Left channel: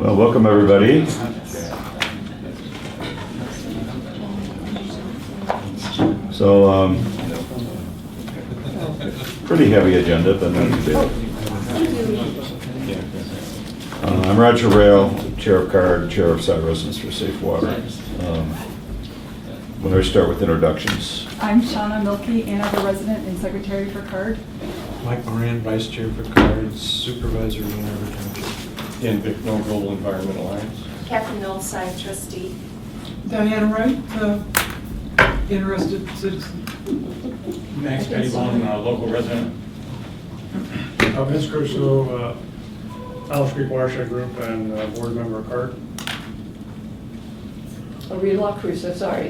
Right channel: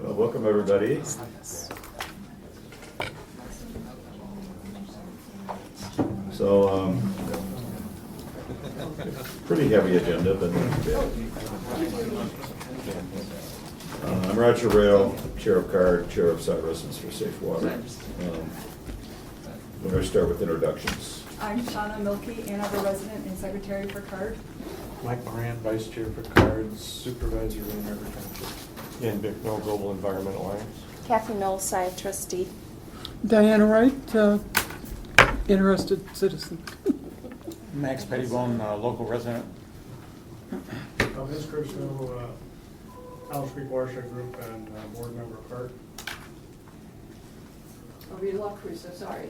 Well, welcome everybody. So, pretty heavy agenda, but not too big. I'm Roger Rayle, Chair of CARD, Chair of Site Residents for Safe Water. When I start with introductions. I'm Shauna Milkey, Ann Arbor resident and secretary for CARD. Mike Moran, Vice Chair for CARD, Supervisor in Ann Arbor Township. Dan Bicknell, Global Environment Alliance. Catherine Knowles, Sci trustee. Diana Wright, interested citizen. Max Pettibone, local resident. Vince Crusoe, Alice Creek Watershed Group and board member of CARD. Rayle Crusoe, sorry.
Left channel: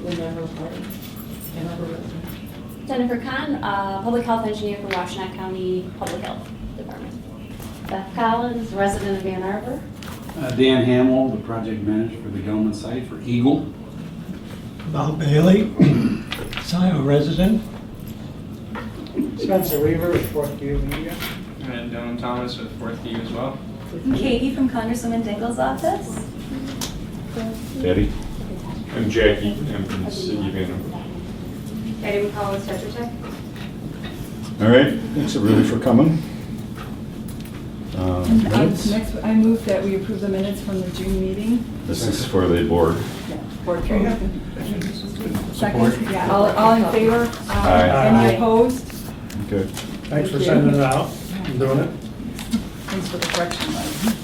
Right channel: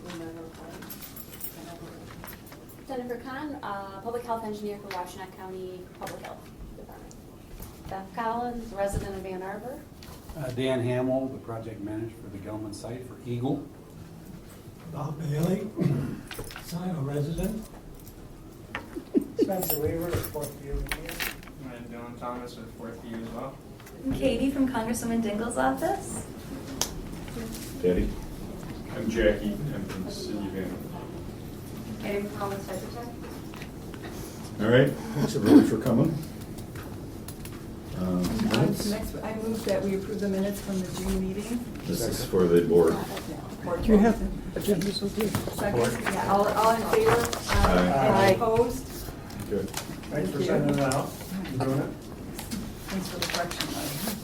Whenever party. Jennifer Conn, Public Health Engineer for Washtenaw County Public Health Department. Beth Collins, resident of Ann Arbor. Dan Hamill, the project manager for the Gelman site for EGLE. Bob Bailey, Scio resident. Spencer Weaver, Fourth View Media. And Dylan Thomas with Fourth View as well. Katie from Congresswoman Dingle's office. Eddie? I'm Jackie, I'm from the City of Ann Arbor. Eddie McCollum, Tetra Tech. All right, thanks everybody for coming. Minutes? Next, I move that we approve the minutes from the June meeting. This is for the board. Board Do you have Second, Support. yeah, all in favor? Aye. Any opposed? Okay. Thanks for sending it out and doing it. Thanks for the correction, Mike.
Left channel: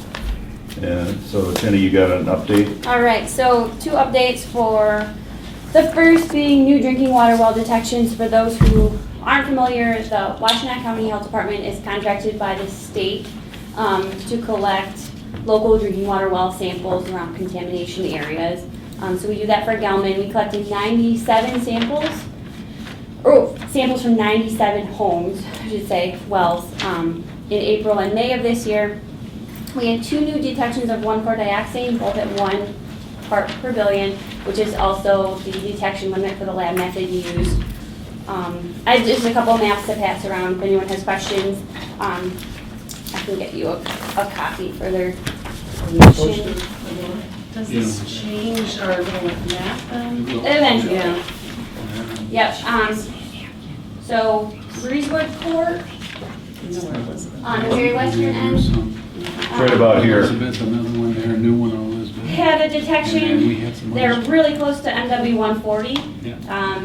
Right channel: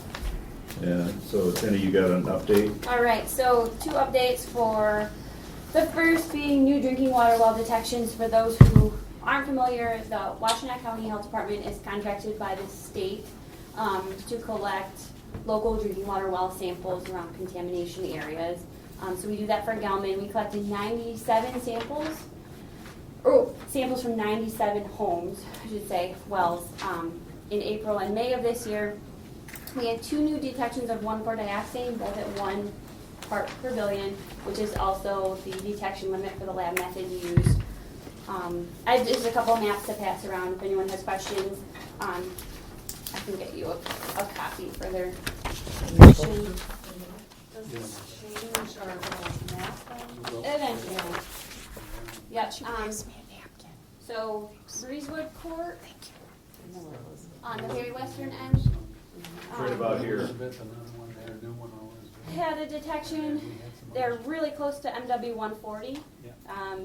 Yeah, so Jenny, you got an update? All right, so 2 updates for the first being new drinking water well detections. For those who aren't familiar, the Washtenaw County Health Department is contracted by the state to collect local drinking water well samples around contamination areas. So we do that for Gelman. We collected 97 samples, or samples from 97 homes, I should say, wells, in April and May of this year. We had 2 new detections of 1,4-dioxane, both at 1 part per billion, which is also the detection limit for the lab method used. I have just a couple of maps to pass around if anyone has questions. I can get you a copy for their information. Does this change our little map then? Eventually, yeah. Yep, so Breezewood Court, on the very western end. Right about here. Elizabeth, another one there, a new one on Elizabeth. Had a And then we detection, had some they're others. really close to MW 140. Yeah.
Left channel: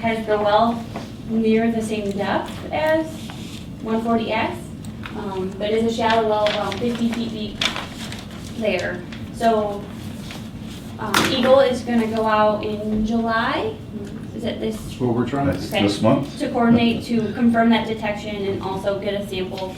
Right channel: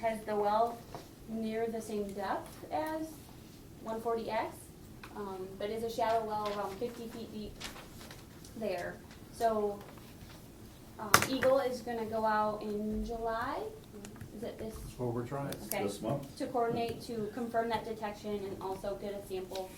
Has the well near the same depth as 140X, but it's a shallow well, around 50 feet deep there. So EGLE is gonna go out in July, is it this, That's what we're trying to That's Okay. this month? to coordinate to confirm that detection and also get a sample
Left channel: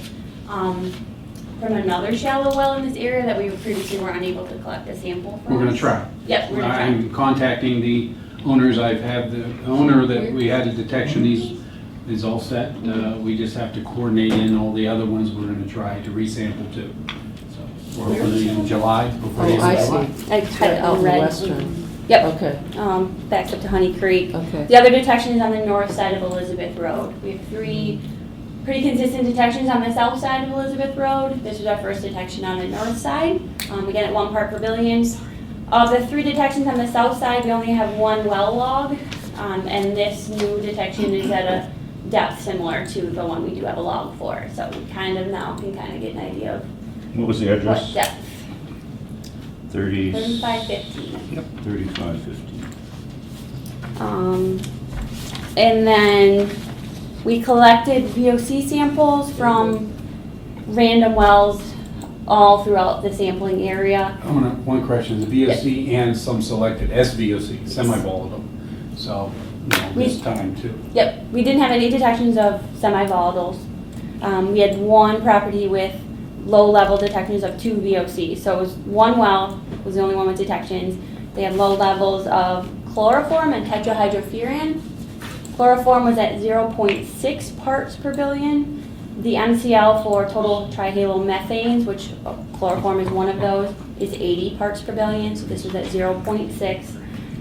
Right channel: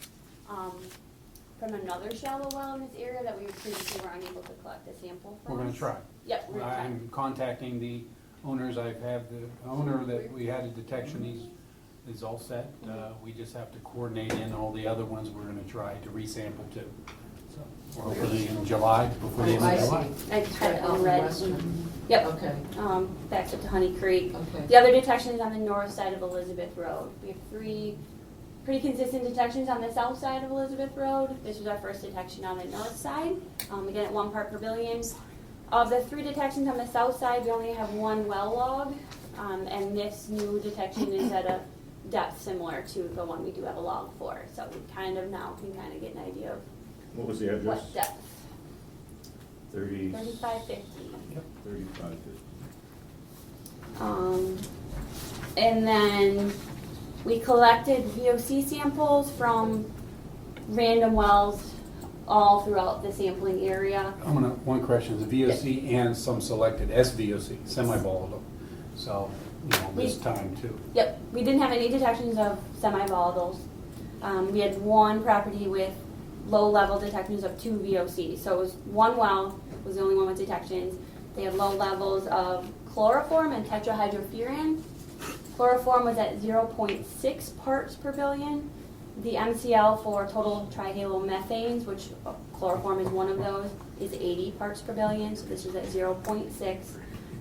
from another shallow well in this area that we previously were unable to collect a sample from. We're gonna try. Yep, we're gonna try. I'm contacting the owners. I've had the owner that we had a detection, he's all set. We just have to coordinate in all the other ones we're gonna try to resample too. So we're hopefully in July, before the end Oh, I of July. see. I had it Out in in the red. western. Yep, Okay, backs up to Honey Creek. okay. The other detection is on the north side of Elizabeth Road. We have 3 pretty consistent detections on the south side of Elizabeth Road. This was our first detection on the north side, again at 1 part per billion. Of the 3 detections on the south side, we only have 1 well log, and this new detection is at a depth similar to the one we do have a log for. So we kind of now can kind of get an idea of What was the what address? depth. 30. 3550. Yep, 3550. And then we collected VOC samples from random wells all throughout the sampling area. One question, the VOC and some selected SVOC, semi-volatile. So, this time too. Yep, we didn't have any detections of semi-volatiles. We had 1 property with low-level detections of 2 VOC. So it was 1 well was the only one with detections. They had low levels of chloroform and tetrahydrofuran. Chloroform was at 0.6 parts per billion. The MCL for total trihalomethanes, which chloroform is one of those, is 80 parts per billion. So this was at 0.6.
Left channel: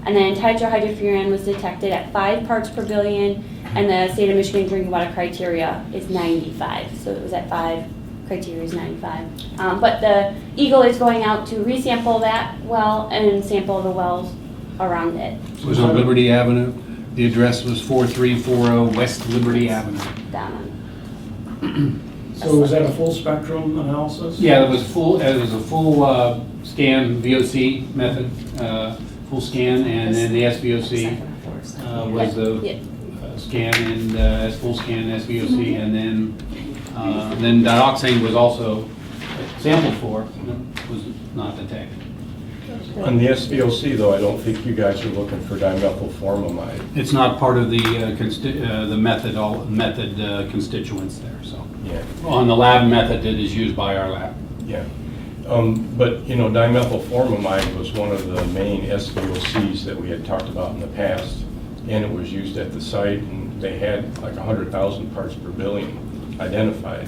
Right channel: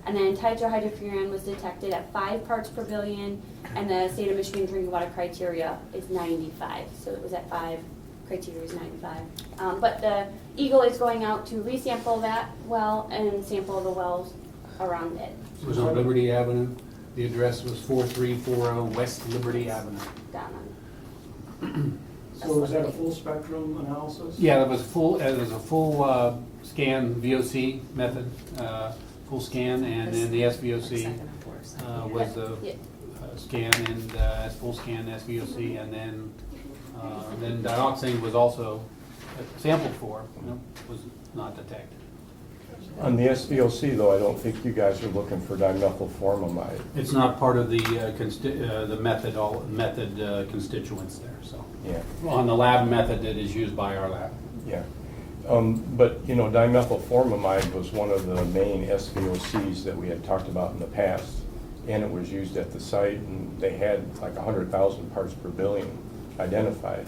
And then tetrahydrofuran was detected at 5 parts per billion, and the state of Michigan drinking water criteria is 95. So it was at 5 criteria is 95. But the EGLE is going out to resample that well and sample the wells around it. It was on Liberty Avenue. The address was 4340 West Liberty Avenue. Down So is that a full spectrum analysis? Yeah, it was a full scan VOC method, full scan, and then the SVOC was the Yeah. scan and as full scan SVOC, and then dioxane was also sampled for, was not detected. On the SVOC though, I don't think you guys are looking for dimethylformamide. It's not part of the method constituents there, so. Yeah, On the lab method that is used by our lab. yeah. But, you know, dimethylformamide was one of the main SVOCs that we had talked about in the past, and it was used at the site, and they had like 100,000 parts per billion identified.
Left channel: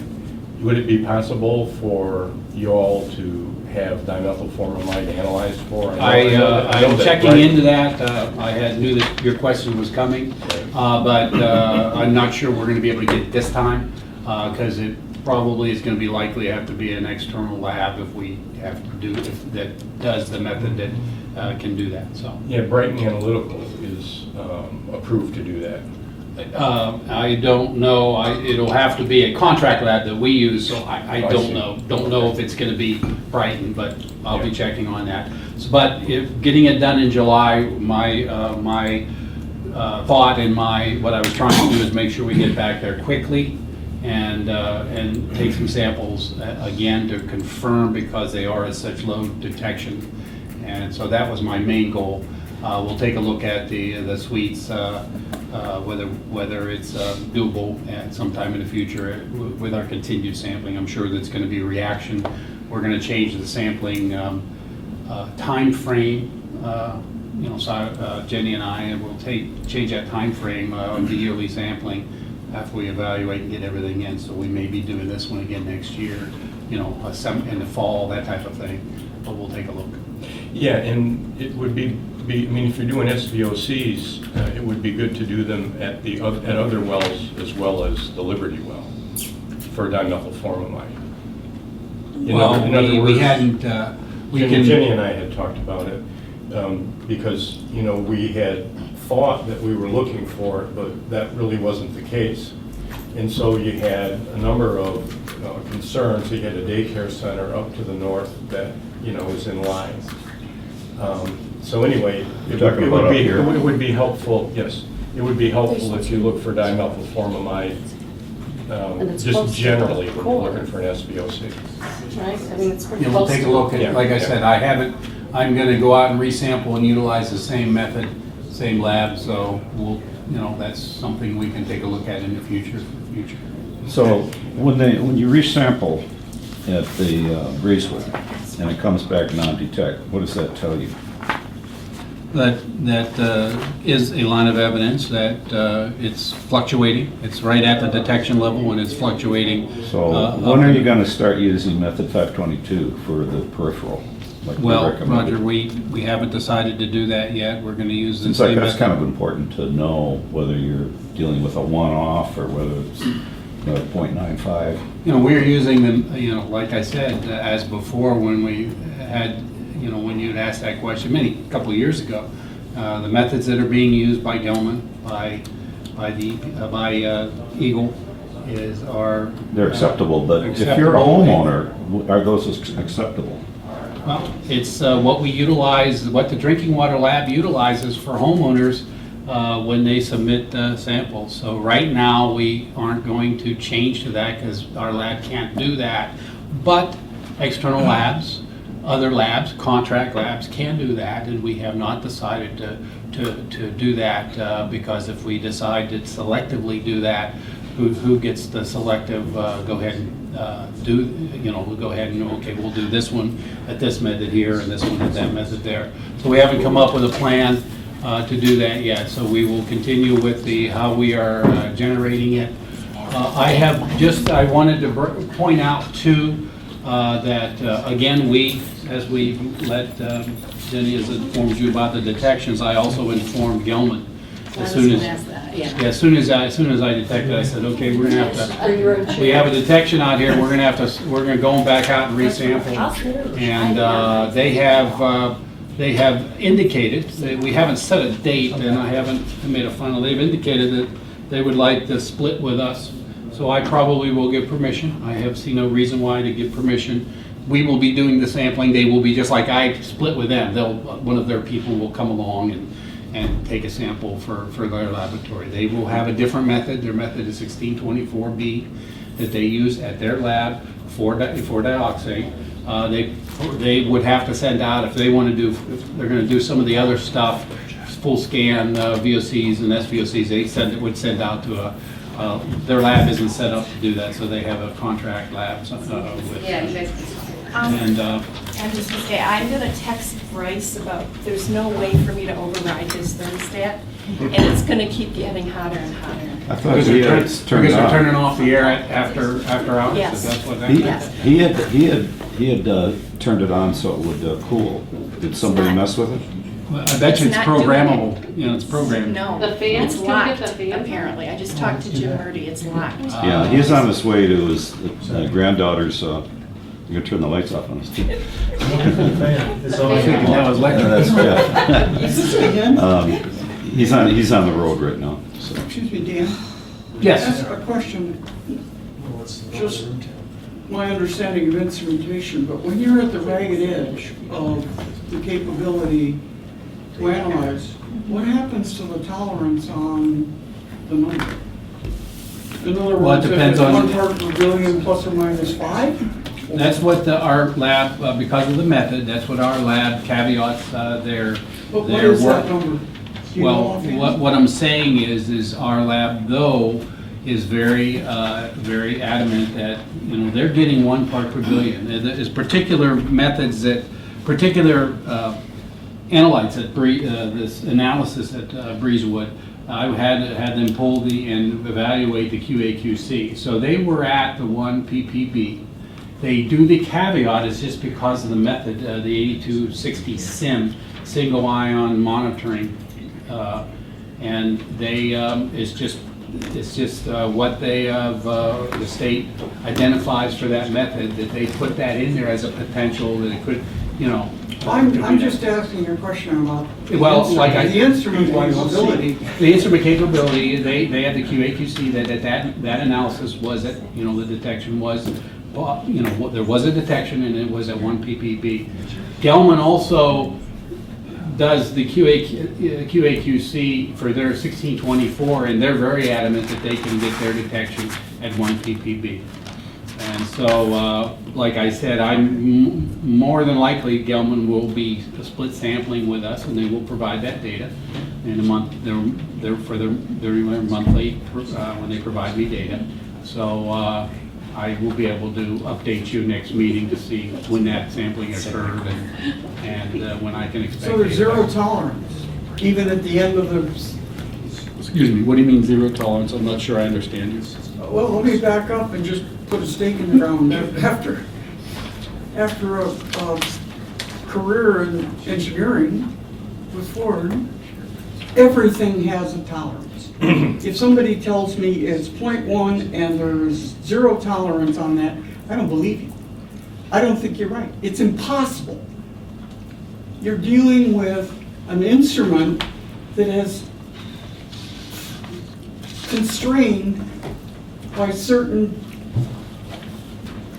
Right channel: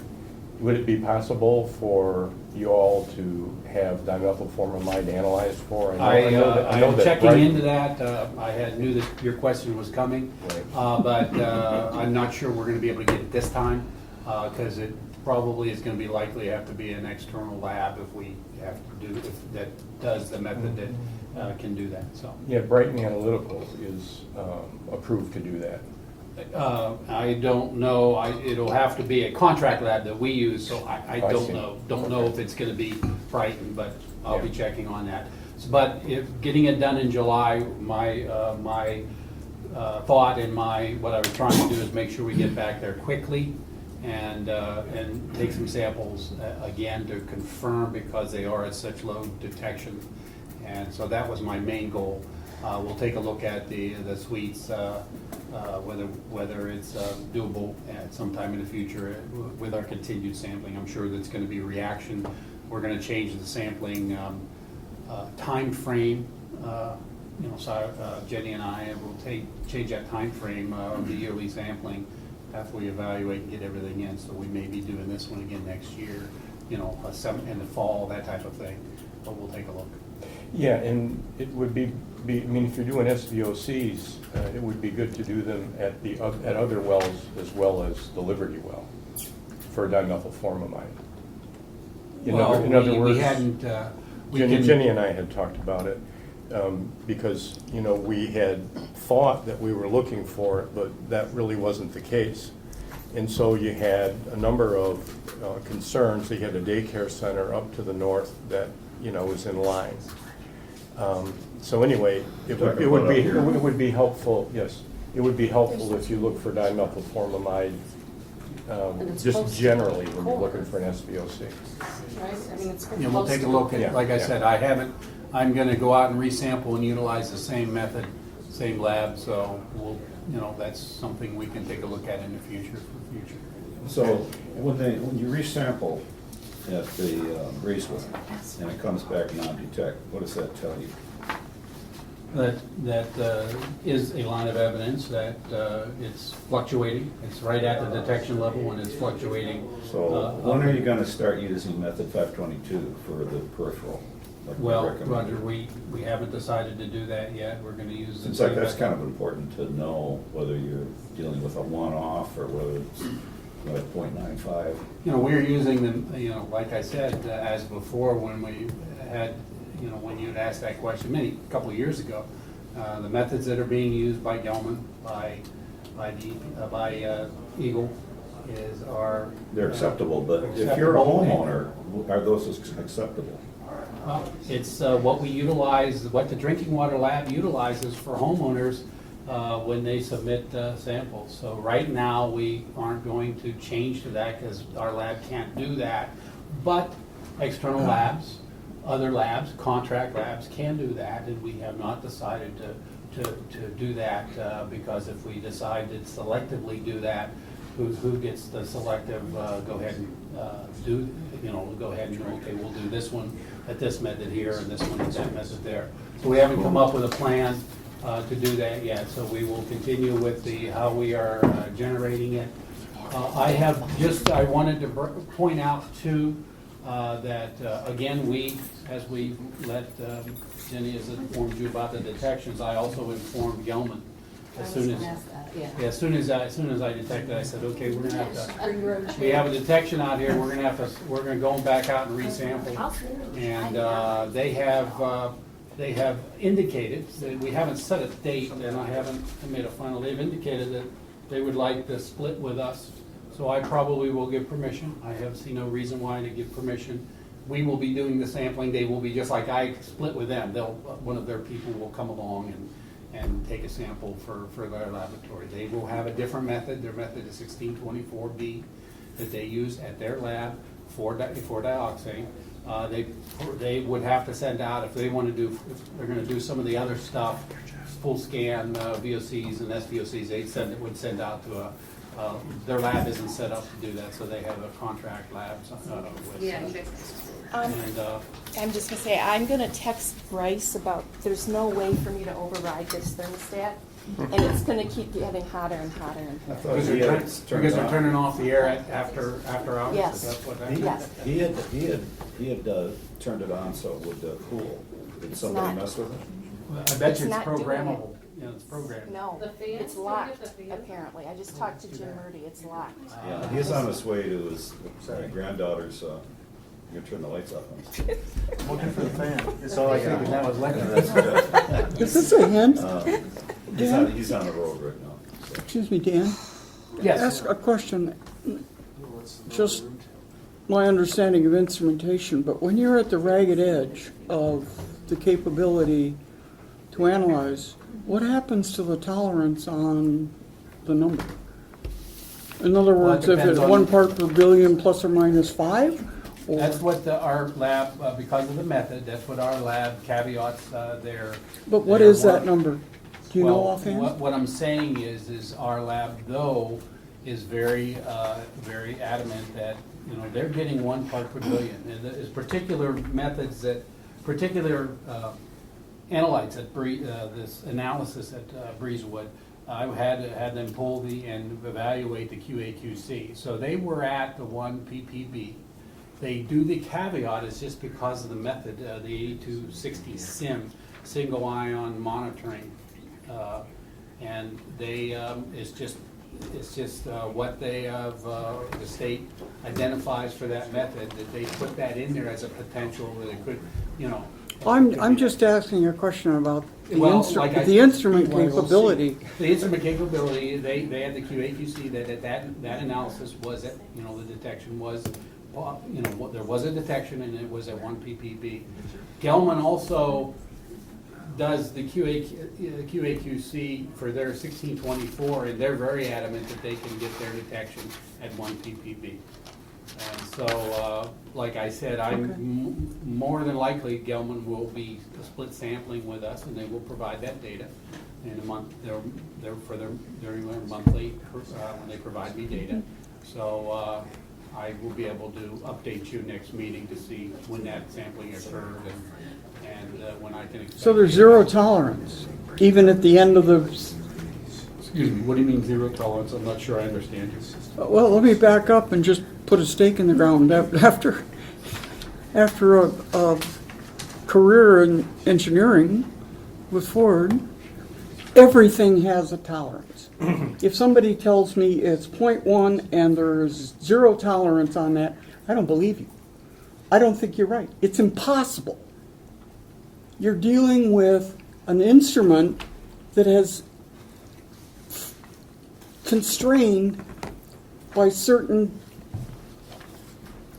Would it be possible for you all to have dimethylformamide analyzed for? I know I'm that checking Wright- into that. Knew that your question was coming, but I'm not sure we're going to be able to get it this time, because it probably is going to be likely have to be an external lab if we have to do, if that does the method that can do that, so. Yeah, Brighton Analytical is approved to do that. I don't know, it'll have to be a contract lab that we use, so I I don't see. know. Don't know Okay. if it's gonna be Brighton, but I'll be Yeah. checking on that. But if, getting it done in July, my thought and what I was trying to do is make sure we get back there quickly and take some samples again to confirm, because they are at such low detection. And so that was my main goal. We'll take a look at the suites, whether it's doable at some time in the future with our continued sampling. I'm sure that's going to be a reaction. We're going to change the sampling time frame. So Jenny and I will change that time frame of the yearly sampling after we evaluate and get everything in. So we may be doing this one again next year, in the fall, that type of thing. But we'll take a look. Yeah, and it would be, I mean, if you're doing SVOCs, it would be good to do them at other wells as well as the Liberty well for dimethylformamide. In other we words, hadn't, Jenny and I had talked about it, because, we had thought that we were looking for it, but that really wasn't the case. And so you had a number of concerns. You had a daycare center up to the north that, was in line. So anyway, it would be helpful, yes, it would be helpful if you look for dimethylformamide, And it's just close to generally the when core. you're looking for an SVOC. Right, I mean, it's pretty We'll close take a to- look at Yeah, it. Like I yeah. said, I'm gonna go out and resample and utilize the same method, same lab, so that's something we can take a look at in the future. So when you resample at the Breezeway and it comes back non-detect, what does that tell you? That is a line of evidence that it's fluctuating. It's right at the detection level and it's fluctuating. So when are you going to start using method 522 for the peripheral? Like we Well, recommended? Roger, we haven't decided to do that yet. We're gonna use the Seems like same that's method. kind of important to know whether you're dealing with a one-off or whether it's another 0.95. We're using them, like I said, as before when we had, when you'd asked that question a couple of years ago. The methods that are being used by Gelman, by EGLE are. They're acceptable, but if you're a acceptable. homeowner, are those acceptable? Well, it's what we utilize, what the drinking water lab utilizes for homeowners when they submit samples. So right now, we aren't going to change to that because our lab can't do that. But external labs, other labs, contract labs can do that, and we have not decided to do that because if we decide to selectively do that, who gets the selective, go ahead and we'll go ahead and, okay, we'll do this one at this method here and this one at that method there. So we haven't come up with a plan to do that yet, so we will continue with how we are generating it. I wanted to point out too, that again, as we let, Jenny has informed you about the detections, I also informed Gelman as soon as, ask that, yeah. yeah, as soon as I detected, I said, okay, we're gonna have to, we Yeah. have a detection out here, we're gonna go back out and resample. And they have indicated, we haven't set a date, and I haven't made a final, they've indicated that they would like to split with us. So I probably will give permission. I have seen no reason why to give permission. We will be doing the sampling, they will be, just like I split with them, one of their people will come along and take a sample for their laboratory. They will have a different method. Their method is 1624B that they use at their lab for dioxane. They would have to send out, if they want to do, if they're going to do some of the other stuff, full scan VOCs and SVOCs, they would send out to their lab isn't set up to do that, so they have a contract lab with. Yeah, you guys. And I'm just gonna say, I'm gonna text Bryce about, there's no way for me to override this thermostat, and it's gonna keep getting hotter and hotter and I hotter. thought because he they're had turned they're off. turning off the air after hours, Yes. that's what that He is. he had turned it on so it would cool. Did somebody not. mess with it? Well, I bet you it's It's not doing programmable, you know, it's programmed. No, The fans? it's Can I locked, get the fans? apparently. I just talked to Jim Murdy, it's locked. Yeah, he's on his way to his granddaughter's, you're gonna turn the lights off on us. It's I always think that was Yeah, electric. that's good. Is this a hint? He's on the road right now, so. Excuse me, Dan. Yes. Ask a question. Just my understanding of instrumentation, but when you're at the ragged edge of the capability to analyze, what happens to the tolerance on the number? In other Well, it words, if depends it's on- 1 part per billion plus or minus 5? Or- That's what our lab, because of the method, that's what our lab caveats their. But what their is that work. number? Do you know Well, offhand? what I'm saying is our lab, though, is very adamant that, you know, they're getting 1 part per billion. There's particular methods that, particular analytes at this analysis at Breezewood, I had them pull and evaluate the QA/QC. So they were at the 1 ppb. They do the caveat is just because of the method, the 8260 SIM, single ion monitoring, and they it's just what they have, the state identifies for that method, that they put that in there as a potential that it could, you know. I'm just asking a question about Well, like the instrument capability. The instrument capability, they had the QA/QC that analysis was at, you know, the detection was, you know, there was a detection and it was at 1 ppb. Gelman also does the QA/QC for their 1624, and they're very adamant that they can get their detection at 1 ppb. And so, like I said, I'm more than likely Gelman will be split sampling with us, and they will provide that data in a month. They're for their monthly when they provide me data. So I will be able to update you next meeting to see when that sampling occurred and when I can expect. So there's zero tolerance, even at the end of the, Excuse me, what do you mean zero tolerance? I'm not sure I understand you. well, let me back up and just put a stake in the ground. After a career in engineering with Ford, everything has a tolerance. If somebody tells me it's 0.1 and there's zero tolerance on that, I don't believe you. I don't think you're right. It's impossible. You're dealing with an instrument that has constrained by certain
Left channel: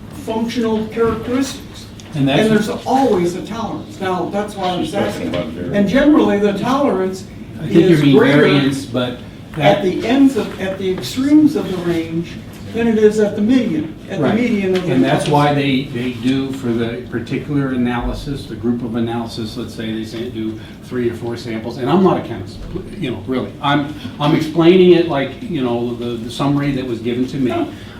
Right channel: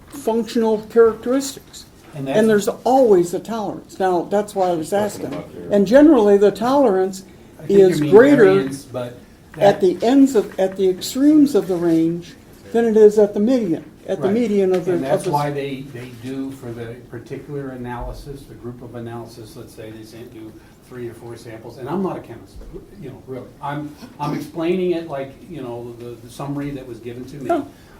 functional characteristics. And And that's, there's always a tolerance. Now, that's why I was asking. And generally, the tolerance I think you is mean greater variance, but at the extremes of the range than it is at the median, Right. median of the. And that's why they do for the particular analysis, the group of analysis, let's say they do 3 or 4 samples, and I'm not a chemist, you know, really. I'm explaining it like, you know, the summary that was given to me.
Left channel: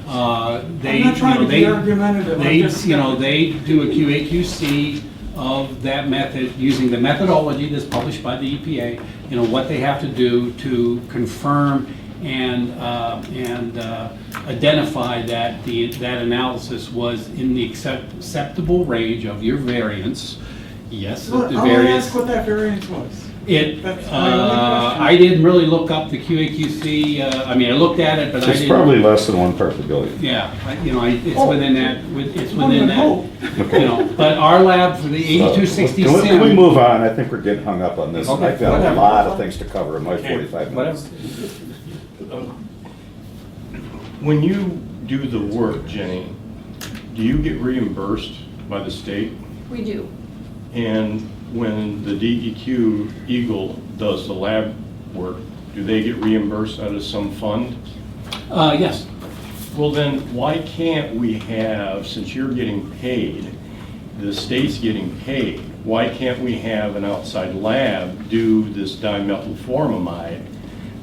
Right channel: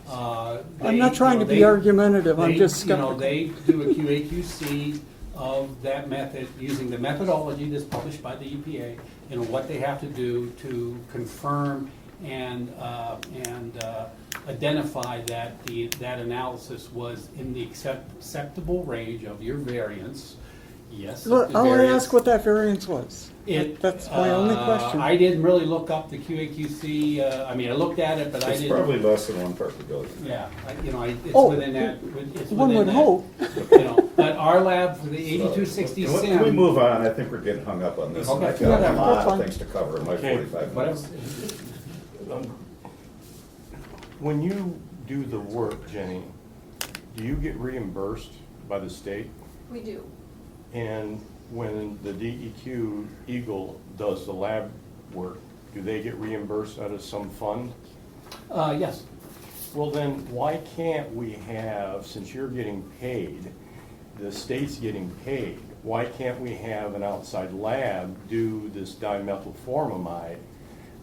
I'm not trying to be argumentative, I'm just. You know, they do a QA/QC of that method using the methodology that's published by the EPA, you know, what they have to do to confirm and identify that that analysis was in the acceptable range of your variance. Yes, Look, the I want to variance. ask what that variance was. That's my only question. I didn't really look up the QAQC, I mean, I looked at it, but I It's didn't. probably less than 1 part per billion. Yeah, it's Oh. within that, it's One within would that, hope. you know, but our lab for the 8260 Can we sim. move on? I think we're getting hung up on this. Okay, I've got a whatever. lot of things to cover in my Okay, 45 minutes. When you do the work, Jenny, do you get reimbursed by the state? We do. And when the DEQ EGLE does the lab work, do they get reimbursed out of some fund? Yes, Well, then, why can't we have, since you're getting paid, the state's getting paid, why can't we have an outside lab do this dimethylformamide,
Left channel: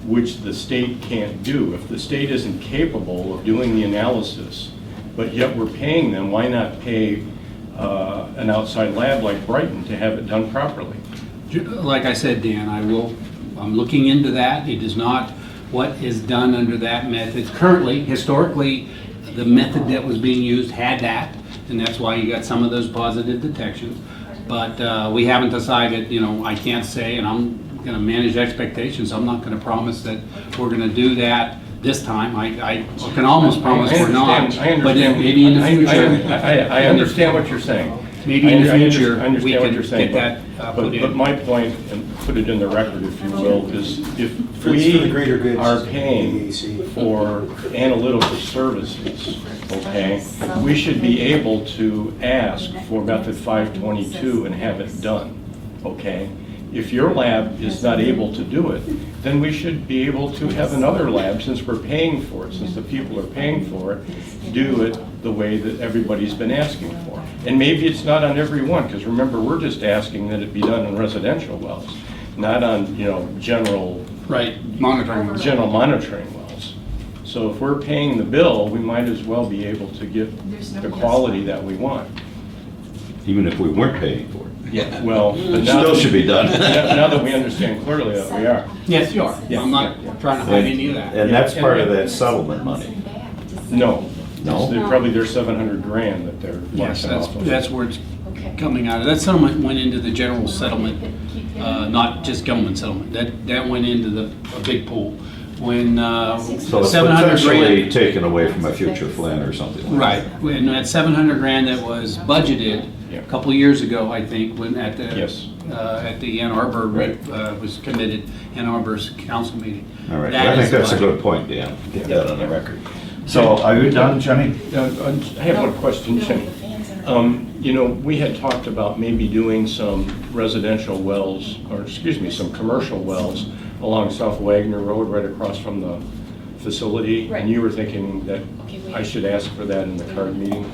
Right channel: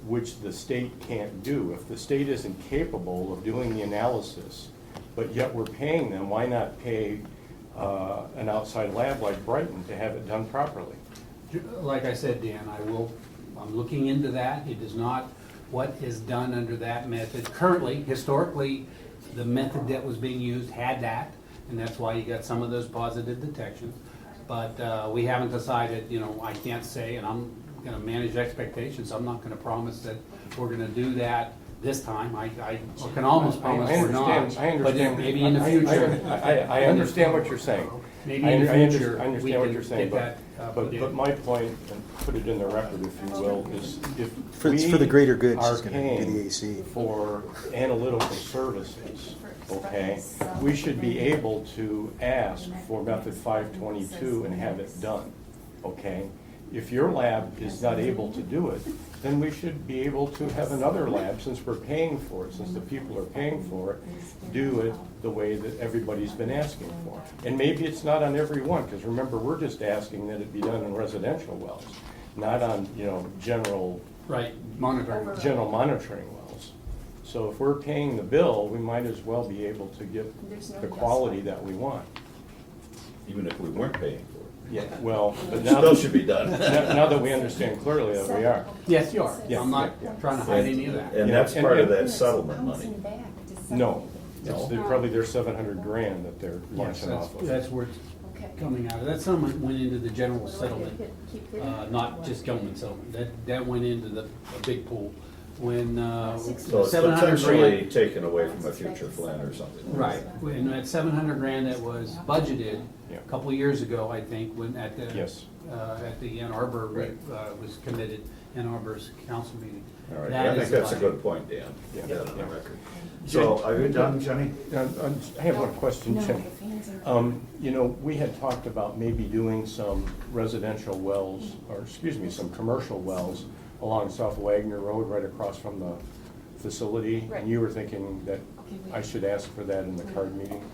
which the state can't do? If the state isn't capable of doing the analysis, but yet we're paying them, why not pay an outside lab like Brighton to have it done properly? like I said, Dan, I'm looking into that. It is not what is done under that method. Currently, historically, the method that was being used had that, and that's why you got some of those positive detections. But we haven't decided, you know, I can't say, and I'm gonna manage expectations. I'm not gonna promise that we're gonna do that this time. I can almost promise we're not. I understand. But then maybe in the future. I understand what you're saying. Maybe in the I future, understand we what can you're saying, get that put in. But my point, and put it in the record if you will, is if For the we greater good are system, paying DAC. for analytical services, okay, we should be able to ask for method 522 and have it done, okay? If your lab is not able to do it, then we should be able to have another lab, since we're paying for it, since the people are paying for it, do it the way that everybody's been asking for. And maybe it's not on every one, because remember, we're just asking that it be done on residential wells, not on, you know, general Right, monitoring. monitoring wells. So if we're paying the bill, we might as well be able to get the quality that we want. Even if we weren't paying for it. Yeah, well, but It now still should be done. now that we understand clearly that we are. Yes, you are. Yeah. I'm not trying to hide any of that. And that's part of that settlement money. No. No? It's probably their 700 grand that they're Yes, washing off of. that's where it's coming out of. That settlement went into the general settlement, not just Gelman settlement. That went into a big pool. When So it's 700 potentially grand. taken away from a future Flynn or something like that. Right, when that 700 grand that was budgeted Yeah. a couple of years ago, I think, when at the Yes. at the Ann Arbor Right. was committed, Ann Arbor's council meeting. All right, That I is think that's a budgeted. good point, Dan. Get that on the record. So are you done, Jenny? I have one question, Jenny. You know, we had talked about maybe doing some residential wells, or excuse me, some commercial wells along South Wagner Road, right across from the facility. Right. And you were thinking that I should ask for that in the card meeting?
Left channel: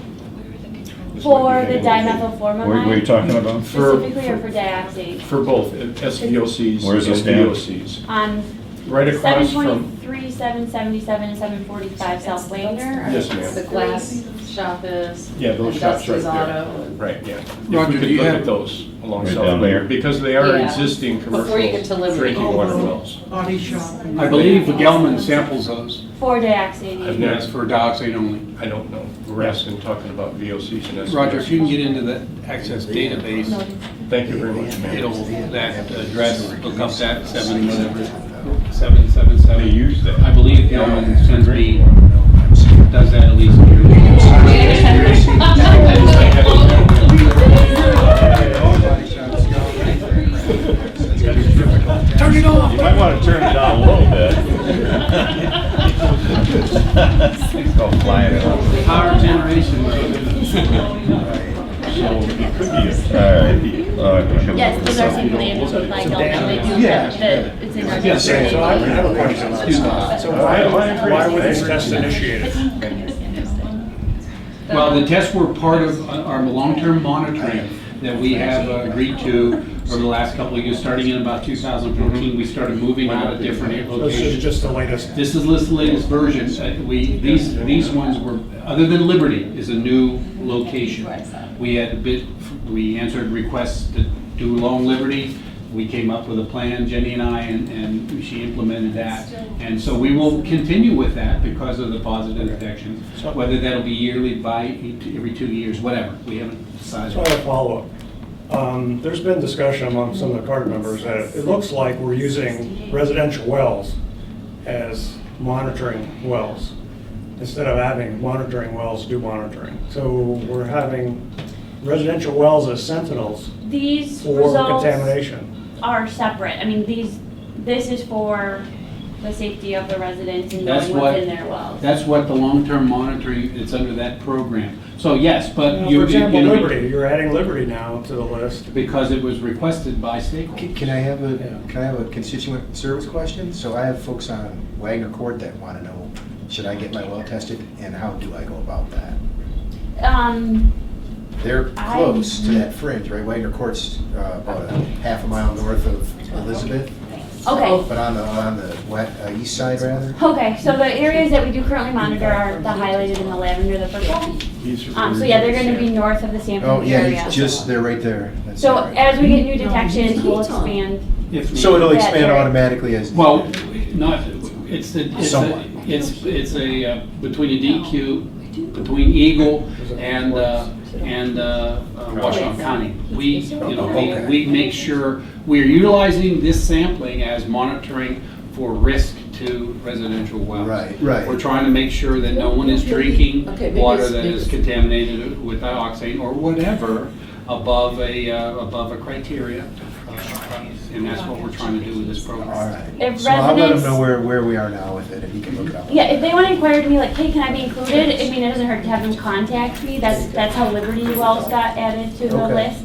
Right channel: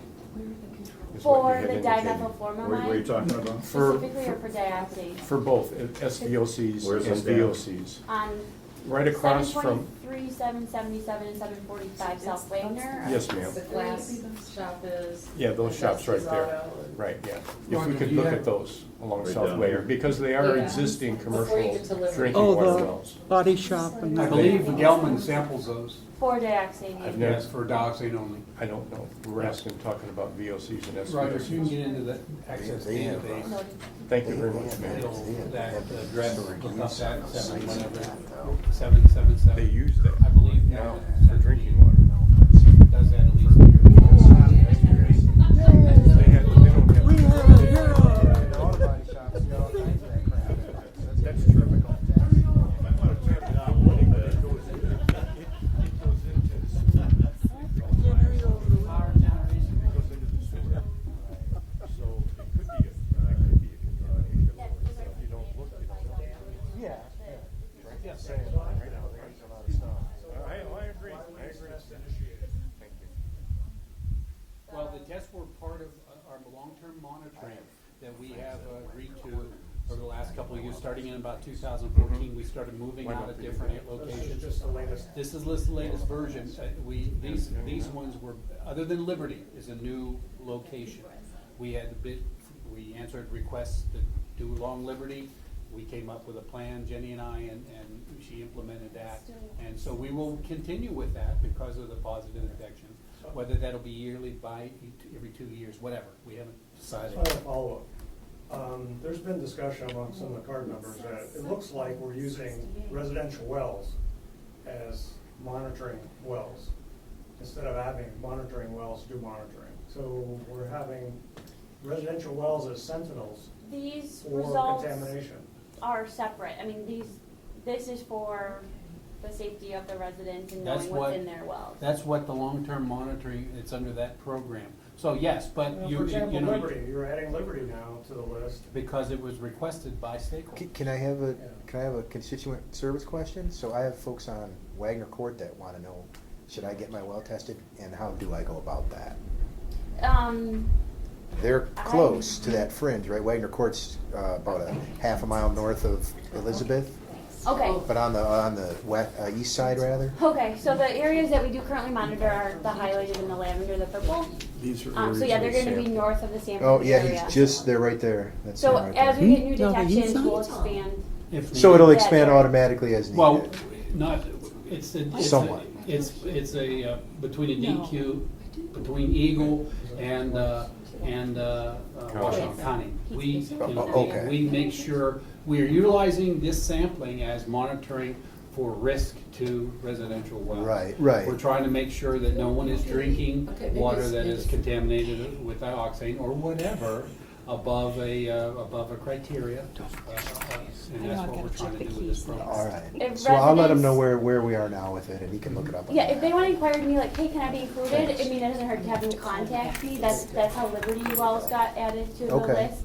Is what For you the had indicated. What were you dimethylformamide, talking about? specifically or for dioxide? For both, SVOCs Where's and this, Dan? VOCs. On Right across from, 723, 777, and 745 South Wagner? or- yes, ma'am. The glass shop is. Yeah, those shops right Dusty's there. Auto and- Right, yeah. If Roger, we do could you look have- at those along Right South down Wagner, there? because they are Yeah. existing Before you get to commercial Liberty. drinking water Oh, wells. body shop. and- I believe Gelman samples those. For dioxide. I've never- Yes, for dioxide only. I don't know. We're asking, talking about VOCs and SVOCs. Roger, if you can get into the access database, Thank you very much, ma'am. it'll, that address, look up that 777. They use that. I believe Gelman sends me, does that at least Turn it off. You might want to turn it down a little bit. Things go flying around. Power generation. All right. Yes, those are simply by Gelman, they do it's in our. Yes, So I have a question on this. So why were these tests initiated? Well, the tests were part of our long-term monitoring that we have agreed to over the last couple of years. Starting in about 2014, we started moving out of different This is locations. just the latest. This is the latest version. These ones were, other than Liberty, is a new location. We answered requests to do along Liberty. We came up with a plan, Jenny and I, and she implemented that. And so we will continue with that because of the positive detections. Whether that'll be yearly, every 2 years, whatever, we haven't decided. So I have a follow-up. There's been discussion among some of the CARD members that it looks like we're using residential wells as monitoring wells, instead of having monitoring wells do monitoring. So we're having residential wells as sentinels These for results contamination. are separate. I mean, this is for the safety of the residents and That's knowing what- what's in their wells. That's what the long-term monitoring, it's under that program. So yes, but you. For example, you know, Liberty, you're adding Liberty now to the list. Because it was requested by stakeholders. Can I have a constituent service question? So I have folks on Wagner Court that want to know, should I get my well tested, and how do I go about that? They're close to that fringe, right? Wagner Court's about a half a mile north of Elizabeth, Okay. but on the east side rather. Okay, so the areas that we do currently monitor are the highlighted in the lavender, the purple. So yeah, they're gonna be north of the sampling Oh, yeah, area. it's just, they're right there. That's So right. as we get new detections, we'll expand. If So it'll that expand area. automatically as. Well, not, it's Somewhat. a, between a DQ, between EGLE and Washington County. Okay. We make sure, we're utilizing this sampling as monitoring for risk to residential wells. Right, right. We're trying to make sure that no one is drinking Okay, maybe water it's- that maybe is it's- contaminated with dioxane or whatever above a criteria. And that's what we're trying to do with this program. All right. If So I'll let him residents- know where we are now with it, and he can look it up. Yeah, if they wanna inquire to me like, hey, can I be included? I mean, it doesn't hurt to have them contact me. That's how Liberty Wells got added to the Okay. list.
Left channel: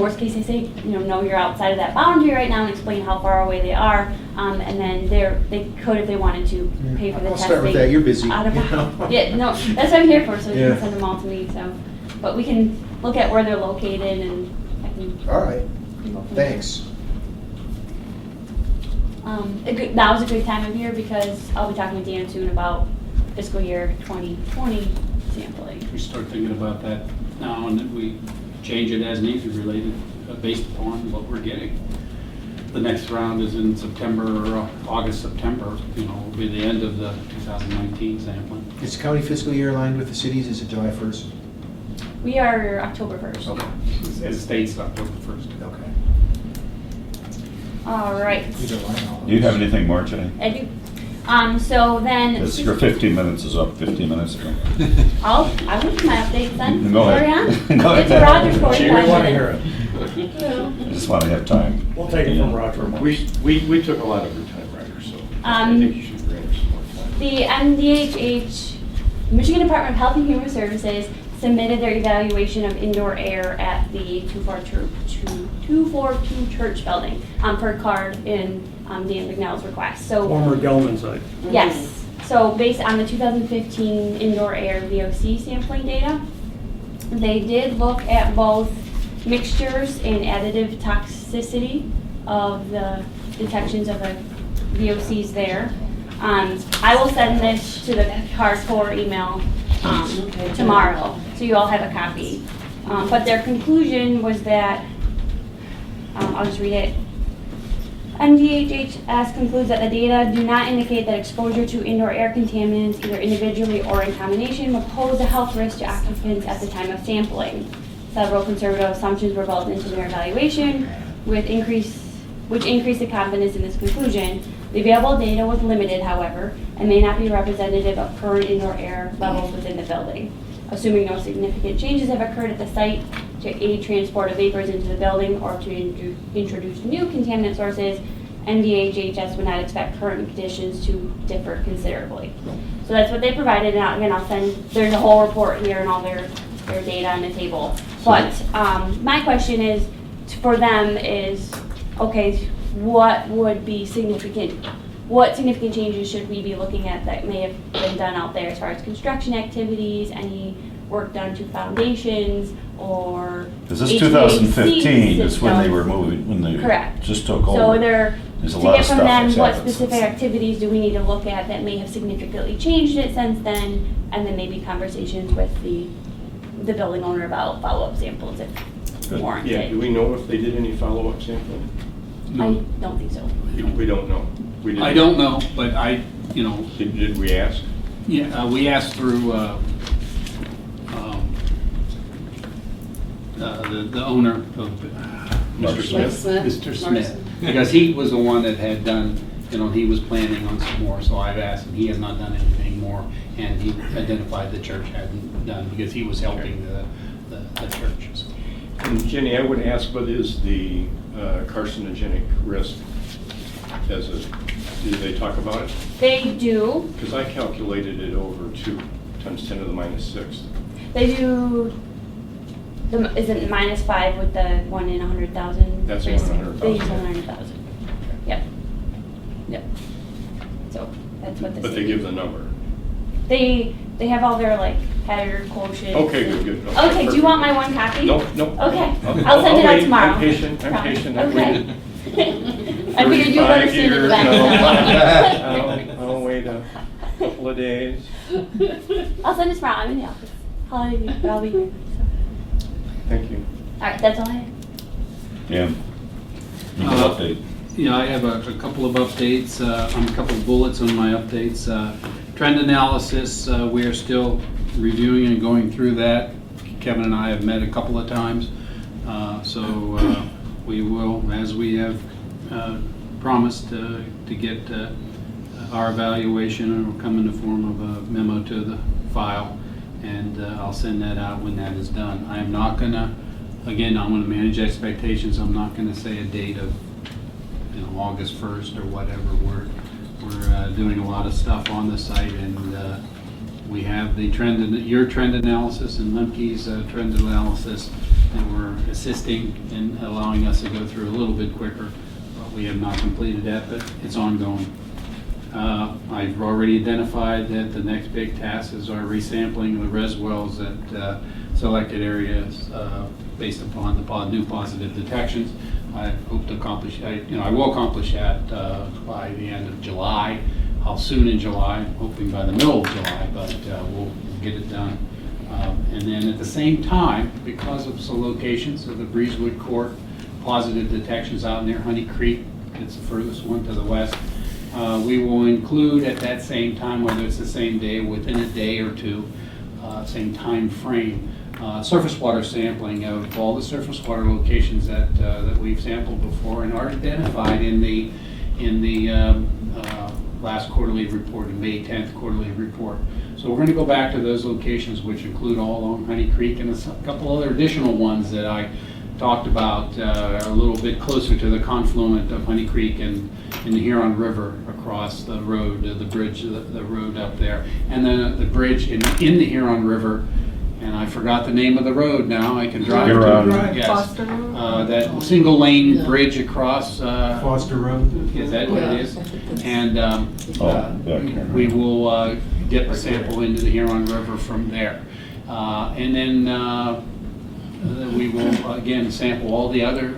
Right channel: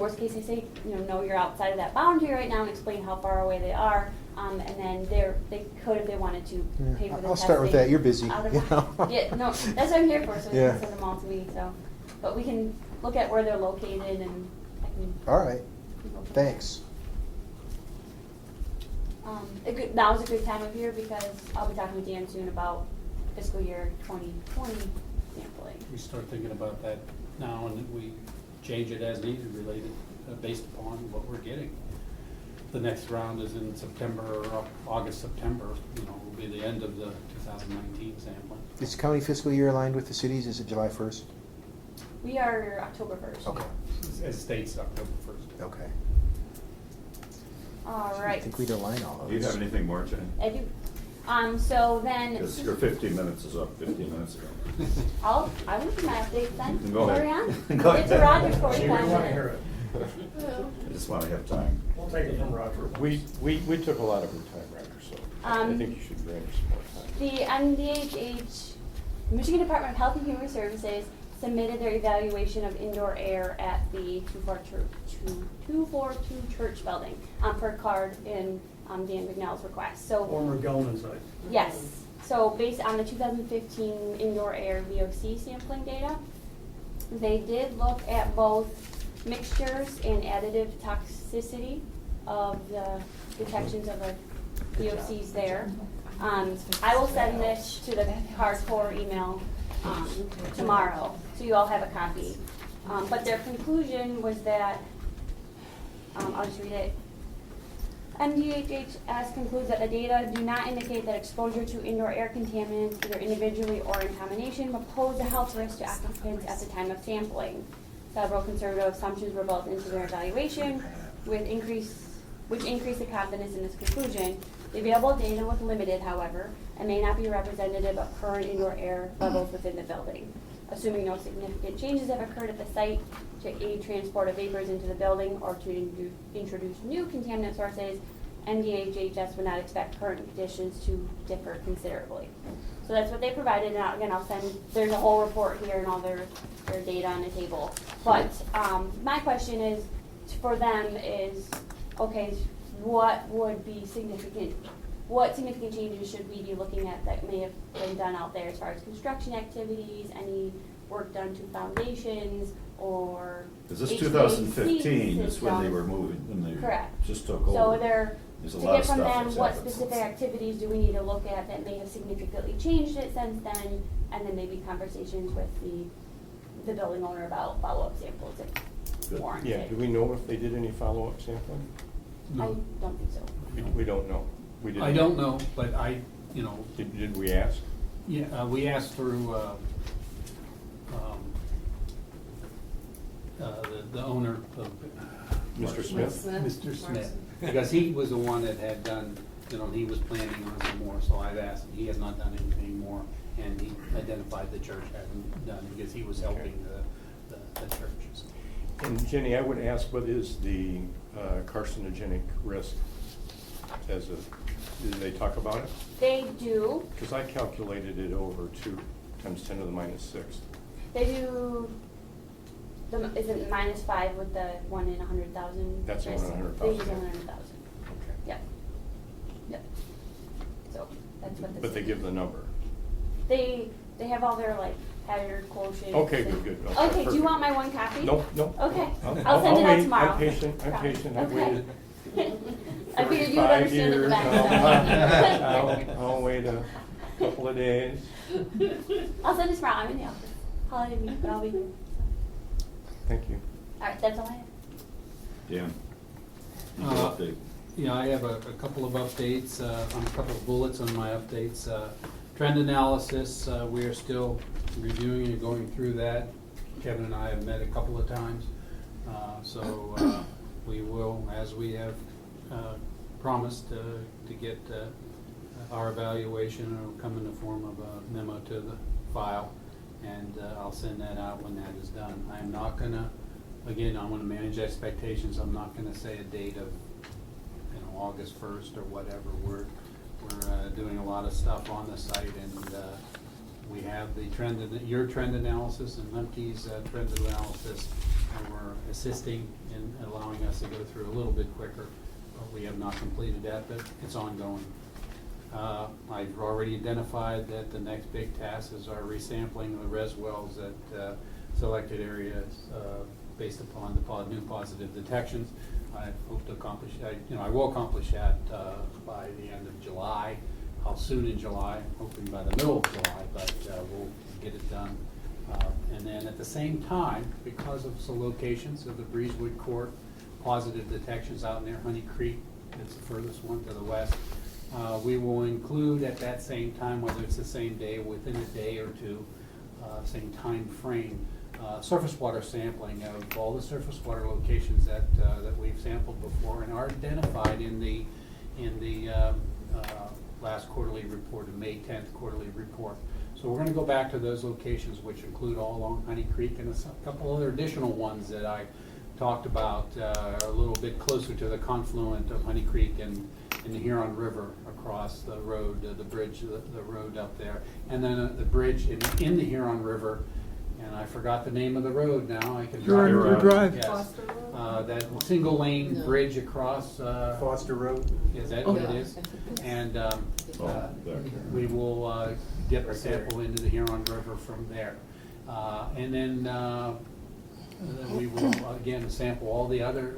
Worst case, they say, no, you're outside of that boundary right now and explain how far away they are. And then they could, if they wanted to, pay for the testing. I'll start with that, you're busy. out of- you know? Yeah, no, that's what I'm here for, so you Yeah. can send them all to me, so. But we can look at where they're located and I can. All right, can go from thanks. there. That was a good time of year because I'll be talking with Dan soon about fiscal year 2020 sampling. We start thinking about that now and then we change it as needed related, based upon what we're getting. The next round is in September, August, September, will be the end of the 2019 sampling. Is county fiscal year aligned with the cities? Is it July 1st? We are October 1st. Okay, As states October 1st. okay. All right. We can align all of Do you this. have anything more, Jenny? I do. So then. Your 15 minutes is up 15 minutes ago. I will do my updates then. Go ahead. Carry on. Go It's ahead. a Roger's She 45 may want to hear minutes. it. I just want to have time. We'll take it from Roger. We took a lot of your time, Roger, so I think you should bring some more time. The MDHH, Michigan Department of Health and Human Services, submitted their evaluation of indoor air at the 242 Church building per card in Dan McNell's request. So Former Gelman site. yes, so based on the 2015 indoor air VOC sampling data, they did look at both mixtures and additive toxicity of the detections of the VOCs there. I will send this to the hardcore email tomorrow, so you all have a copy. But their conclusion was that, I'll just read it. MDHHS concludes that the data do not indicate that exposure to indoor air contaminants, either individually or in combination, would pose a health risk to occupants at the time of sampling. Several conservative assumptions were built into their evaluation, which increased the confidence in this conclusion. The available data was limited, however, and may not be representative of current indoor air levels within the building. Assuming no significant changes have occurred at the site to aid transport of vapors into the building or to introduce new contaminant sources, MDHHS would not expect current conditions to differ considerably. So that's what they provided, and again, I'll send, there's a whole report here and all their data on the table. But my question is, for them is, okay, what would be significant? What significant changes should we be looking at that may have been done out there as far as construction activities, any work done to foundations, or Because this HVAC 2015 is when they systems? were moving, when they Correct. just took over. So There's a to lot get of from stuff them, that's what happened specific since then. activities do we need to look at that may have significantly changed it since then, and then maybe conversations with the building owner about follow-up samples if Good. warranted. Yeah, do we know if they did any follow-up sampling? I don't think so. We don't know. We didn't. I don't know, but Did we ask? yeah, we asked through the owner of Mr. Smith. Mr. Smith, because he was the one that had done, he was planning on some more, so I've asked him, he has not done anything more, and he identified the church hadn't done, because he was helping the church. So. And Jenny, I would ask, what is the carcinogenic risk? Do they talk about it? They do. Because I calculated it over 2 times 10 to the minus 6. They do. Is it -5 with the 1 in 100,000? That's risk? 1 in 100,000. They use 100,000. Yep. Yep. So that's what the. But they city- give the number. They have all their like hazard quotients. Okay, and- good. Okay, do you want my one copy? Nope. Okay, I'll send it out wait. tomorrow. I'm patient, Promise. I've Okay. waited I figured you'd 35 understand it years, better. I'll wait a couple of days. I'll send it tomorrow. I'm in the office. Holiday week, but I'll be here. So. Thank you. All right, that's all I have. Yeah. Update. Yeah, I have a couple of updates, on a couple of bullets on my updates. Trend analysis, we are still reviewing and going through that. Kevin and I have met a couple of times. So we will, as we have promised, to get our evaluation. It will come in the form of a memo to the file, and I'll send that out when that is done. I am not gonna, again, I'm gonna manage expectations. I'm not gonna say a date of August 1st or whatever. We're doing a lot of stuff on the site, and we have the your trend analysis and Lemke's trend analysis, and we're assisting in allowing us to go through a little bit quicker. We have not completed that, but it's ongoing. I've already identified that the next big task is our resampling of the res wells at selected areas based upon the new positive detections. I hope to accomplish, I will accomplish that by the end of July. How soon in July? I'm hoping by the middle of July, but we'll get it done. And then at the same time, because of some locations of the Breezewood Court positive detections out near Honey Creek, it's the furthest one to the west, we will include at that same time, whether it's the same day, within a day or two, same time frame, surface water sampling of all the surface water locations that we've sampled before and are identified in the last quarterly report, the May 10th quarterly report. So we're going to go back to those locations, which include all along Honey Creek and a couple other additional ones that I talked about a little bit closer to the confluent of Honey Creek and the Huron River across the road, the bridge, the road up there, and then the bridge in the Huron River. And I forgot the name of the road now. I can drive. Yes. Foster Road? That single lane bridge across. Foster Road. Is that what it is? And we will get the sample into the Huron River from there. And then we will again sample all the other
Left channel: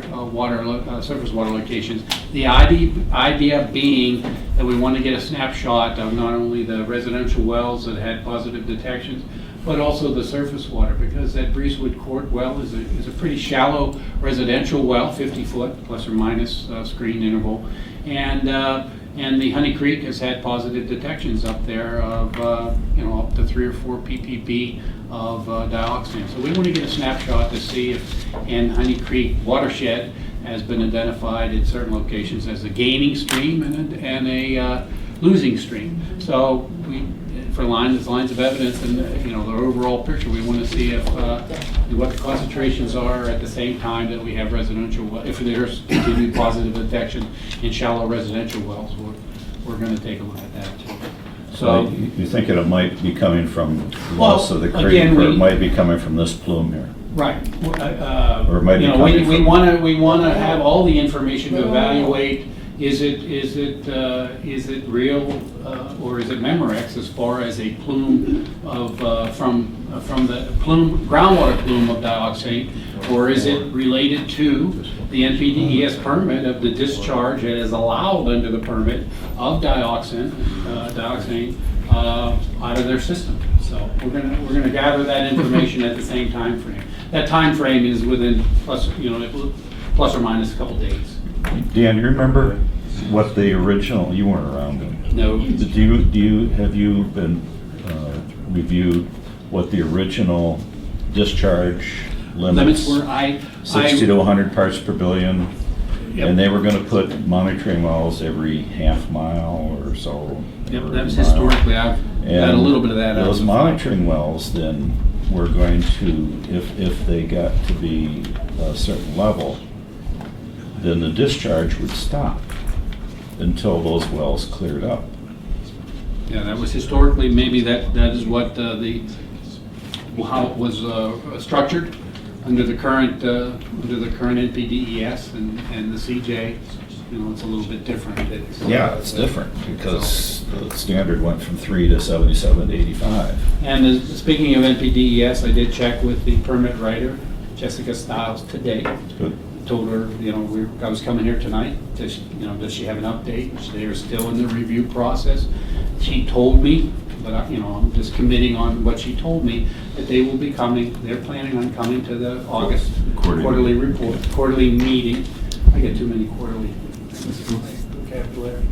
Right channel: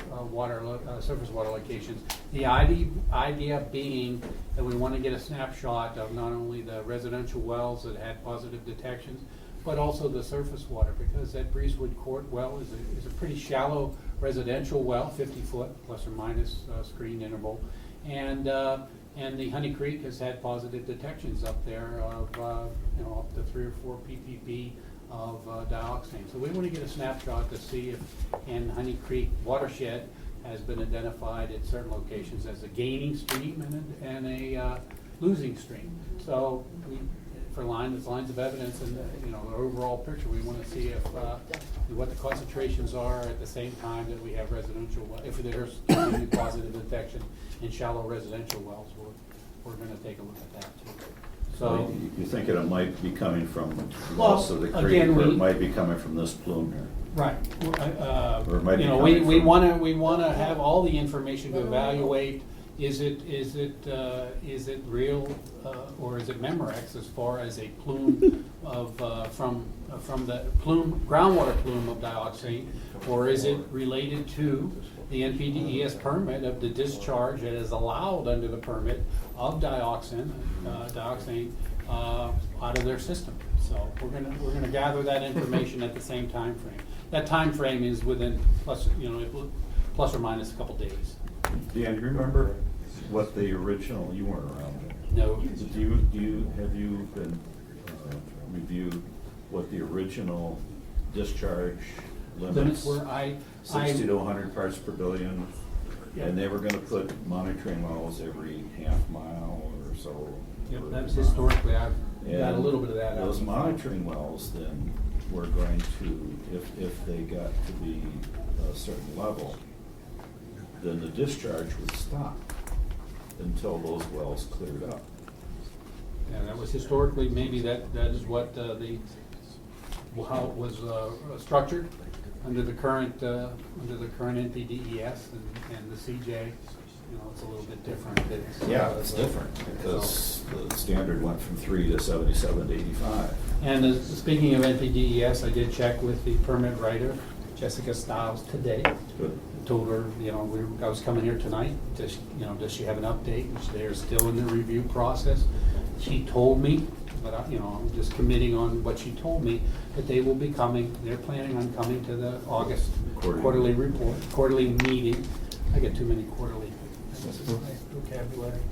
surface water locations. The idea being that we want to get a snapshot of not only the residential wells that had positive detections, but also the surface water, because that Breezewood Court well is a pretty shallow residential well, 50 foot plus or minus screen interval, and the Honey Creek has had positive detections up there of up to 3 or 4 ppb of dioxin. So we want to get a snapshot to see if in Honey Creek watershed has been identified in certain locations as a gaining stream and a losing stream. So we, for lines of evidence and the overall picture, we want to see if what the concentrations are at the same time that we have residential. If there's continued positive detection in shallow residential wells, we're going to take a look at that too. So you think it might be coming from most of the creek, again, or it might be coming from this plume here? right. Or it might be coming we from- want to have all the information to evaluate. Is it real or is it Memorex as far as a plume of from the groundwater plume of dioxane, or is it related to the NPDES permit of the discharge that is allowed under the permit of dioxane out of their system? So we're gonna gather that information at the same time frame. That time frame is within plus or minus a couple days. Dan, you remember what the original, you weren't around then. No. Have you been reviewed what the original discharge limits, were, I. 60 to 100 parts per billion. Yep. And they were gonna put monitoring wells every half mile or so. Yep, or that was mile. historically, I've got a And little bit of that out. those monitoring wells then were going to, if they got to be a certain level, then the discharge would stop until those wells cleared up. Yeah, that was historically, maybe that is what how it was structured under the current NPDES and the CJ. You know, it's a little bit different. Yeah, it's different because the standard went from 3 to 77 to 85. And speaking of NPDES, I did check with the permit writer, Jessica Stiles, today. Good. Told her, you know, I was coming here tonight, does she have an update? They're still in the review process. She told me, but I'm just committing on what she told me, that they will be coming, they're planning on coming to the August quarterly report, quarterly meeting. I get too many quarterly vocabulary.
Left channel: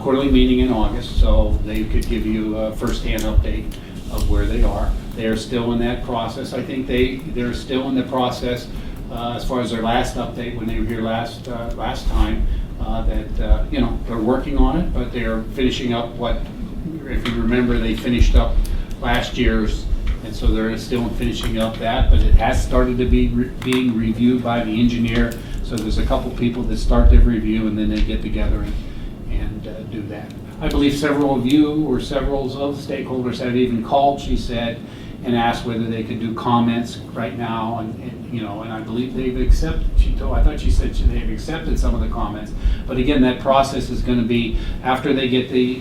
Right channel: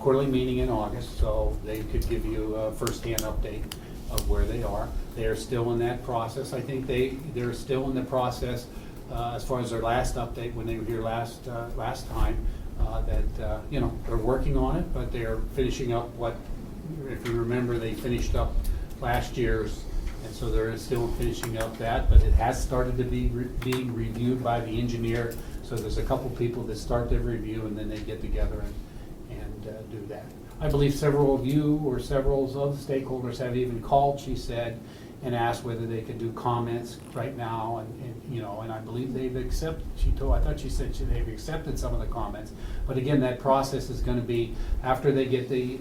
Quarterly meeting in August, so they could give you a first-hand update of where they are. They are still in that process. I think they're still in the process as far as their last update when they were here last time. They're working on it, but they're finishing up what, if you remember, they finished up last year's, and so they're still finishing up that, but it has started to be being reviewed by the engineer. So there's a couple people that start their review and then they get together and do that. I believe several of you or several of the stakeholders have even called, she said, and asked whether they could do comments right now, and I believe they've accepted. I thought she said they've accepted some of the comments. But again, that process is going to be after they get the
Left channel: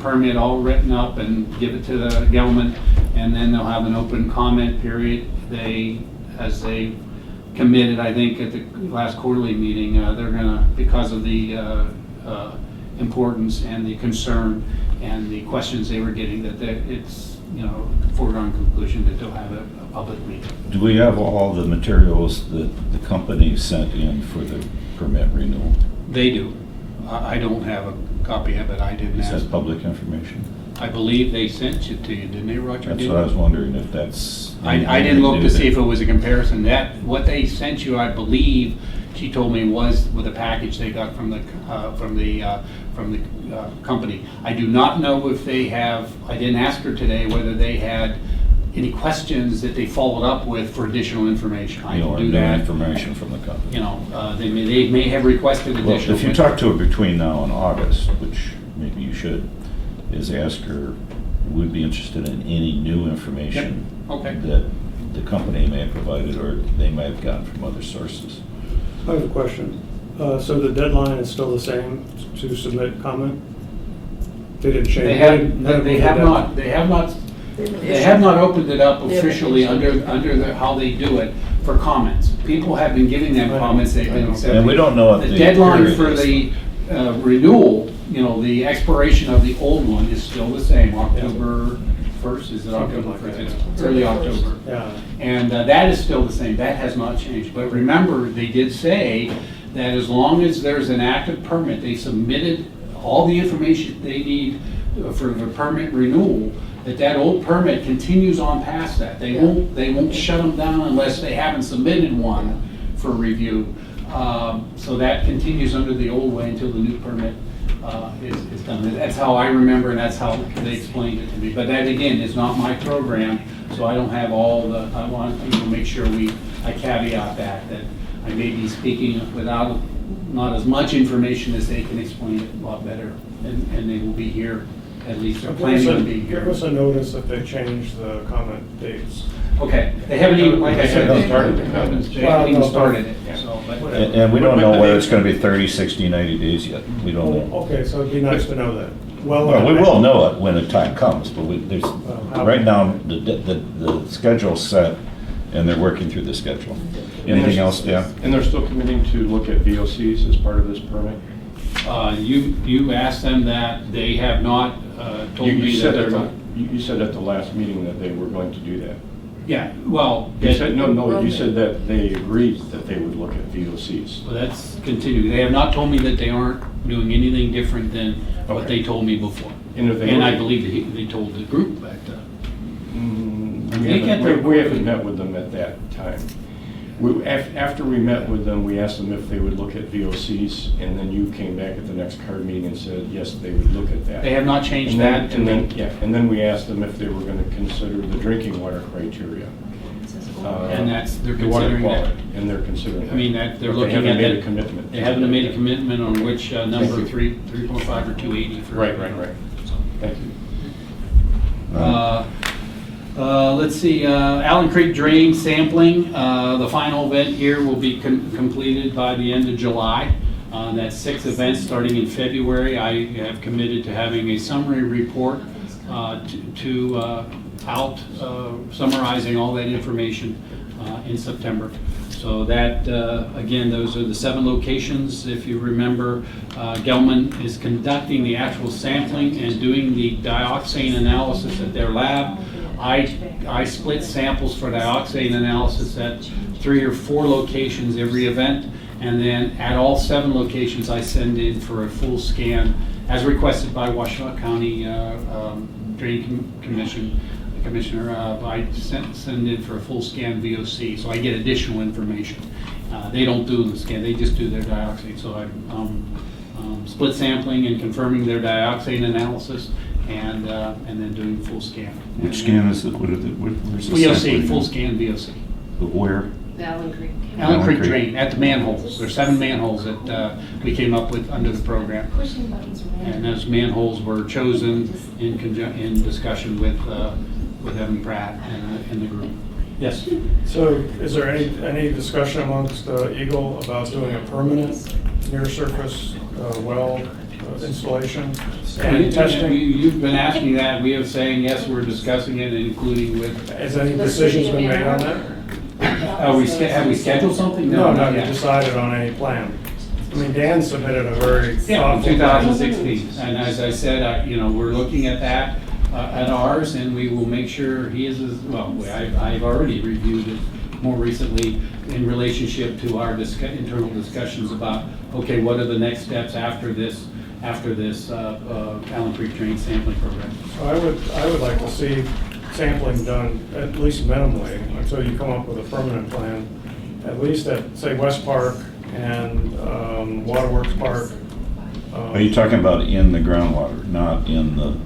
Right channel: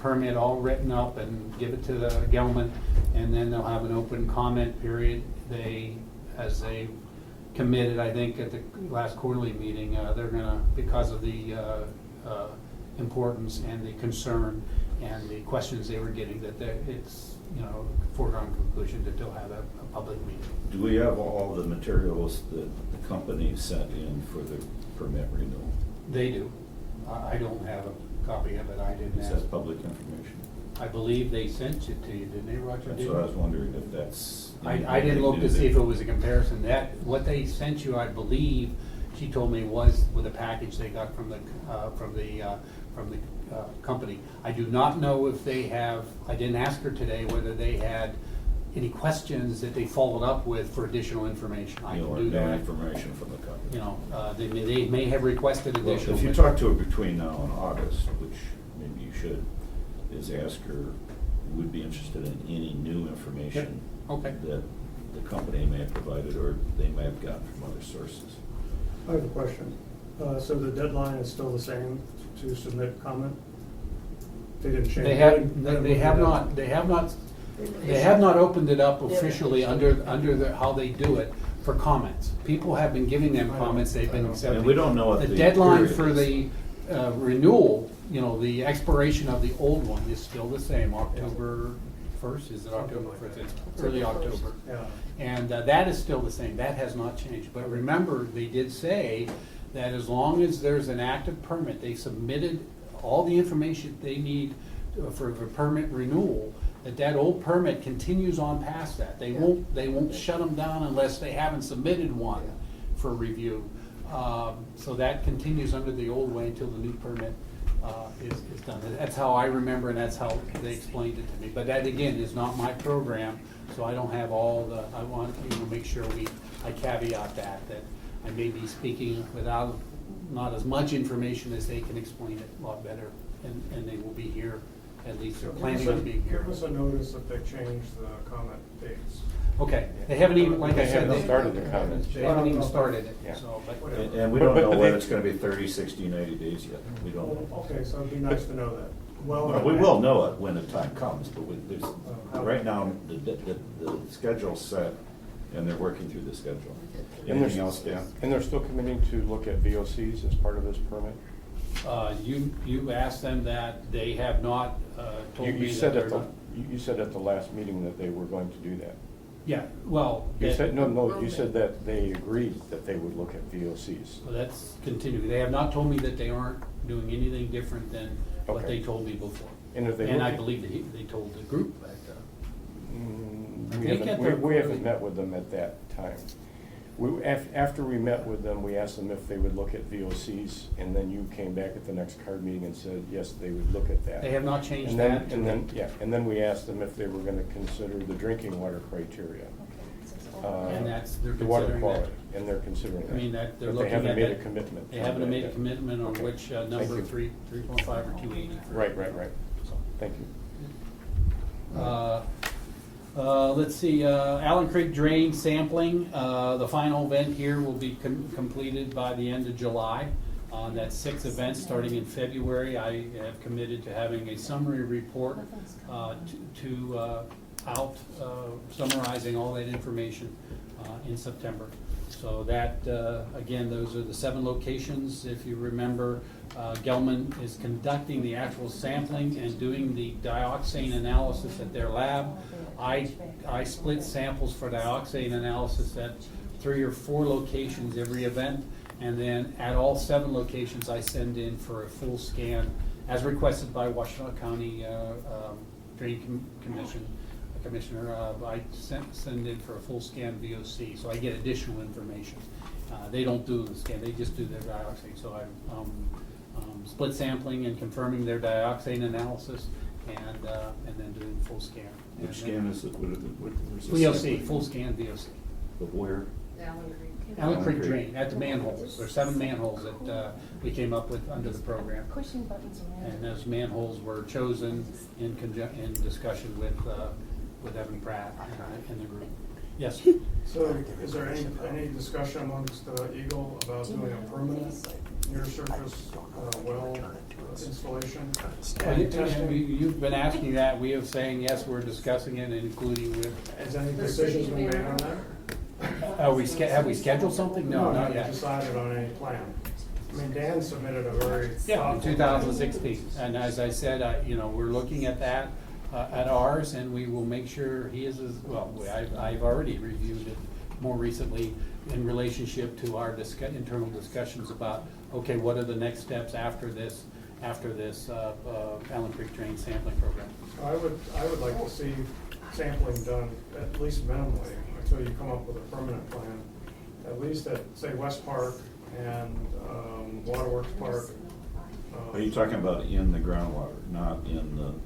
permit all written up and give it to the Gelman, and then they'll have an open comment period. As they committed, I think at the last quarterly meeting, they're gonna, because of the importance and the concern and the questions they were getting, that it's foregone conclusion that they'll have a public meeting. Do we have all the materials that the company sent in for the permit renewal? They do. I don't have a copy of it. I didn't Is ask. that public information? I believe they sent it to you, didn't they, Roger? That's what I was wondering, if that's. I didn't look to see if it was a comparison. What they sent you, I believe, she told me, was with a package they got from the company. I do not know if they have, I didn't ask her today whether they had any questions that they followed up with for additional information. I can do New that. information from the company. They may have requested Well, additional. if you talk to her between now and August, which maybe you should, is ask her, would be interested in any new information Okay. that the company may have provided or they may have gotten from other sources. I have a question. So the deadline is still the same to submit comment? They didn't change? They have not opened it up officially under how they do it for comments. People have been giving them comments, they've been accepting. And we don't know what The the deadline period for is. the renewal, the expiration of the old one is still the same, October 1st, is it October 1st? It's early October. Yeah. And that is still the same, that has not changed. But remember, they did say that as long as there's an active permit, they submitted all the information they need for the permit renewal, that old permit continues on past that. They won't shut them down unless they haven't submitted one for review. So that continues under the old way until the new permit is done. That's how I remember, and that's how they explained it to me. But that, again, is not my program, so I don't have all the, I want to make sure I caveat that I may be speaking without not as much information as they can explain it a lot better, and they will be here, at least they're planning on being here. Give us a notice if they change the comment dates. Okay, they haven't even, like I said, They haven't started the comments. They haven't even started it, so, but And whatever. we don't know whether it's gonna be 30, 60, 90 days yet. We don't know. Okay, so it'd be nice to know that. Well, we will know it when the time comes, but right now, the schedule's set, and they're working through the schedule. Anything else, Dan? And they're still committing to look at VOCs as part of this permit? You asked them that, they have not told You me said that. you said at the last meeting that they were going to do that. Yeah, well. You said, no, you said that they agreed that they would look at VOCs. Well, that's continuing. They have not told me that they aren't doing anything different than what Okay. they told me before. And if they And were- I believe they told the group that. We haven't met with them at that time. After we met with them, we asked them if they would look at VOCs, and then you came back at the next CARD meeting and said, yes, they would look at that. They have not changed And then- that to and then- me. Yeah, and then we asked them if they were gonna consider the drinking water criteria. And they're the water considering that. quality, and they're considering that. I mean, that they're But looking at They haven't made that. a commitment. They haven't made a commitment on which number, you. 3.5 or 280 for. Right. Thank you. Let's see, Allen Creek drain sampling, the final event here will be completed by the end of July. That's 6 events starting in February. I have committed to having a summary report out summarizing all that information in September. So that, again, those are the 7 locations. If you remember, Gelman is conducting the actual sampling and doing the dioxane analysis at their lab. I split samples for dioxane analysis at 3 or 4 locations every event, and then at all 7 locations I send in for a full scan as requested by Washtenaw County Drain Commissioner. I send in for a full scan VOC, so I get additional information. They don't do the scan, they just do their dioxane. So I'm split sampling and confirming their dioxane analysis, and then doing full scan. Which scan is it? Where's the VOC, sampling? full scan VOC. But where? Allen Creek. Allen Creek Creek. drain, at the manholes. There's 7 manholes that we came up with under the program. And those manholes were chosen in discussion with Evan Pratt and the group. Yes? So is there any discussion amongst EGLE about doing a permanent near surface well installation? And testing? You've been asking that. We are saying, yes, we're discussing it, including with. Has any decisions been made on that? Have we scheduled something? No, not not yet. decided on any plan. I mean, Dan submitted a very Yeah, in thoughtful. 2016. And as I said, we're looking at that, at ours, and we will make sure he is as, well, I've already reviewed it more recently in relationship to our internal discussions about, okay, what are the next steps after this Allen Creek drain sampling program? So I would like to see sampling done at least minimally until you come up with a permanent plan, at least at, say, West Park and Waterworks Park. Are you talking about in the groundwater, not in the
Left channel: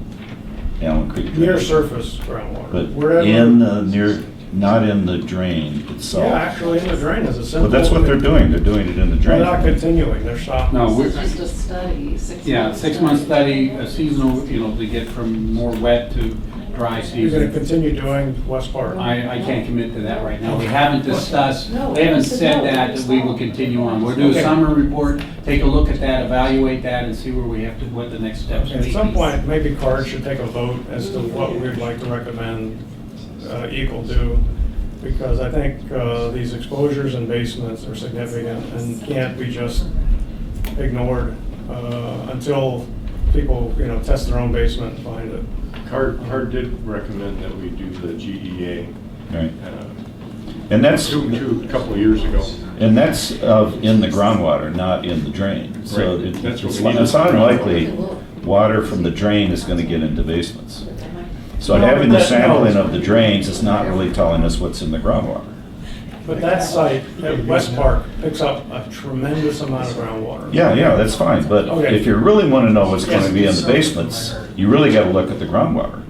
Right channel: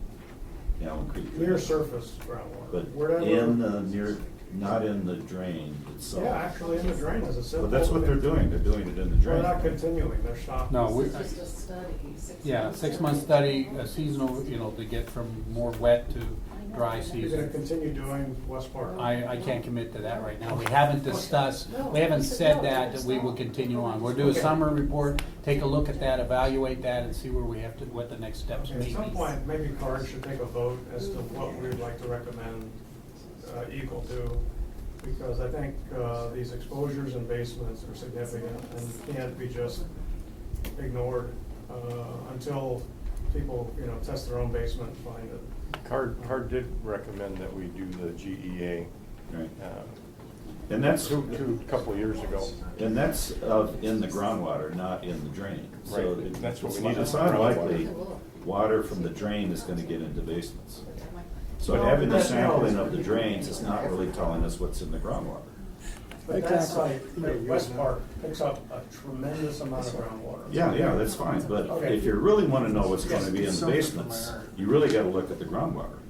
Allen Creek drain? Near surface groundwater. But Wherever- in the not in the drain itself? Yeah, actually, in the drain is a simple. But that's what they're doing. They're doing it in the They're drain. not continuing, they're stopping. No, we're, It's just a study, 6 yeah, months. 6-month study, a seasonal, to get from more wet to dry You're gonna season. continue doing West Park. I can't commit to that right now. We haven't discussed, No, we haven't it's a said no. that we will continue on. We'll do a Okay. summary report, take a look at that, evaluate that, and see where we have to, what the next steps may At be. some point, maybe CARD should take a vote as to what we'd like to recommend EGLE do, because I think these exposures in basements are significant and can't be just ignored until people, test their own basement and find it. CARD did recommend that we do the GEA Right. And that's, a couple of years ago. and that's in the groundwater, not in the drain. So Right. it- That's what it's we need. it's unlikely water from the drain is gonna get into basements. So No, having the but that- sampling of the drains is not really telling us what's in the groundwater. But that site at West Park picks up a tremendous amount of groundwater. Yeah, that's fine, but Okay. if you really wanna know what's gonna be in the basements, you really gotta look at the groundwater.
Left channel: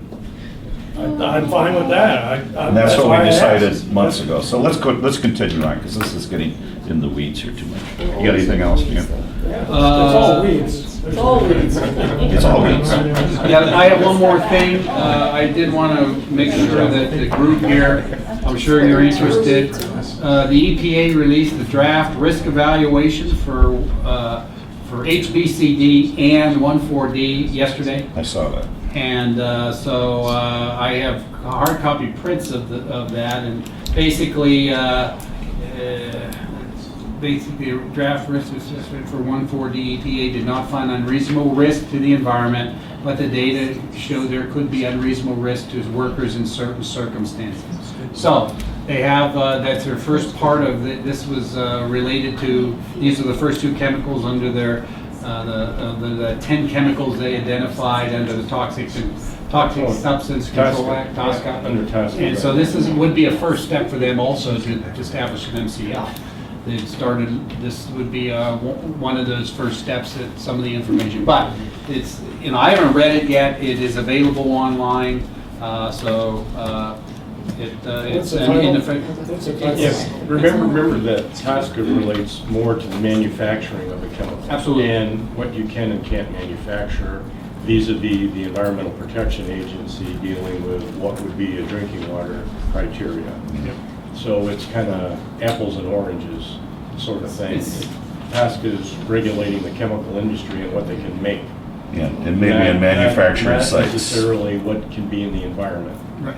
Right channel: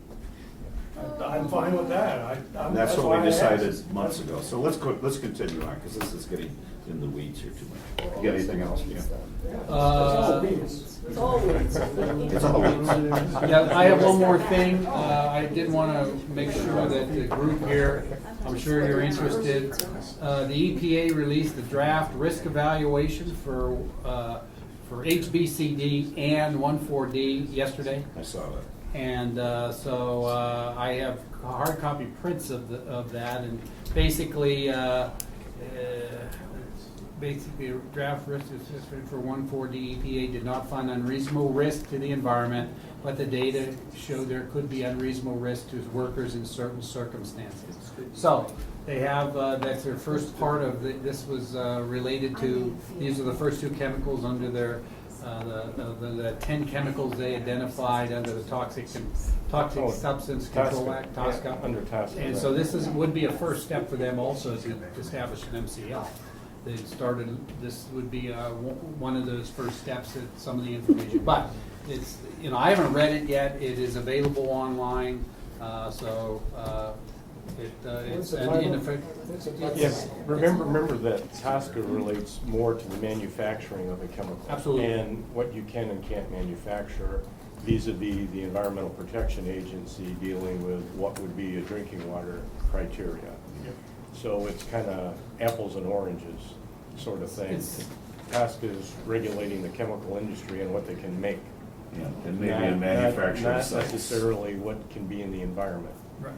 I'm fine with that. And that's what why we I decided asked. months ago. So let's continue on, because this is getting in the weeds here too much. You got anything else, Ian? It's all weeds. It's all weeds. It's all weeds. Yeah, I have one more thing. I did want to make sure that the group here, I'm sure you're interested. The EPA released a draft risk evaluation for HBCD and 14D yesterday. I saw that. And so I have hard copy prints of that, and basically, basically draft risk assessment for 14D, EPA did not find unreasonable risk to the environment, but the data show there could be unreasonable risk to workers in certain circumstances. So they have, that's their first part of this was related to, these are the first 2 chemicals under their the 10 chemicals they identified under the toxic Toxic Oh, Substance Control TSCA, Act, TSCA. Under TSCA. And so this would be a first step for them also to establish an MCL. They've started, this would be one of those first steps at some of the information. But it's, I haven't read it yet. It is available online, it's What's the in title? effect. What's the title? Yes, remember that TSCA relates more to the manufacturing of the chemical. Absolutely. And what you can and can't manufacture vis-à-vis the Environmental Protection Agency dealing with what would be a drinking water criteria. So it's kind of apples and oranges sort of thing. TSCA is regulating the chemical industry and what they can make. Yeah, and maybe in manufacturing Not sites. necessarily what can be in the environment. Right.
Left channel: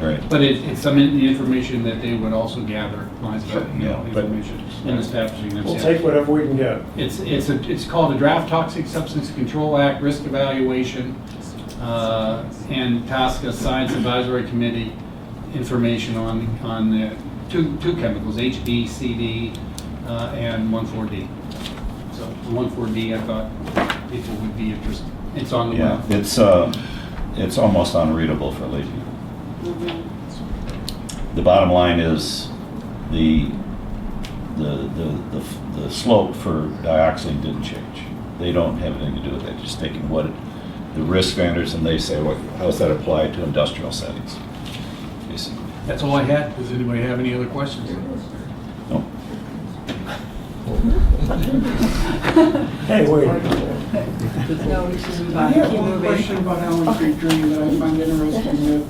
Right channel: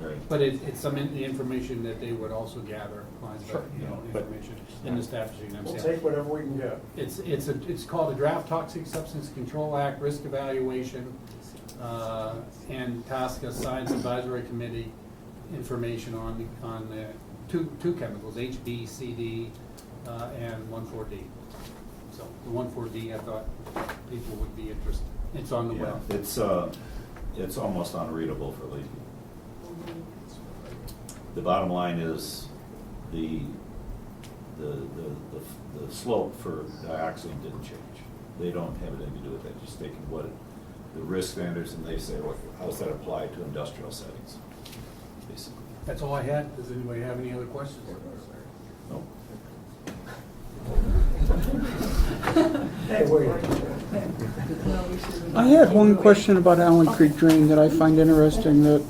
Right. But it's some of the information that they would also gather, information in establishing We'll themselves. take whatever we can get. It's called the Draft Toxic Substance Control Act, Risk Evaluation, and TSCA Science Advisory Committee information on the two chemicals, HB, CD, and 1,4-D. So the 1,4-D, I thought people would be interested. It's on the Yeah, web. it's almost unreadable for lay people. The bottom line is the slope for dioxin didn't change. They don't have anything to do with that, just taking what the risk factors, and they say, how does that apply to industrial settings? Basically. That's all I had. Does anybody have any other questions? No. Hey, wait. I have one question about Allen Creek Drain that I find interesting, that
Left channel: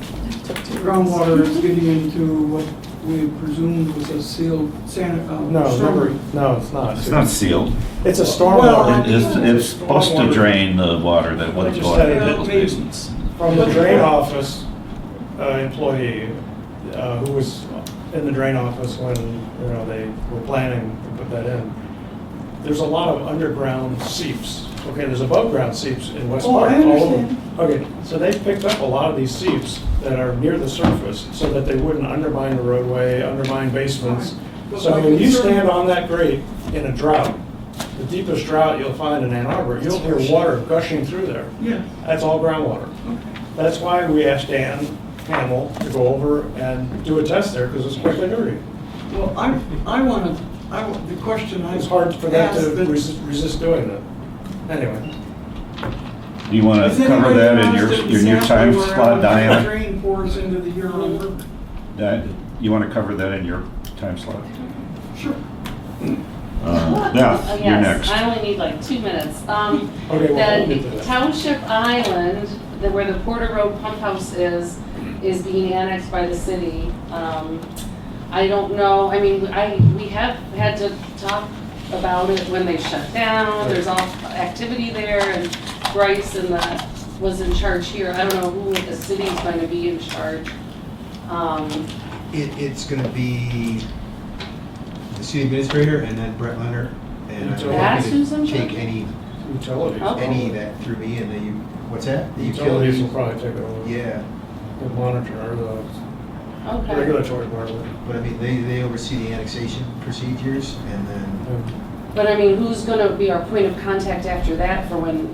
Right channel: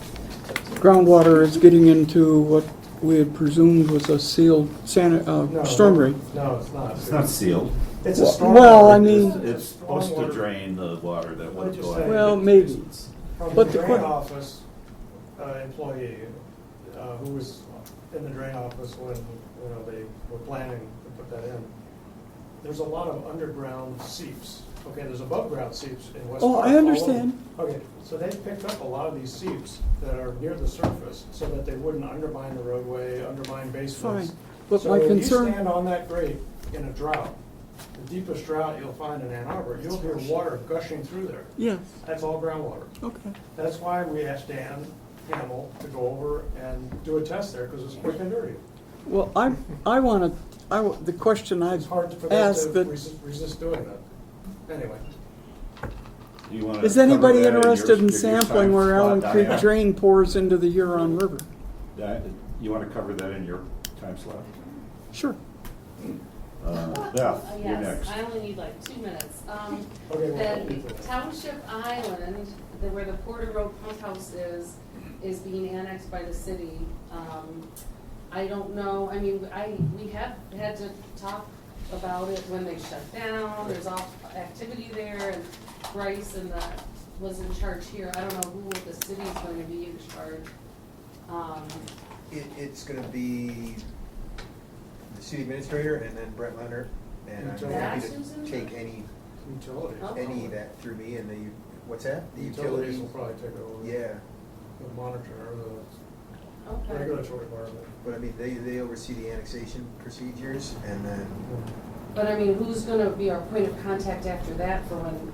groundwater is getting into what we had presumed was a sealed storm drain. No, it's not. It's not sealed. It's a storm. Well, I It's mean- it's supposed to drain the water that would They just go said into it those made- basins. From the drain office employee who was in the drain office when, they were planning to put that in. There's a lot of underground seeps. Okay, there's above ground seeps in West Oh, Park. I all over. understand. Okay, so they picked up a lot of these seeps that are near the surface so that they wouldn't undermine the roadway, undermine basements. Fine. But So my when you concern- stand on that grate in a drought, the deepest drought you'll find in Ann Arbor, you'll hear water gushing through there. Yeah, That's all groundwater. okay. That's why we asked Dan Hamill to go over and do a test there, because it's quick and dirty. Well, the question I It's hard for them asked, to that- resist doing that. Anyway, Do you want to is cover anybody that in interested in your time sampling where slot, Allen Creek Diana? Drain pours into the Huron River? You want to cover that in your time slot? Sure. Beth, you're Yes, next. I only need like 2 minutes. Okay, well, we'll get to The that. Township Island, where the Porter Road Pump House is being annexed by the city. I don't know, I mean, we have had to talk about it when they shut down. There's all activity there, and Bryce was in charge here. I don't know who at the city is going to be in charge. It's gonna be the city administrator and then Brett Leonard. And I'm That's happy who's to in take charge? any Utilities. Oh. that through me and then what's that? The Utilities will probably take it over. Yeah, The monitor, or the Okay. regulatory part of it. but I mean, they oversee the annexation procedures and then, But I mean, who's gonna be our point of contact after that for when,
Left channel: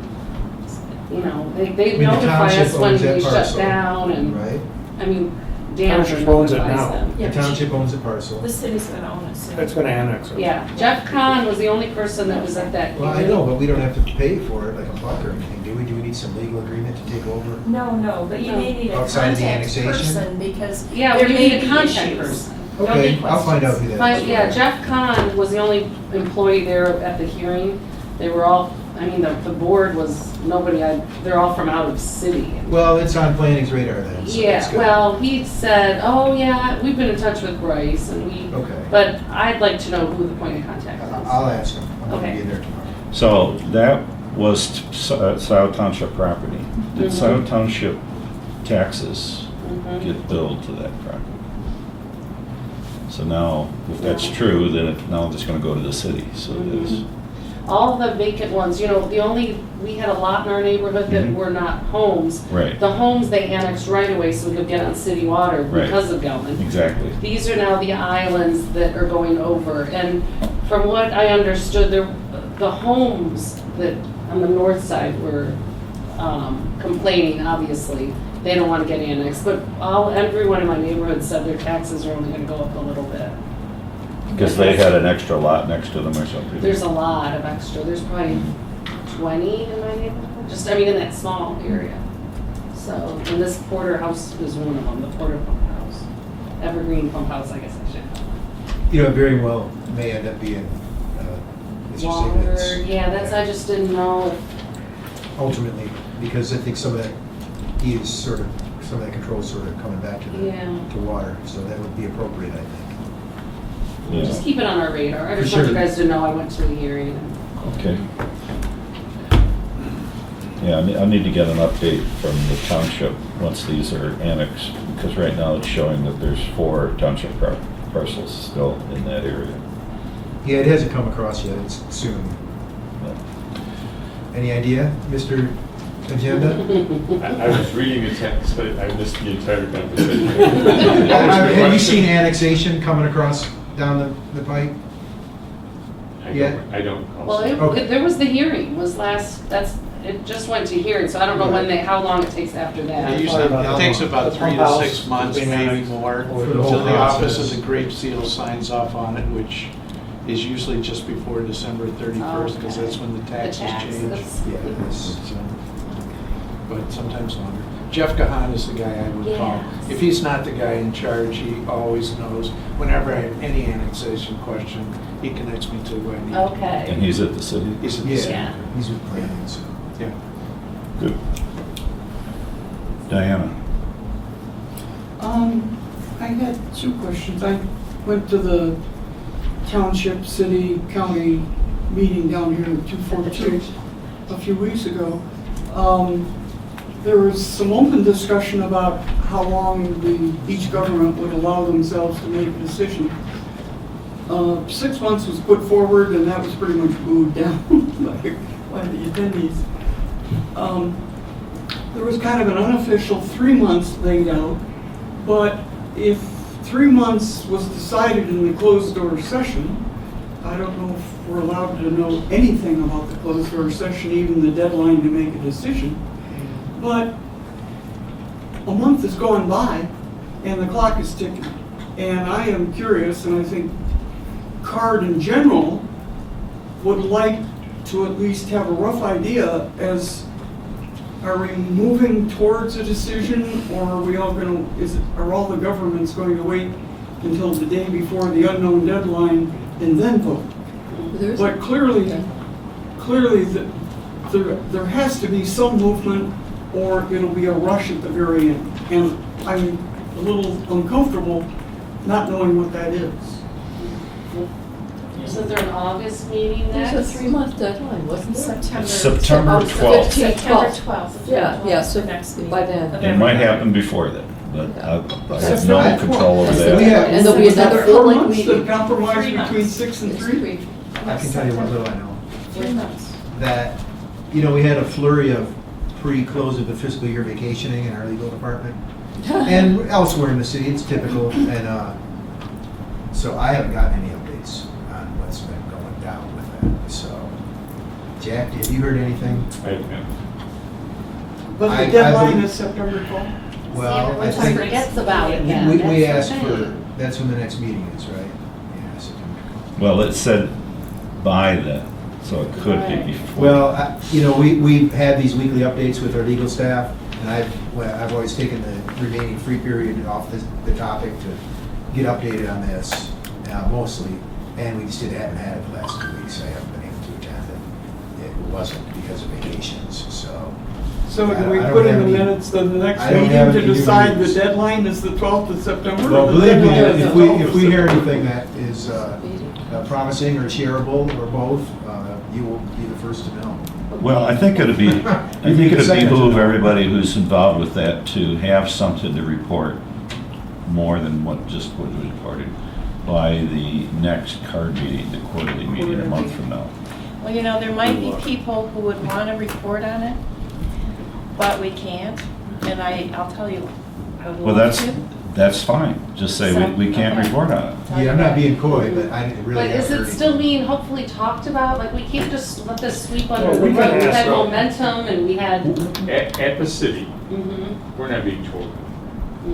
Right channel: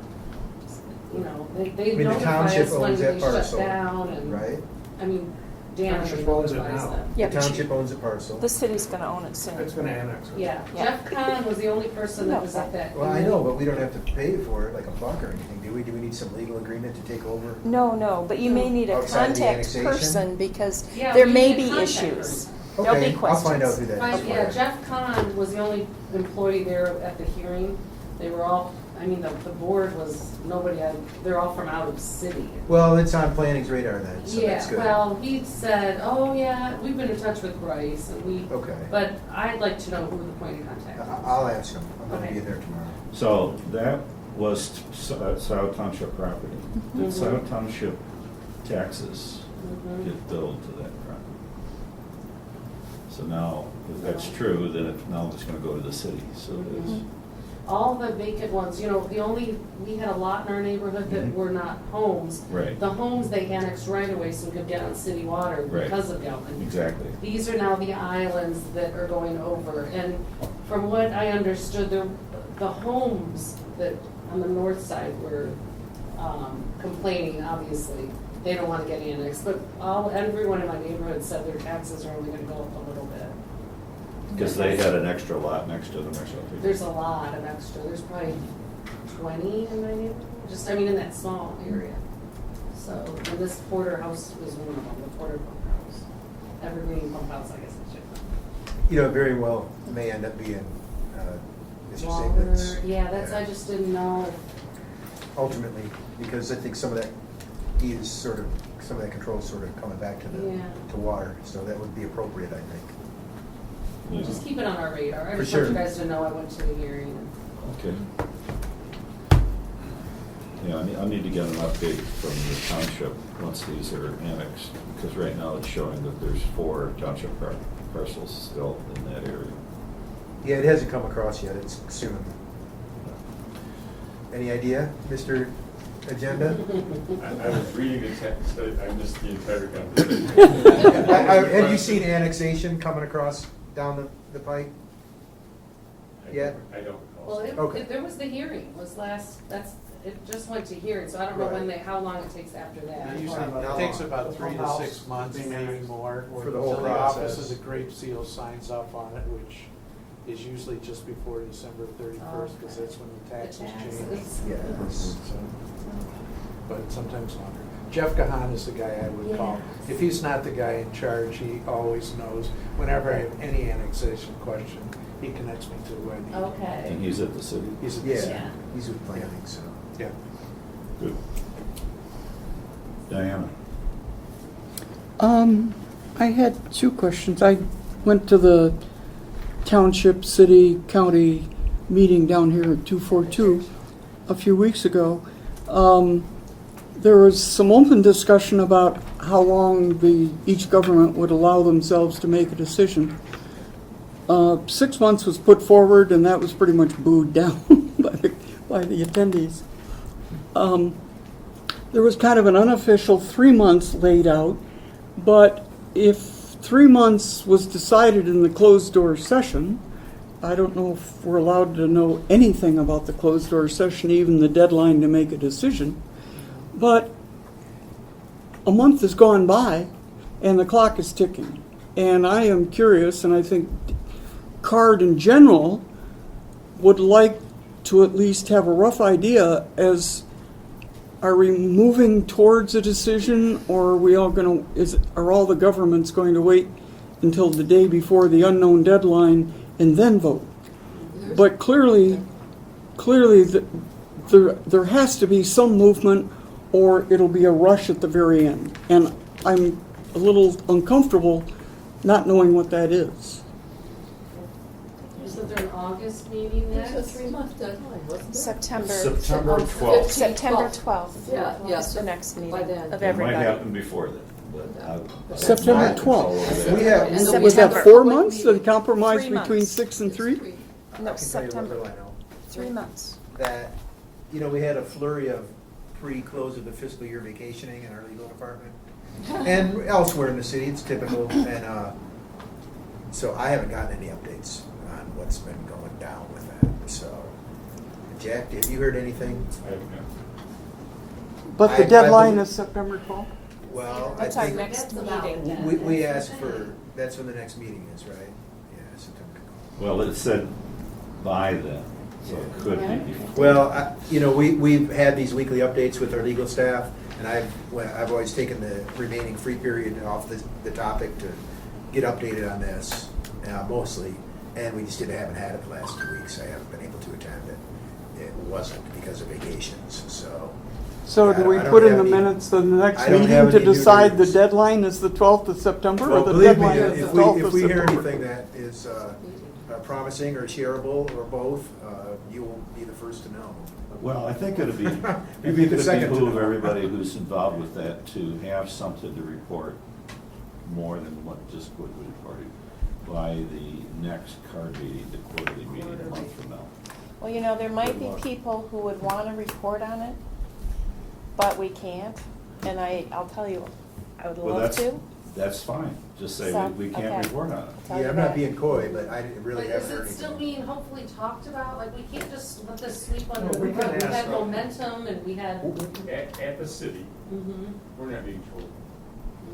they the notify township us when owns that we shut parcel, down and, right? I mean, Dan Township owns it notifies now. them. Yeah, The but township owns the parcel. the city's gonna own it soon. It's gonna annex it. Yeah, Jeff Conn was the only person that was at that Well, I hearing. know, but we don't have to pay for it like a buck or anything, do we? Do we need some legal agreement to take over? No, but you may need a Outside the contact annexation? person because Yeah, there we may need a be contact issues. person. There'll be Okay, I'll find out questions. who that is. Yeah, Jeff Conn was the only employee there at the hearing. They were all, the board was, they're all from out of city. Well, it's on planning's radar then, so Yeah, that's good. well, he said, oh yeah, we've been in touch with Bryce and Okay. but I'd like to know who the point of contact is. I'll ask them, I'm gonna Okay. be there tomorrow. So that was Scio Township property. Did Scio Township taxes Mhm. get billed to that property? So now, if that's true, then now it's going to go to the city, so it is. All the vacant ones, we had a lot in our neighborhood that Mhm. were not homes. Right. The homes they annexed right away so we could get on city water Right. because of Gelman. Exactly. These are now the islands that are going over. And from what I understood, the homes that on the north side were complaining, obviously. They don't want to get annexed, but everyone in my neighborhood said their taxes are only going to go up a little bit. Because they had an extra lot next to them or something. There's a lot of extra, there's probably 20 in my neighborhood, just, I mean, in that small area. So, and this Porter house is one of them, the Porter pump house. Evergreen pump house, I guess I should call it. You know, very well may end up being, as you say, Longer, that's. yeah, that's, I just didn't know. Ultimately, because I think some of that, some of that control is sort of coming back to Yeah. to water, so that would be appropriate, I think. Yeah. Just keep it on our radar. I For just want you sure. guys to know I went to a hearing. Okay. Yeah, I need to get an update from the township once these are annexed, because right now it's showing that there's 4 township parcels still in that area. Yeah, it hasn't come across yet, it's soon. Any idea, Mr. Agenda? I was reading the text, but I missed the entire conversation. Have you seen annexation coming across down the pipe? I don't. Well, Okay. there was the hearing, it just went to hearing, so I don't know how long it takes after that. It takes about 3 to 6 months, maybe more, For the whole until the office process. of the Grape Seal signs off on it, which is usually just before December 31st, because Okay. that's when the taxes change. Yeah, it's- But sometimes longer. Jeff Gahan is the guy I would call. Yes. If he's not the guy in charge, he always knows. Whenever I have any annexation question, he connects me to who I need. And Okay. he's at the city? He's at the Yeah, center. he's with planning, so. Yeah. Good. Diana? I had 2 questions. I went to the Township, City, County meeting down here in 242 a few weeks ago. There was some open discussion about how long each government would allow themselves to make a decision. 6 months was put forward, and that was pretty much booed down by the attendees. There was kind of an unofficial 3 months laid out, but if 3 months was decided in the closed-door session, I don't know if we're allowed to know anything about the closed-door session, even the deadline to make a decision. But a month has gone by, and the clock is ticking. And I am curious, and I think CARD in general would like to at least have a rough idea as, are we moving towards a decision, or are we all going to, are all the governments going to wait until the day before the unknown deadline and then vote? But clearly there has to be some movement, or it'll be a rush at the very end. And I'm a little uncomfortable not knowing what that is. Isn't there an August meeting next? There's a 3-month deadline, wasn't there? September 12th. September 12th. Yeah, so the next meeting. by then. of It might everybody. happen before then, but I have no September control over 12th. that. Yeah. And there'll be Is that another 4 public months, the meeting. compromise 3 between months. 6 and 3? I can tell you what little I know. 3 months. That, we had a flurry of pre-close of the fiscal year vacationing in our legal department. And elsewhere in the city, it's typical, and so I haven't gotten any updates on what's been going down with that, so. Jack, have you heard anything? I have. But the I deadline would- is September 12th? Well, I Which I think, forgets about it then. we That's the asked thing. for, that's when the next meeting is, right? Yeah, September. Well, it said by then, so it could Right. be before. Well, we've had these weekly updates with our legal staff, and I've always taken the remaining free period off the topic to get updated on this, mostly, and we just haven't had it the last 2 weeks. I haven't been able to attend it. It wasn't because of vacations, so. So do we I don't put in have the any- minutes of the next I don't meeting have to any new decide the news. deadline is the 12th of September? Well, or the believe me, deadline is if the 12th we of hear September? anything that is promising or shareable or both, you will be the first to know. Well, I think it'd be, behoove everybody who's involved with that to have something to report more than what was reported by the next CARD meeting, the quarterly meeting a month from now. Well, there might be people who would want to report on it, but we can't. And I'll tell you, I would Well, love that's, to. that's fine. Just say we can't Okay. report on it. Yeah, I'm not being coy, but I really But is haven't heard it still anything. being hopefully talked about? Like, we can't just let this sweep under Well, the we rug. can We ask had them. momentum and we had, At the city, mhm, we're not being told.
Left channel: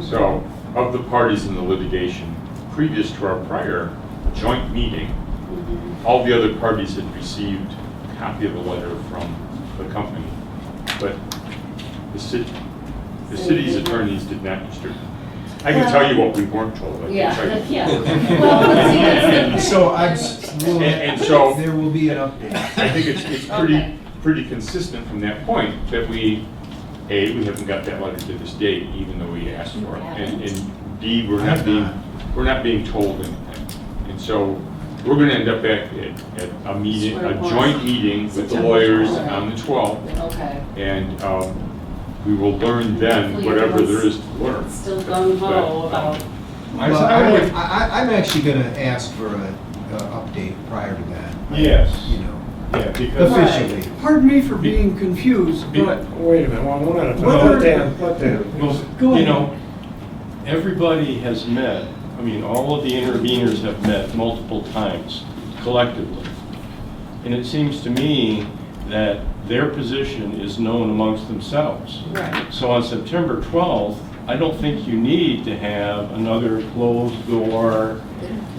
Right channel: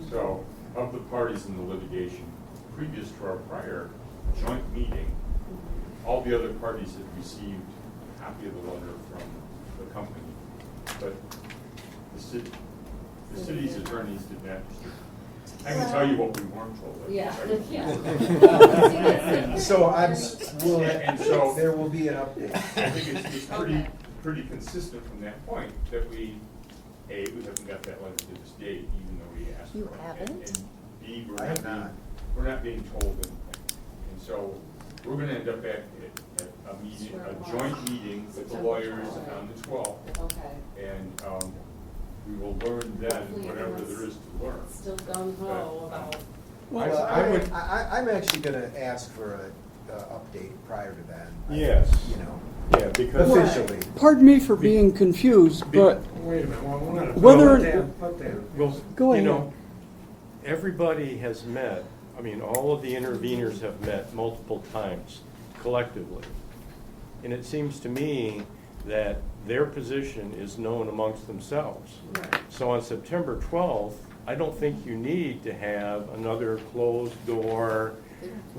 So, of the parties in the litigation, previous to our prior joint meeting, all the other parties had received a copy of the letter from the company, but the city's attorneys did not distribute. I can tell you what we weren't told. I can yeah, tell you. yeah. Well, let's see, that's the- So And so- there will be an update. I think it's Okay. pretty consistent from that point that we haven't got that letter to this date, even though we asked for it. And B, we're not being told anything. And so we're gonna end up at a meeting, a joint meeting with the lawyers on the 12th. Okay. And we will learn then whatever there is to learn. Still gung ho about, Well, I'm actually gonna ask for a update prior to that. Yes. You know, Yeah, because. officially. Pardon me for being confused, but Wait a minute, one at a time. Whether- Let Dan. Go ahead. You know, everybody has met, I mean, all of the interveners have met multiple times collectively. And it seems to me that their position is known amongst themselves. right. So on September 12th, I don't think you need to have another closed door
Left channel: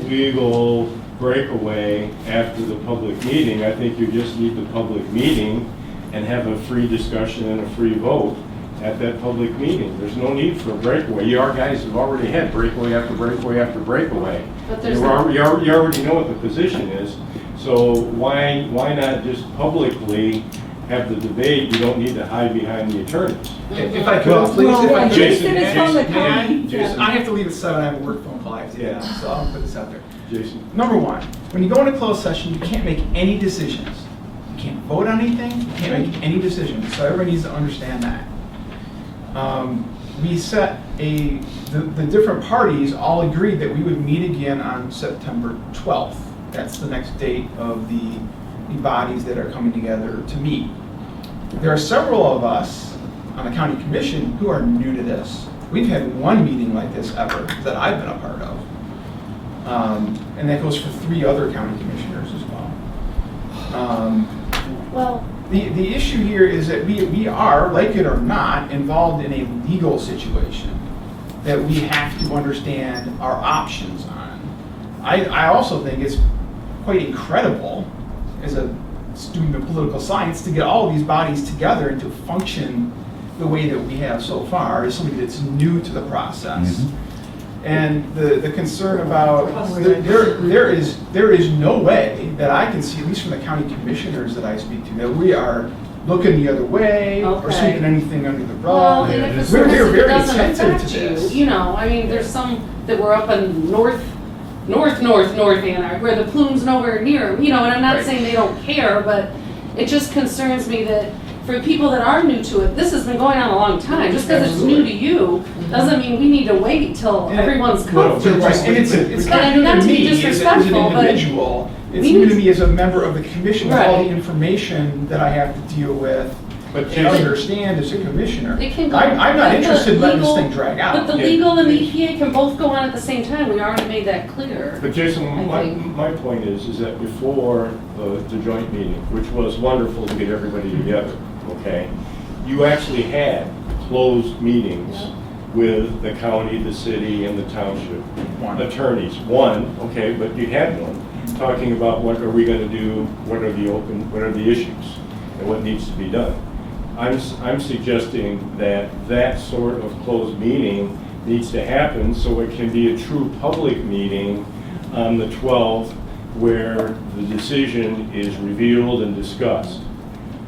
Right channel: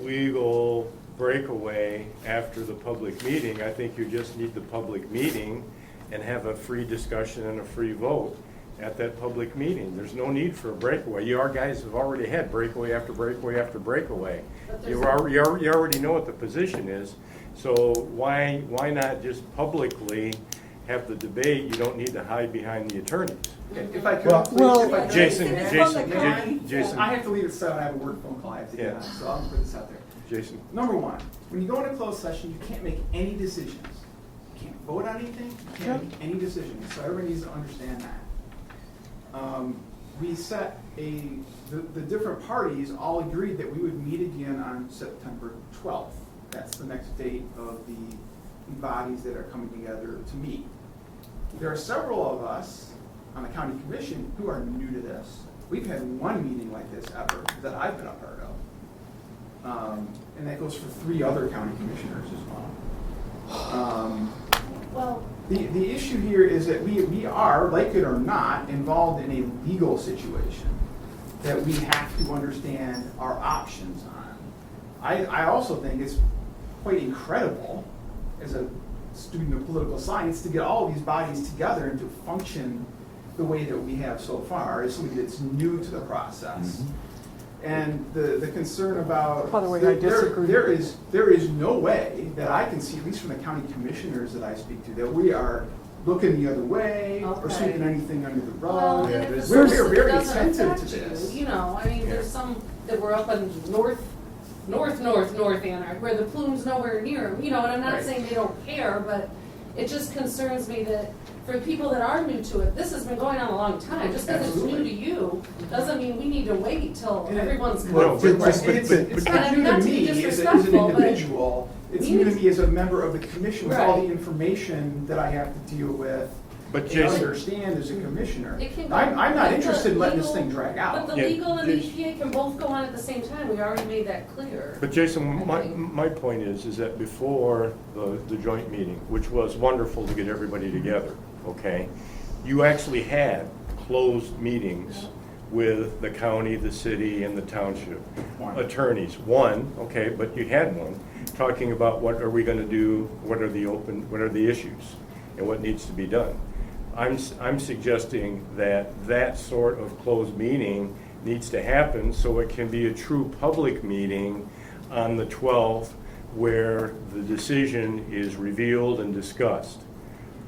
legal breakaway after the public meeting. I think you just need the public meeting and have a free discussion and a free vote at that public meeting. There's no need for a breakaway. You guys have already had breakaway after breakaway after breakaway. But there's You already know what the position is, so why not just publicly have the debate? You don't need to hide behind the attorneys. If I Well, could, please, if I could. Jason, is from the Jason, Conn. Jason, I have to leave at 7, I have a work phone call I have to get Yeah. on, so I'll put this out there. Jason. Number one, when you go into closed session, you can't make any decisions. You can't vote on anything, you can't make any decisions, so everybody needs to understand that. We set the different parties all agreed that we would meet again on September 12th. That's the next date of the bodies that are coming together to meet. There are several of us on the county commission who are new to this. We've had one meeting like this ever that I've been a part of. And that goes for 3 other county commissioners as well. well, The issue here is that we are, like it or not, involved in a legal situation that we have to understand our options on. I also think it's quite incredible as a student of political science to get all of these bodies together and to function the way that we have so far as somebody that's new to the process. And the concern about, there is no way that I can see, at least from the county commissioners that I speak to, that we are looking the other way or Okay. sweeping anything under the Well, rug. and if We're it's very, it very doesn't sensitive affect to this. you, you know, I mean, there's some that were up in North Ann Arbor, where the plume's nowhere near 'em, you know, and I'm not Right. saying they don't care, but it just concerns me that for people that are new to it, this has been going on a long time. Just because it's new to you, doesn't mean we need to wait till Yeah. everyone's Well, comfortable. right, and it's But not new not to to be me as disrespectful, an but individual. It's we new need to to- me as a member of the commission, with all the Right. information that I have to deal with. But And Jason, understand as a commissioner. it can go. I'm not but the interested in letting this legal- thing drag out. But the Yeah. legal and the EPA can both go on at the same time. We already made that clear. but Jason, I think. my point is that before the joint meeting, which was wonderful to get everybody together, okay? You actually had closed meetings with the county, the city, and the township One. attorneys. One, okay, but you had one, talking about what are we gonna do, what are the issues, and what needs to be done. I'm suggesting that that sort of closed meeting needs to happen so it can be a true public meeting on the 12th where the decision is revealed and discussed.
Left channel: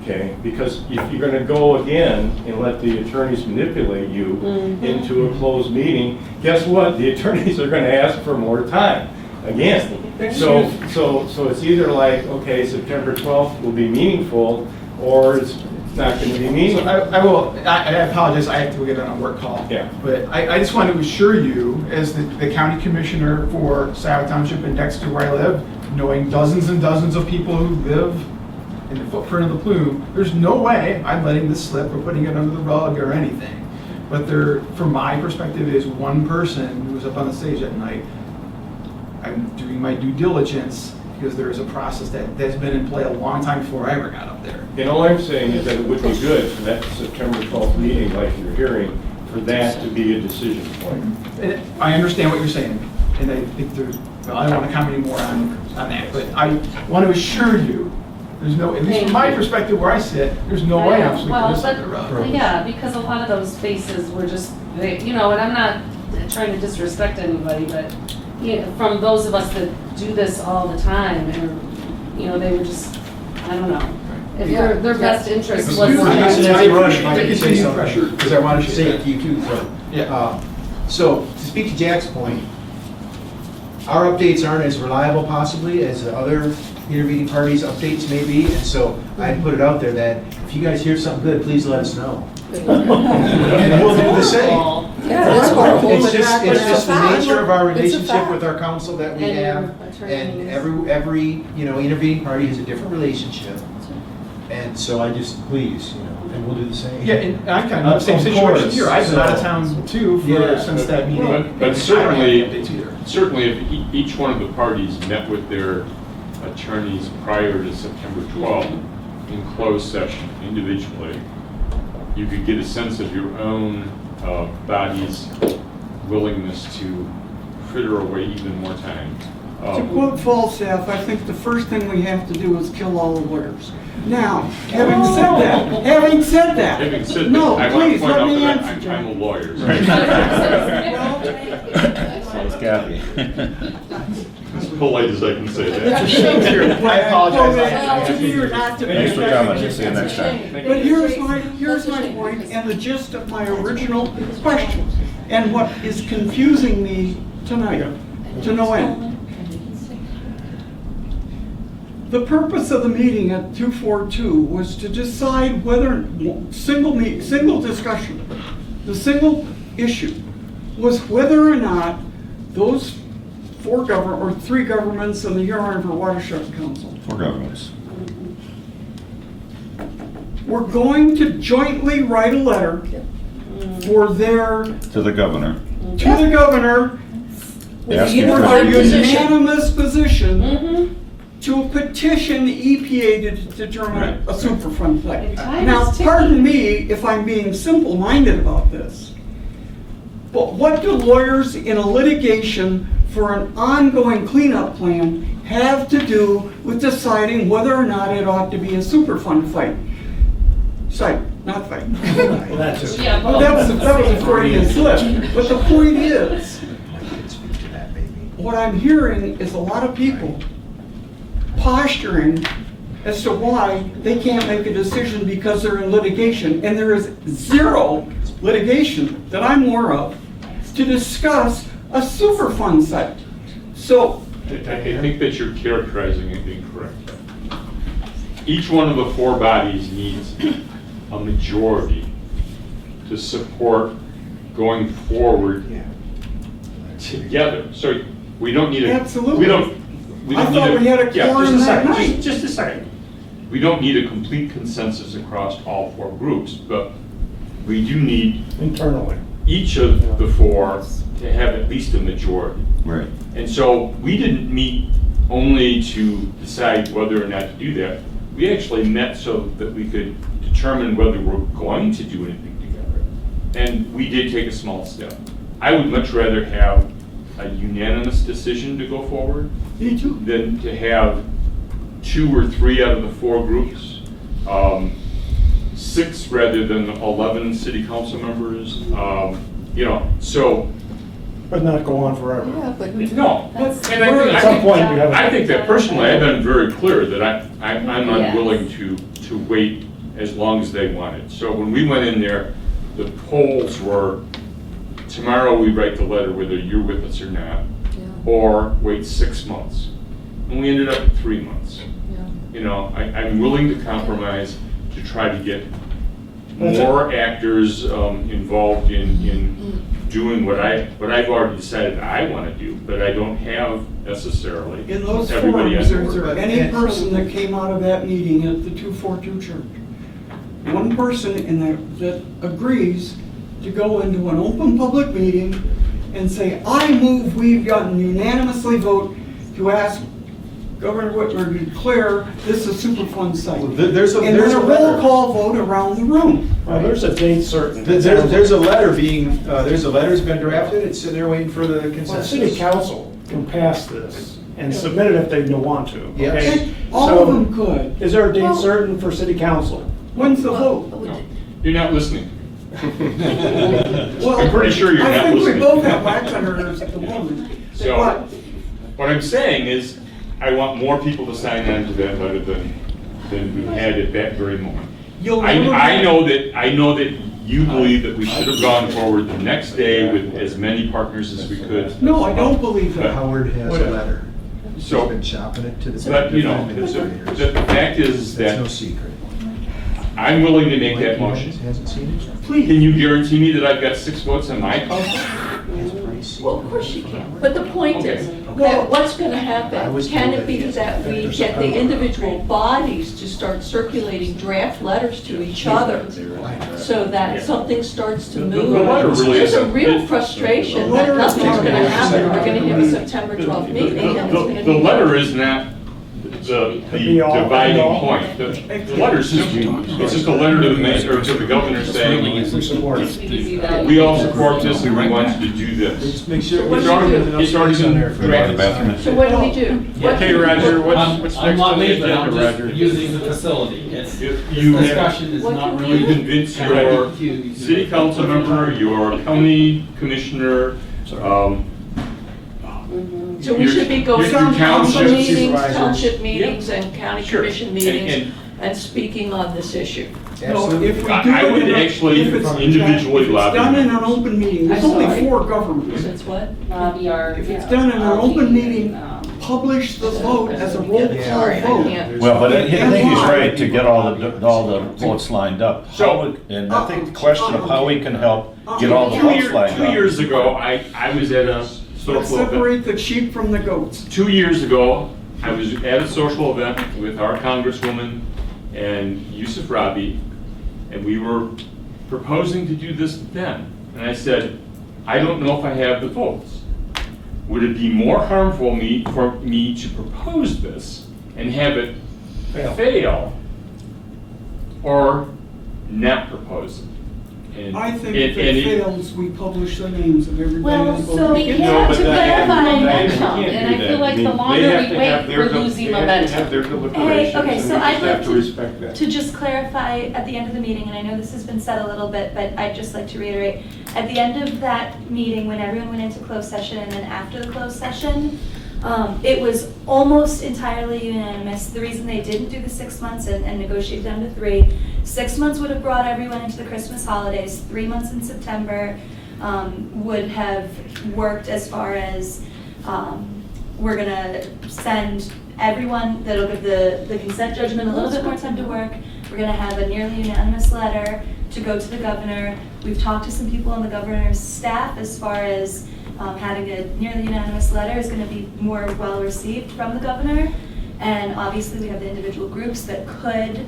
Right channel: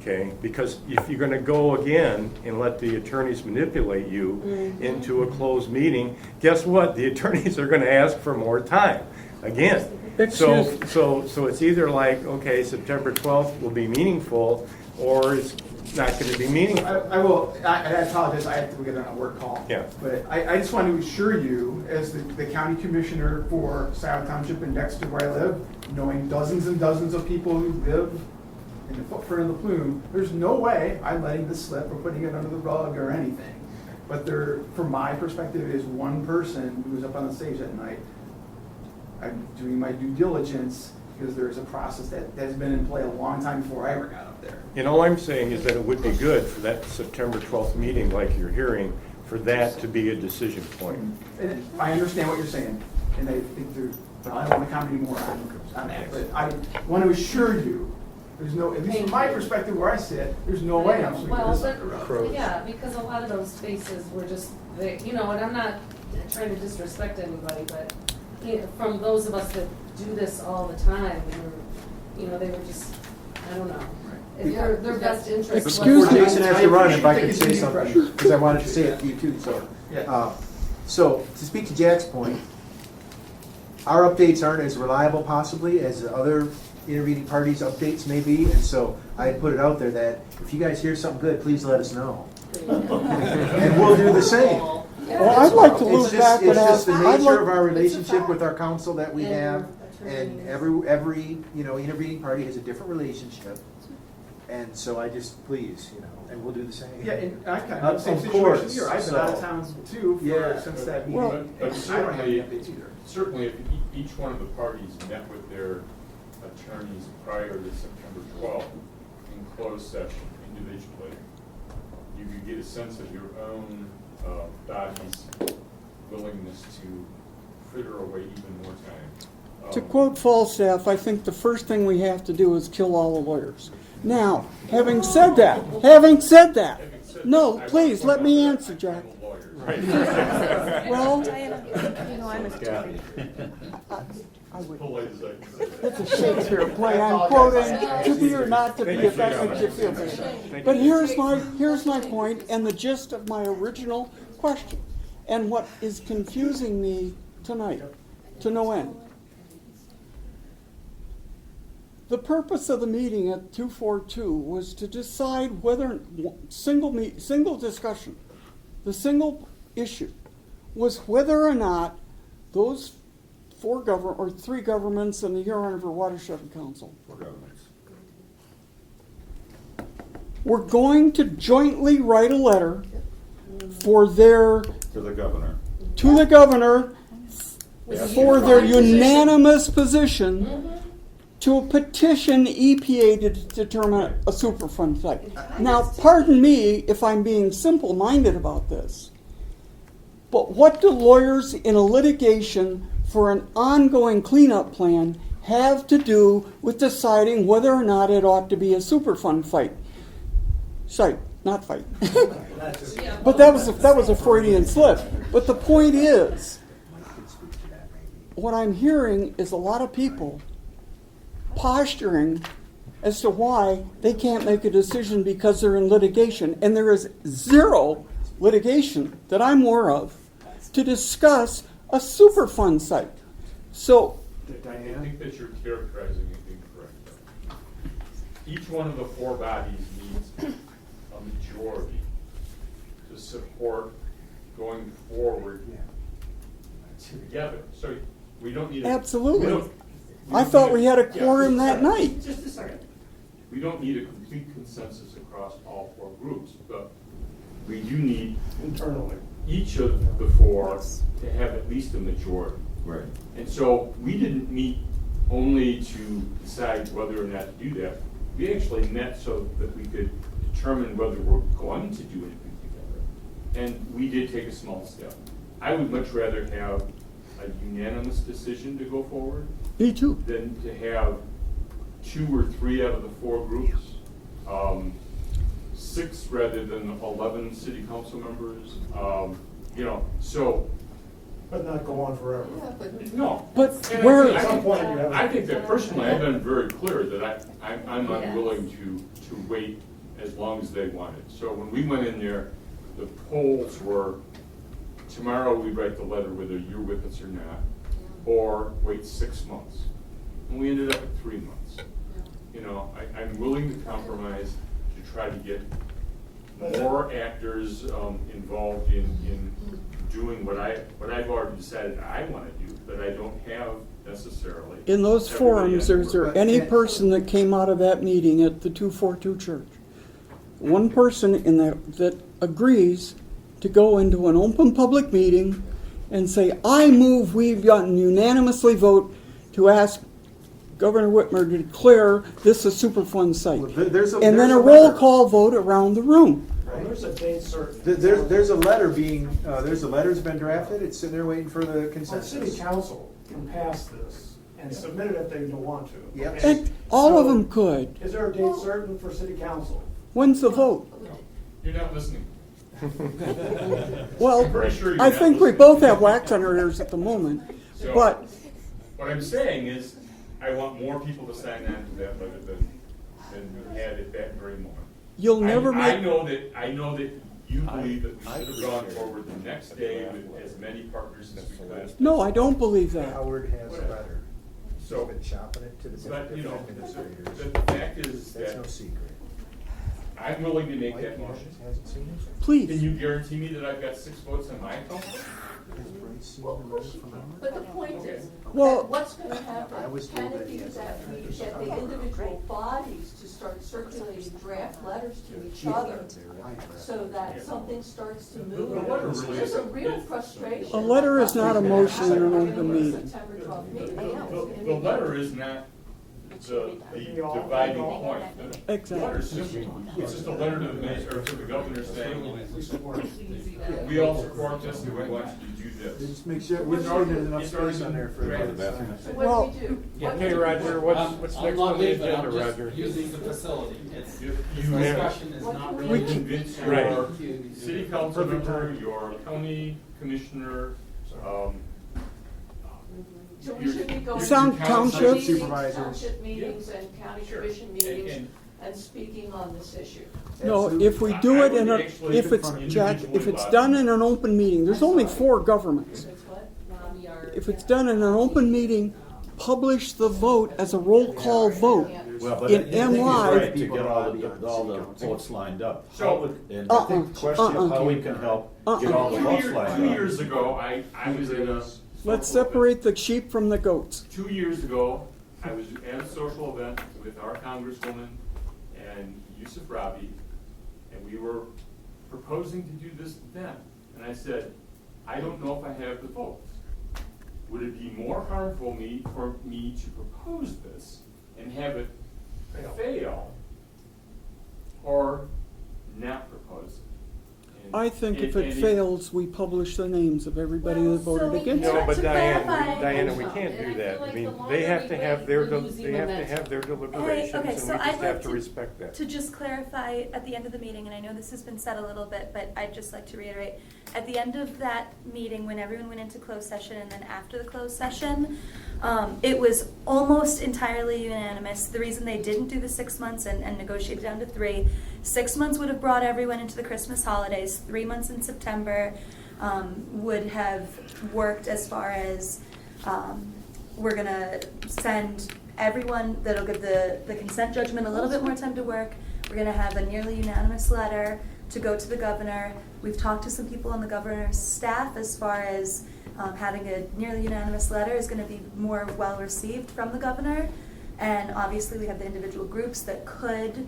Okay, because if you're gonna go again and let the attorneys manipulate you into a closed meeting, guess what? The attorneys are gonna ask for more time, again. So it's either like, okay, September 12th will be meaningful, or it's not gonna be So meaningful. I apologize, I have to get on a work call. Yeah. But I just want to assure you, as the county commissioner for Scio Township and next to where I live, knowing dozens and dozens of people who live in the footprint of the plume, there's no way I'm letting this slip or putting it under the rug or anything. But there, from my perspective, is one person who's up on the stage at night. I'm doing my due diligence because there is a process that has been in play a long time before I ever got up there. And all I'm saying is that it would be good for that September 12th meeting, like you're hearing, for that to be a decision point. And I understand what you're saying, and I think there's, well, I don't want to comment anymore on that, but I want to assure you, there's no, at least from my perspective where I sit, there's no way I'm sweeping Well, this under the rug. but, yeah, because a lot of those faces were just, they, you know, and I'm not trying to disrespect anybody, but, you know, from those of us that do this all the time, and, you know, they were just, I don't know. If their best interest was. Excuse me, Jason, Mr. Ron, if I take could it say easy. something, because I wanted to say it to you too, so. Yeah. So, to speak to Jack's point, our updates aren't as reliable possibly as the other intervening parties' updates may be, and so I put it out there that if you guys hear something good, please let us know. And we'll do the same. Yeah, that's wonderful. It's just the nature of our It's a relationship fact. with our council that we And have, your and attorneys. every, you know, intervening party has a different relationship. And so I just, please, you know, and we'll do the same. Yeah, and I'm kind of in the same Of situation course. here. I've been out of So- town too Yeah. since that meeting. But I certainly, don't have updates either. certainly if each one of the parties met with their attorneys prior to September 12th in closed session individually, you could get a sense of your own body's willingness to fritter away even more time. To quote Falstaff, I think the first thing we have to do is kill all the lawyers. Now, having said that, Having said no, that, I want please, to point let out me that answer, I'm John. a lawyer. Well, So is Kathy. As polite as I can say it's a that. shame when I quote it to be or not to be. Thanks for coming. effective. See you next time. But here's my point and the gist of my original question, and what is confusing me tonight, to no end. The purpose of the meeting at 242 was to decide whether, single discussion, the single issue was whether or not those three governments and the Ann Arbor Watershed Council For governments. were going to jointly write a letter for their, To the governor. to the governor, Asking for for their position. unanimous position Mhm. to petition the EPA to determine Right. a Superfund site. And time Now, is pardon ticking. me if I'm being simple-minded about this, but what do lawyers in a litigation for an ongoing cleanup plan have to do with deciding whether or not it ought to be a Superfund site, not fight. Well, that too. Yeah, But well, that was a Freudian slip. But the point is, I can speak to that maybe. what I'm hearing is a lot of people posturing as to why they can't make a decision because they're in litigation, and there is zero litigation that I'm aware of to discuss a Superfund site. So, I think that you're characterizing it incorrectly. Each one of the four bodies needs a majority to support going forward together. So we don't need a. Absolutely. We don't I thought need we had a yeah, quorum just a that second, night. just a second. We don't need a complete consensus across all four groups, but we do need Internally. each of the four to have at least a majority. Right. And so we didn't meet only to decide whether or not to do that. We actually met so that we could determine whether we're going to do anything together. And we did take a small step. I would much rather have a unanimous decision to go forward me too. than to have 2 or 3 out of the 4 groups, 6 rather than 11 city council members, you know, so. But not go on forever. Yeah, but No, But and we're- I At some think, point, you have. I think that personally, I've been very clear that I'm Yes. unwilling to wait as long as they wanted. So when we went in there, the polls were, tomorrow we write the letter whether you're with us or not, or wait 6 months. And we ended up at 3 months. You know, I'm willing to compromise to try to get more actors involved in doing what I've already decided I want to do, but I don't have necessarily In those everybody forums, on is there board. any person that came out of that meeting at the 242 church? One person in that agrees to go into an open public meeting and say, I move we've gotten unanimously vote to ask Governor Whitmer to declare this a Superfund site. Well, there's a- And there's then a a roll letter. call vote around the room. Well, there's a date certain. There's a letter being, there's a letter's been drafted, it's sitting there waiting for the Well, consensus. city council can pass this and submit it if they want to. Yeah. Okay? And all of So, them could. Is there a date Well- certain for city council? When's the vote? No, you're not listening. Well, I'm pretty sure you're I not think we listening. both have wax on our ears at the moment. So, But what I'm saying is, I want more people to sign on to that letter than we had at that very moment. you'll never. I know that you believe that we should have gone forward the next day with as many partners as we could. No, I don't believe that. Howard has a letter. He's So, been chopping it to the. but, you know, administrators. the fact is That's no that secret. I'm willing to make that motion. Hasn't seen it. Please. Can you guarantee me that I've got 6 votes on my council? Well, of course you can, but the point is, Well- that what's gonna I happen, was can told it be that that we get the individual bodies to start circulating draft letters to each other, so that something starts to The move? letter really There's a isn't- real frustration The that letter is nothing's not gonna a happen, we're gonna have a motion. September 12th meeting, and it's gonna be. The letter is not the Be all- dividing be all. point. The letter's just, it's just a letter to the mayor, or to the governor saying, We support it. we all support this and we want you to do this. Make sure. It's already been drafted. So what do we do? What Okay, do we Roger, do? what's I'm next not on the leaving, I'm agenda, just Roger? using the facility. It's, You this have, discussion is What not can you really. convince your city council member, your county commissioner, So we should be going to your council township meetings, supervisors. township meetings, and county Sure. commission And- meetings, and speaking on this issue. No, if we I- do I it would in a, actually if it's, individually if it's lobby. done in an open meeting, there's I'm only sorry. 4 governments. Since what? Lobby our. If it's yeah, done in an lobby open and, meeting, publish the vote as a roll call Sorry, I vote. can't. Well, but I And think he's why? right to get all the votes lined up. So- And I think the question of how we can help get all the votes lined Two up. years ago, I was at a Let's social event. separate the sheep from the goats. 2 years ago, I was at a social event with our congresswoman and Yusuf Rabi, and we were proposing to do this then. And I said, I don't know if I have the votes. Would it be more harmful for me to propose this and have it fail, or not propose it? And- I think and- if and it fails, we publish the names of everybody Well, who so voted. we No, have but to then- clarify you momentum, can't do and I that. feel like I mean, the they longer have we to wait, have their we're del- losing they have to have momentum. their deliberations, okay, and so we I'd just like have to respect that. To just clarify at the end of the meeting, and I know this has been said a little bit, but I'd just like to reiterate, at the end of that meeting, when everyone went into closed session and then after the closed session, it was almost entirely unanimous. The reason they didn't do the 6 months and negotiate down to 3, 6 months would have brought everyone into the Christmas holidays. 3 months in September would have worked as far as we're gonna send everyone, that'll give the consent judgment a little bit more time to work. We're gonna have a nearly unanimous letter to go to the governor. We've talked to some people on the governor's staff as far as having a nearly unanimous letter is gonna be more well received from the governor. And obviously, we have the individual groups that could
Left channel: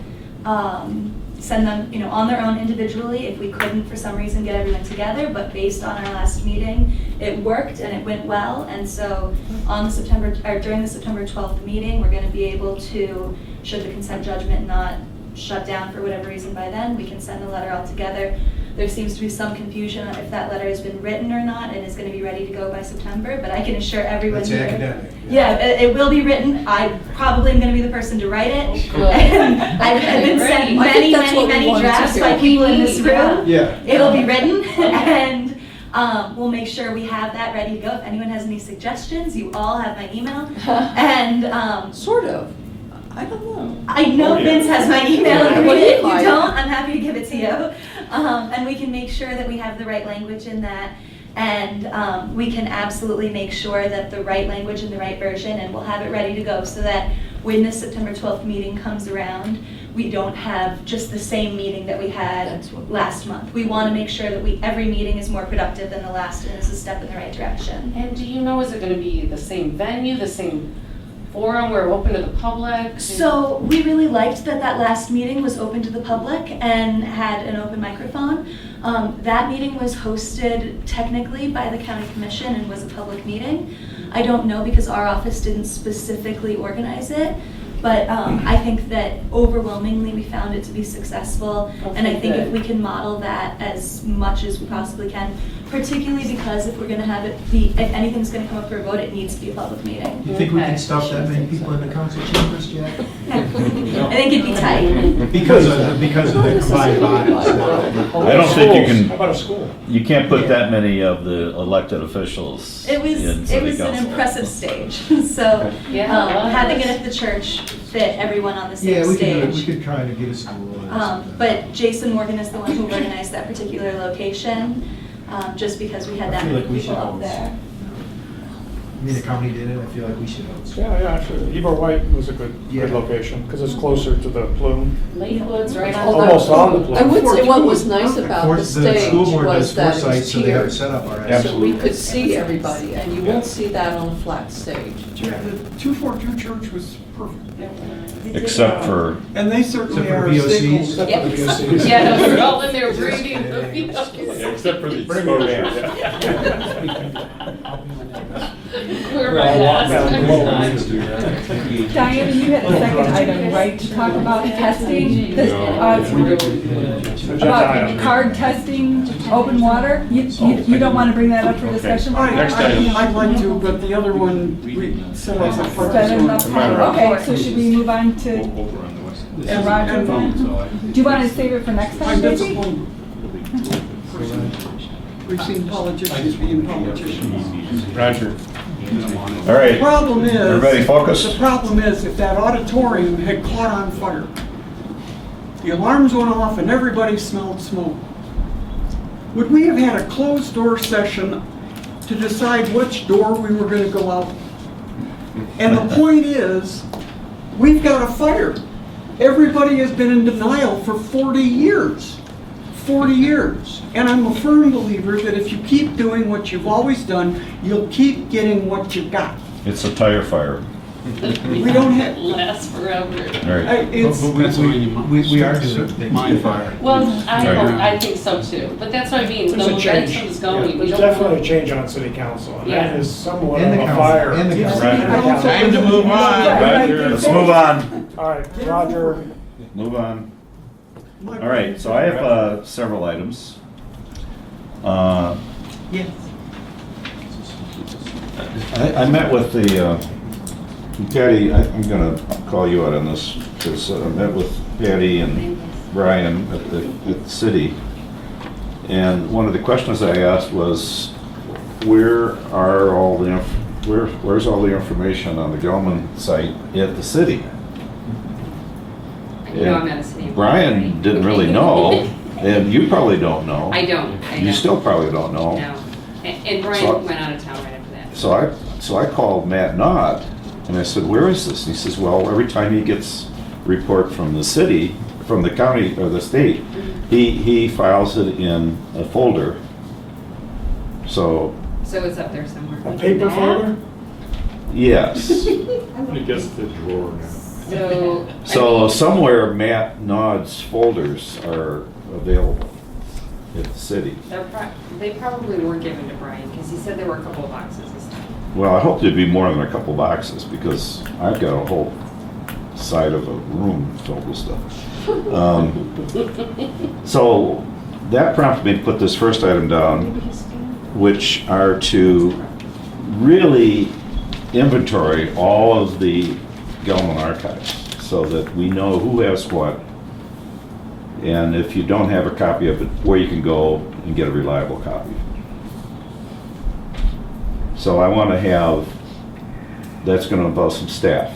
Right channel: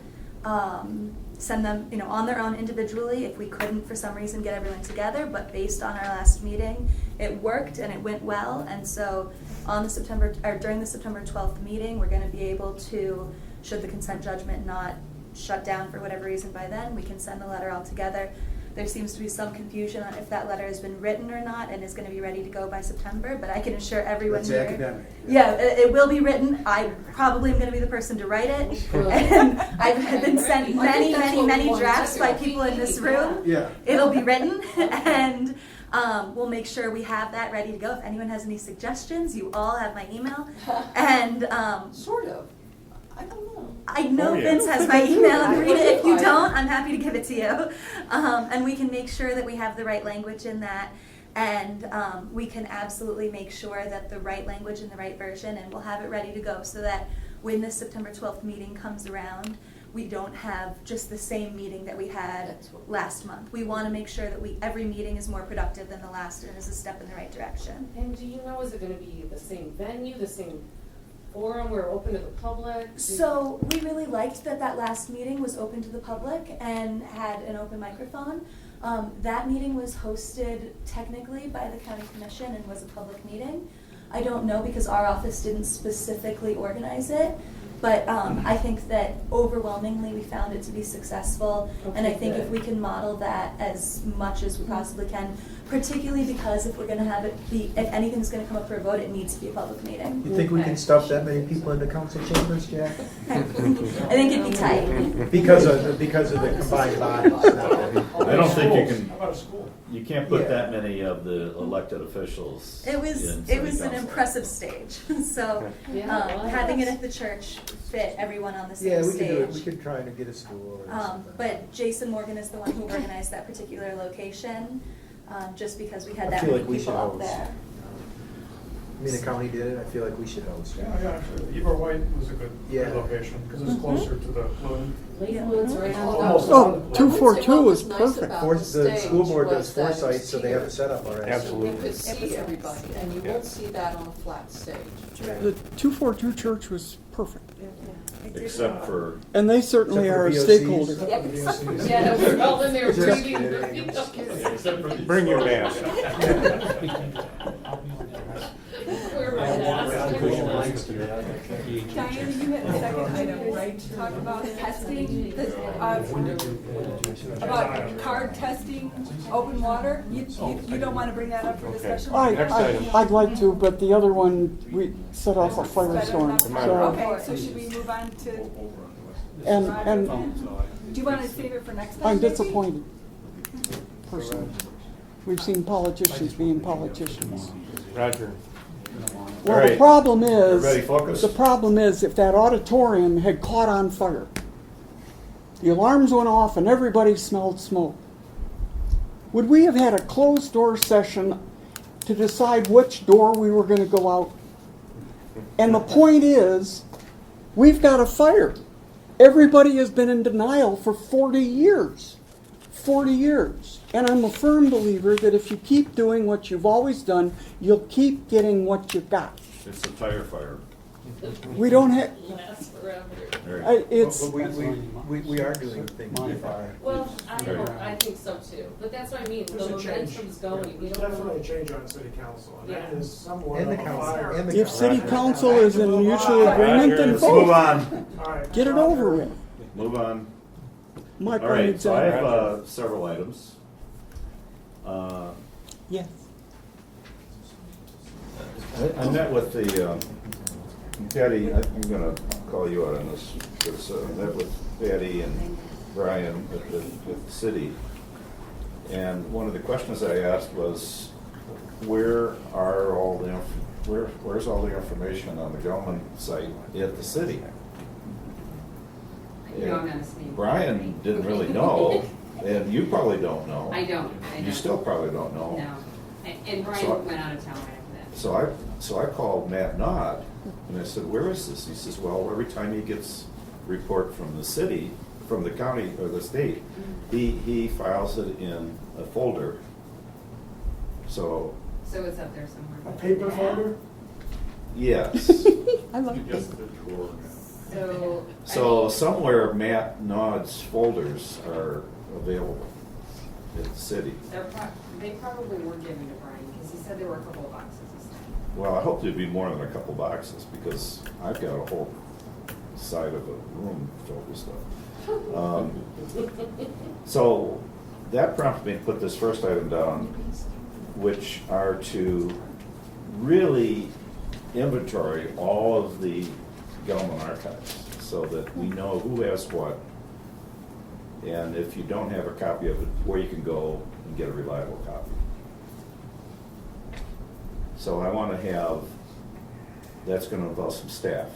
send them, on their own individually if we couldn't for some reason get everyone together, but based on our last meeting, it worked and it went well, and so during the September 12th meeting, we're gonna be able to, should the consent judgment not shut down for whatever reason by then, we can send the letter all together. There seems to be some confusion on if that letter has been written or not and is gonna be ready to go by September, but I can assure everyone That's here. academic. Yeah, it will be written. I probably am gonna be the person to write it. Good. And I've been sent I think many, that's what we many wanted to drafts do. by people in this room. Yeah. It'll be written and we'll make sure we have that ready to go. If anyone has any suggestions, you all have my email. And Sort of. I don't know. I know Oh, yeah. Vince has my email. Yeah. If you Fine. don't, I'm happy to give it to you. And we can make sure that we have the right language in that. And we can absolutely make sure that the right language and the right version, and we'll have it ready to go so that when the September 12th meeting comes around, we don't have just the same meeting that we had That's what- last month. We want to make sure that every meeting is more productive than the last and is a step in the right direction. And do you know, is it gonna be the same venue, the same forum where we're open to the public? So we really liked that that last meeting was open to the public and had an open microphone. That meeting was hosted technically by the county commission and was a public meeting. I don't know because our office didn't specifically organize it, but I think that overwhelmingly we found it to be successful. And I Okay, think if good. we can model that as much as we possibly can, particularly because if we're gonna have it be, if anything's gonna come up for a vote, it needs to be a public meeting. Do you think we can stuff that many people in the council chambers, Jack? I think it'd be tight. Because of the combined bodies. I don't think you How can, about a school? you can't put that many of the elected officials in It was city an council. impressive stage, so Yeah, having it at the church fit everyone on the Yeah, same we could stage. try to get a school. But Jason Morgan is the one who organized that particular location, just because we had I that feel many like we people should up host. there. I mean, the county did it, I feel like we should host. Yeah, sure. Wright was a good Yeah. location, because it's closer to the plume. Lakewood's right on Almost on the I plume. would say what was Fortuny nice was about Or the the school stage board was does that it foresight, was so they have it tiered. set up already. So we could see everybody, and you won't see that on a flat stage. The 242 church was perfect. Except for, And they certainly Except for are VOCs. stakeholders. Yeah, no, we're all in there Just breathing. kidding. Yeah, except for the Bring your exposure. We're right Diana, you had a second item, right, to talk about testing, about card testing, open water? You don't want to bring that up for discussion? I'd like to, but the other one, we set off a fire Set enough storm. time. Okay, so should we move on to Over on the west. And- Roger and- then? Do you want to save it for next time, I'm maybe? disappointed. We've seen politicians being politicians. Roger. all The right, problem is. everybody focus. The problem is if that auditorium had caught on fire, the alarms went off and everybody smelled smoke, would we have had a closed door session to decide which door we were gonna go out? And the point is, we've got a fire. Everybody has been in denial for 40 years. 40 years. And I'm a firm believer that if you keep doing what you've always done, you'll keep getting what you got. It's a tire fire. We don't have, Lasts forever. All right. it's, We are doing Mine fire. Well, Right. I think so too, but that's what I mean, the There's a change. momentum's going. We There's don't definitely a want- change on city council, and Yeah. that is somewhat And of the a council, fire. and the if council. city council Time is to move on. Let's move on, All right, get it Roger. over with. move on. My All right, brain's so I in- have several items. Yes. I met with the, Patty, I'm gonna call you out on this, because I met with Patty and Brian at the city. And one of the questions I asked was, where's all the information on the Gelman site at the city? You know I'm not a city employee. Brian didn't really know, and you probably don't know. I don't. You still probably don't know. No. And Brian So- went out of town right after that. So I called Matt Nod, and I said, where is this? And he says, well, every time he gets a report from the city, from the county or the state, he files it in a folder. So, So it's up there somewhere. A paper folder? yes. I guess the drawer now. So. So somewhere Matt Nod's folders are available at the city. They probably were given to Brian, because he said there were a couple of boxes this time. Well, I hope there'd be more than a couple boxes, because I've got a whole side of a room filled with stuff. So that prompted me to put this first item down, which are to really inventory all of the Gelman archives, so that we know who has what, and if you don't have a copy of it, where you can go and get a reliable copy. So I want to have, that's going to involve some staff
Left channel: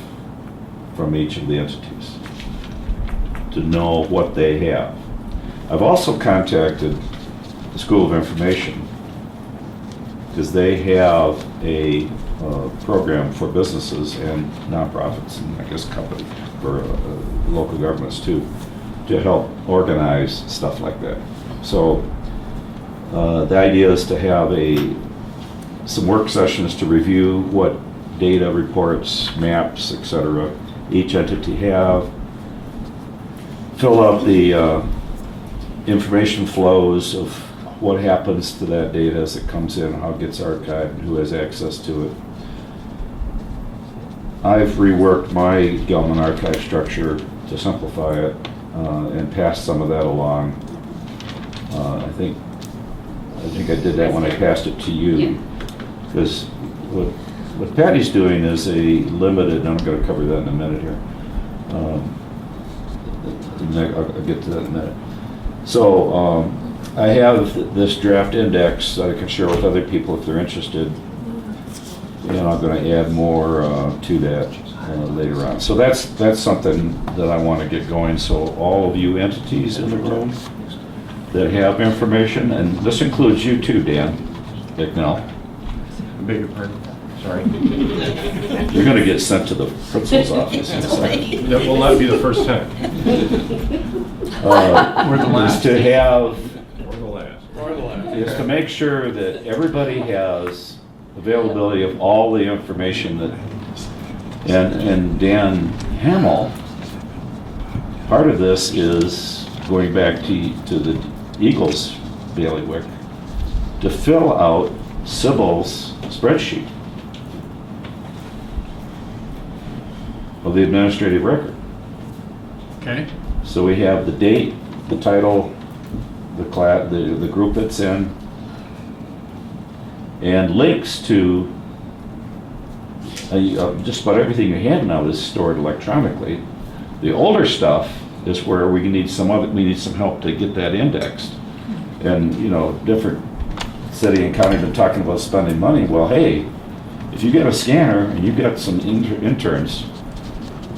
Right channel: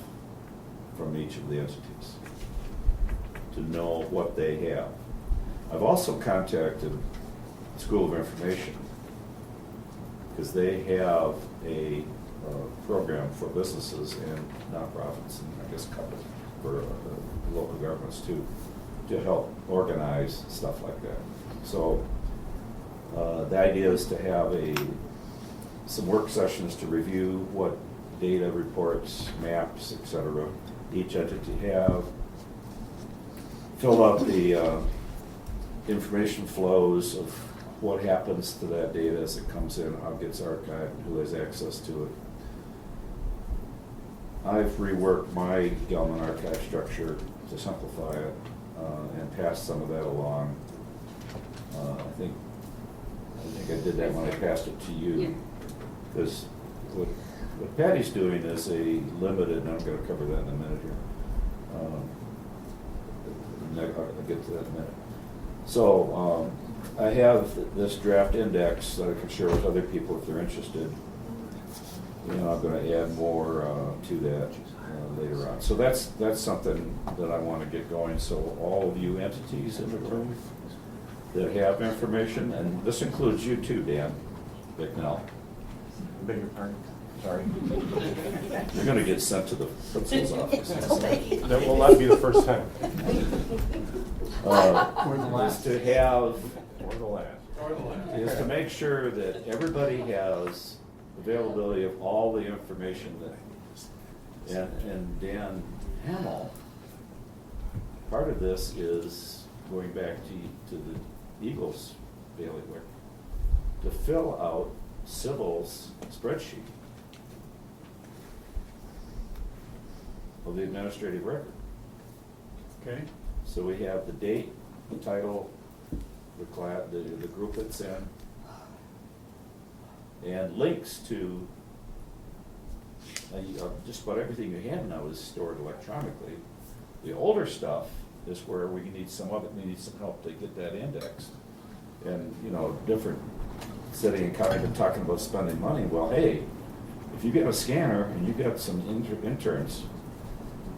from each of the entities to know what they have. I've also contacted the School of Information, because they have a program for businesses and nonprofits and I guess company for local governments too, to help organize stuff like that. So the idea is to have some work sessions to review what data, reports, maps, etc. each entity have. Fill out the information flows of what happens to that data as it comes in, how it gets archived, and who has access to it. I've reworked my Gelman archive structure to simplify it and pass some of that along. I think I did that when I passed it to you. Because what Patty's doing is a limited, and I'm going to cover that in a minute here. I'll get to that in a minute. So I have this draft index that I can share with other people if they're interested. And I'm going to add more to that later on. So that's something that I want to get going. So all of you entities in the room that have information, and this includes you too, Dan McNell. Beg your pardon? Sorry. You're going to get sent to the principal's office in a second. That will not be the first time. Or the last. Is to have, Or the last. is to make sure that everybody has availability of all the information that, and Dan Hamill, part of this is going back to the Eagles bailiwick to fill out Sybil's spreadsheet of the administrative record. Okay. So we have the date, the title, the class, the group it's in, and links to just about everything you have now is stored electronically. The older stuff is where we need some help to get that indexed. And different city and county have been talking about spending money. Well, hey, if you get a scanner and you've got some interns,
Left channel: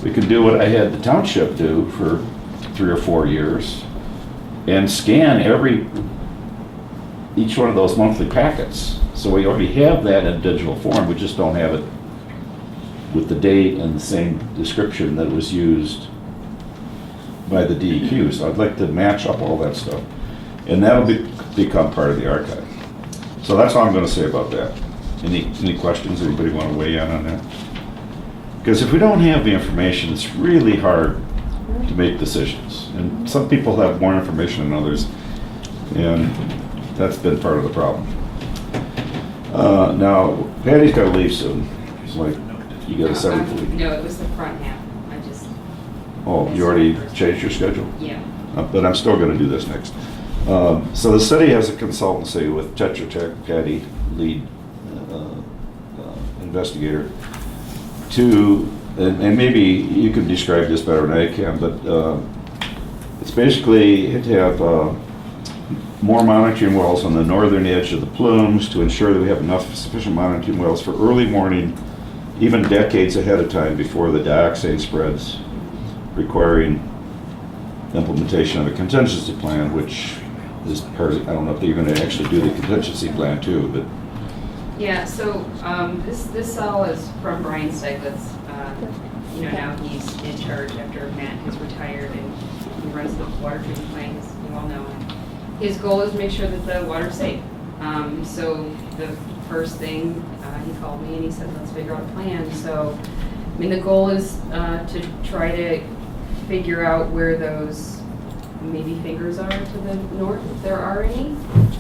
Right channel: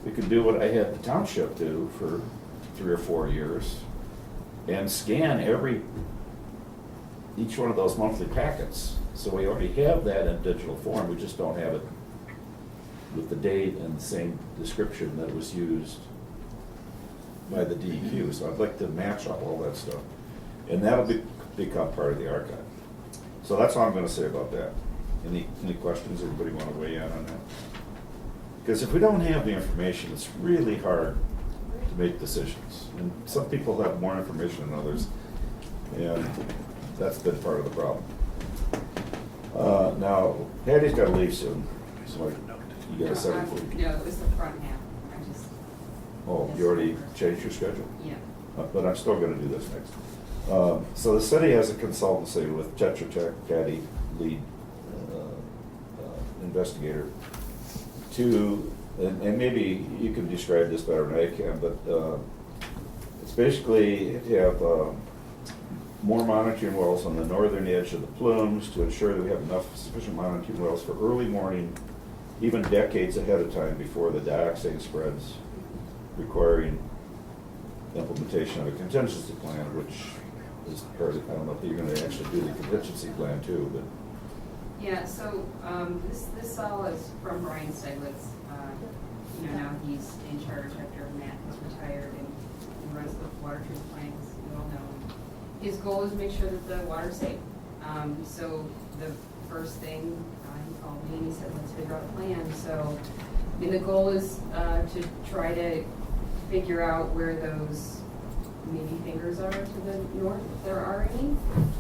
we can do what I had the township do for 3 or 4 years and scan each one of those monthly packets. So we already have that in digital form, we just don't have it with the date and the same description that was used by the DEQ. So I'd like to match up all that stuff. And that'll become part of the archive. So that's all I'm going to say about that. Any questions? Anybody want to weigh in on that? Because if we don't have the information, it's really hard to make decisions. And some people have more information than others, and that's been part of the problem. Now, Patty's got to leave soon. It's like, you got a 7:40. No, it was the front half. I just. Oh, you already changed your schedule? Yeah. But I'm still going to do this next. So the city has a consultancy with Tetra Tech, Patty, lead investigator, and maybe you could describe this better than I can, but it's basically to have more monitoring wells on the northern edge of the plumes to ensure that we have enough sufficient monitoring wells for early morning, even decades ahead of time before the dioxane spreads, requiring implementation of a contingency plan, which is part of, I don't know if they're going to actually do the contingency plan too, but. Yeah, so this all is from Brian Steiglitz. Now he's in charge after Matt has retired, and he runs the water treatment plant, as you all know. His goal is to make sure that the water's safe. So the first thing, he called me and he said, let's figure out a plan. So, the goal is to try to figure out where those maybe fingers are to the north, if there are any,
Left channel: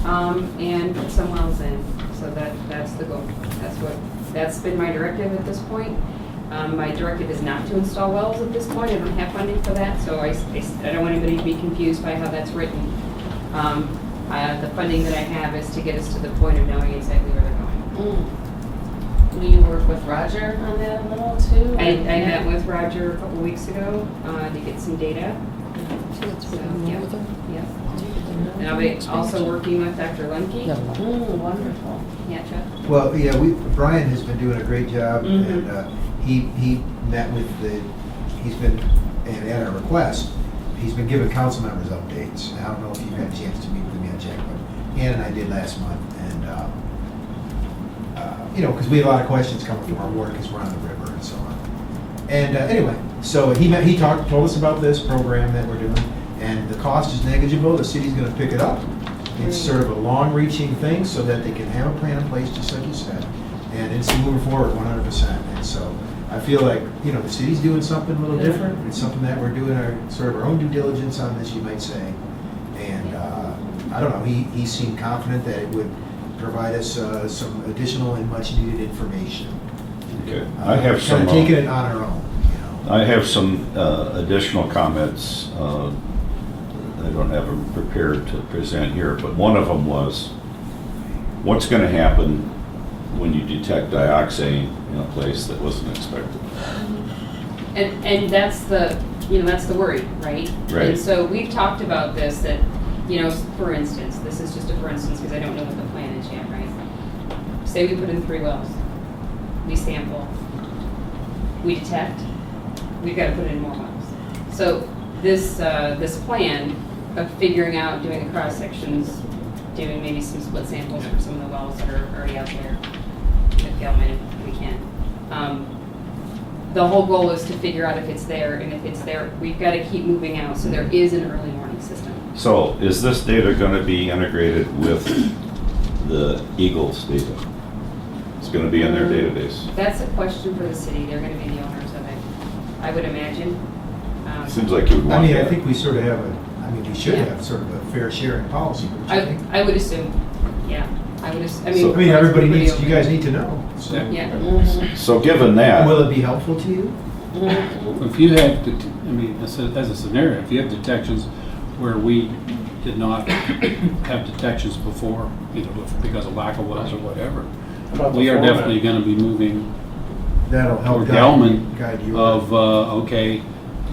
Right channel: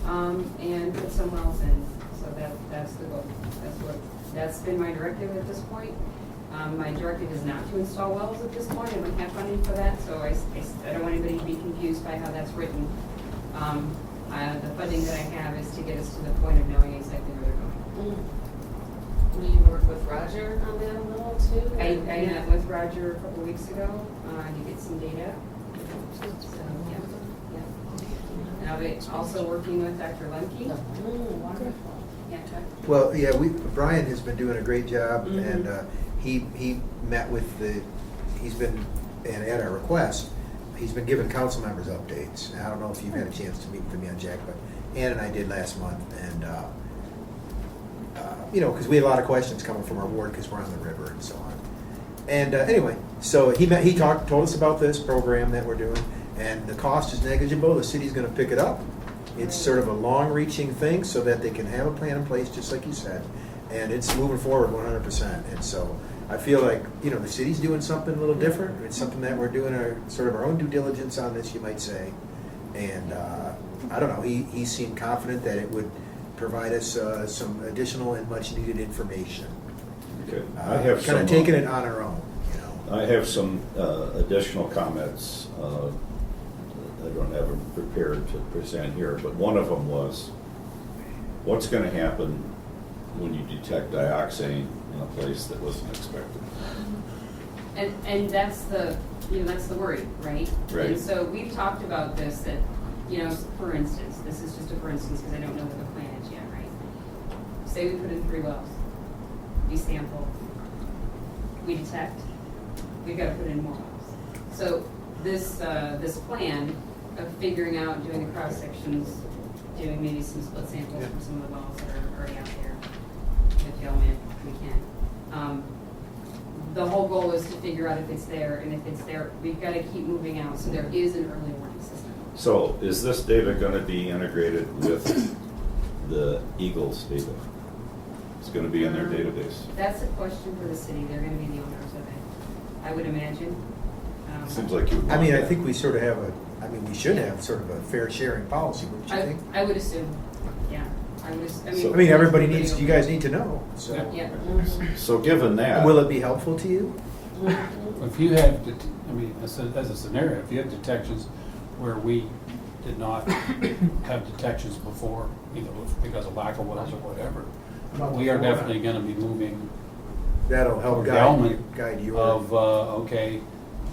and put some wells in. So that's the goal. That's been my directive at this point. My directive is not to install wells at this point. I don't have funding for that, so I don't want anybody to be confused by how that's written. The funding that I have is to get us to the point of knowing exactly where they're going. Will you work with Roger on that a little too? I met with Roger a couple weeks ago to get some data. So, yeah. And I'll be also working with Dr. Lemke. Wonderful. Yeah, Jeff? Well, yeah, Brian has been doing a great job, and he met with he's been, and at our request, he's been giving council members updates. And I don't know if you've had a chance to meet with him yet, Jack, but Ann and I did last month, and because we had a lot of questions coming from our ward because we're on the river and so on. And anyway, so he told us about this program that we're doing, and the cost is negligible. The city's going to pick it up. It's sort of a long-reaching thing so that they can have a plan in place, just like you said. And it's moving forward 100%. And so I feel like, you know, the city's doing something a little different. It's something that we're doing our sort of our own due diligence on this, you might say. And I don't know, he seemed confident that it would provide us some additional and much needed information. Okay. I have some. Kind of taking it on our own, you know. I have some additional comments. I don't have them prepared to present here, but one of them was, what's going to happen when you detect dioxane in a place that wasn't expected? And that's the, you know, that's the worry, right? Right. And so we've talked about this, that, you know, for instance, this is just a for instance, because I don't know what the plan is yet, right? Say we put in 3 wells, we sample, we detect, we've got to put in more wells. So this, this plan of figuring out, doing the cross sections, doing maybe some split samples from some of the wells that are already out there with Gelman if we can. The whole goal is to figure out if it's there, and if it's there, we've got to keep moving out, so there is an early warning system. So is this data going to be integrated with the EGLE's data? It's going to be in their database. That's a question for the city. They're going to be the owners of it, I would imagine. Seems like you would want I mean, that. I think we sort of have we should have sort of a fair sharing policy, don't you think? I would assume, yeah. I would assume, So- everybody needs, you guys need to know. So. Yeah. So given that. Will it be helpful to you? If you have, I mean, as a scenario, if you have detections where we did not have detections before, either because of lack of wells or whatever, we are definitely going to be moving That'll help toward Gelman guide you. of, okay,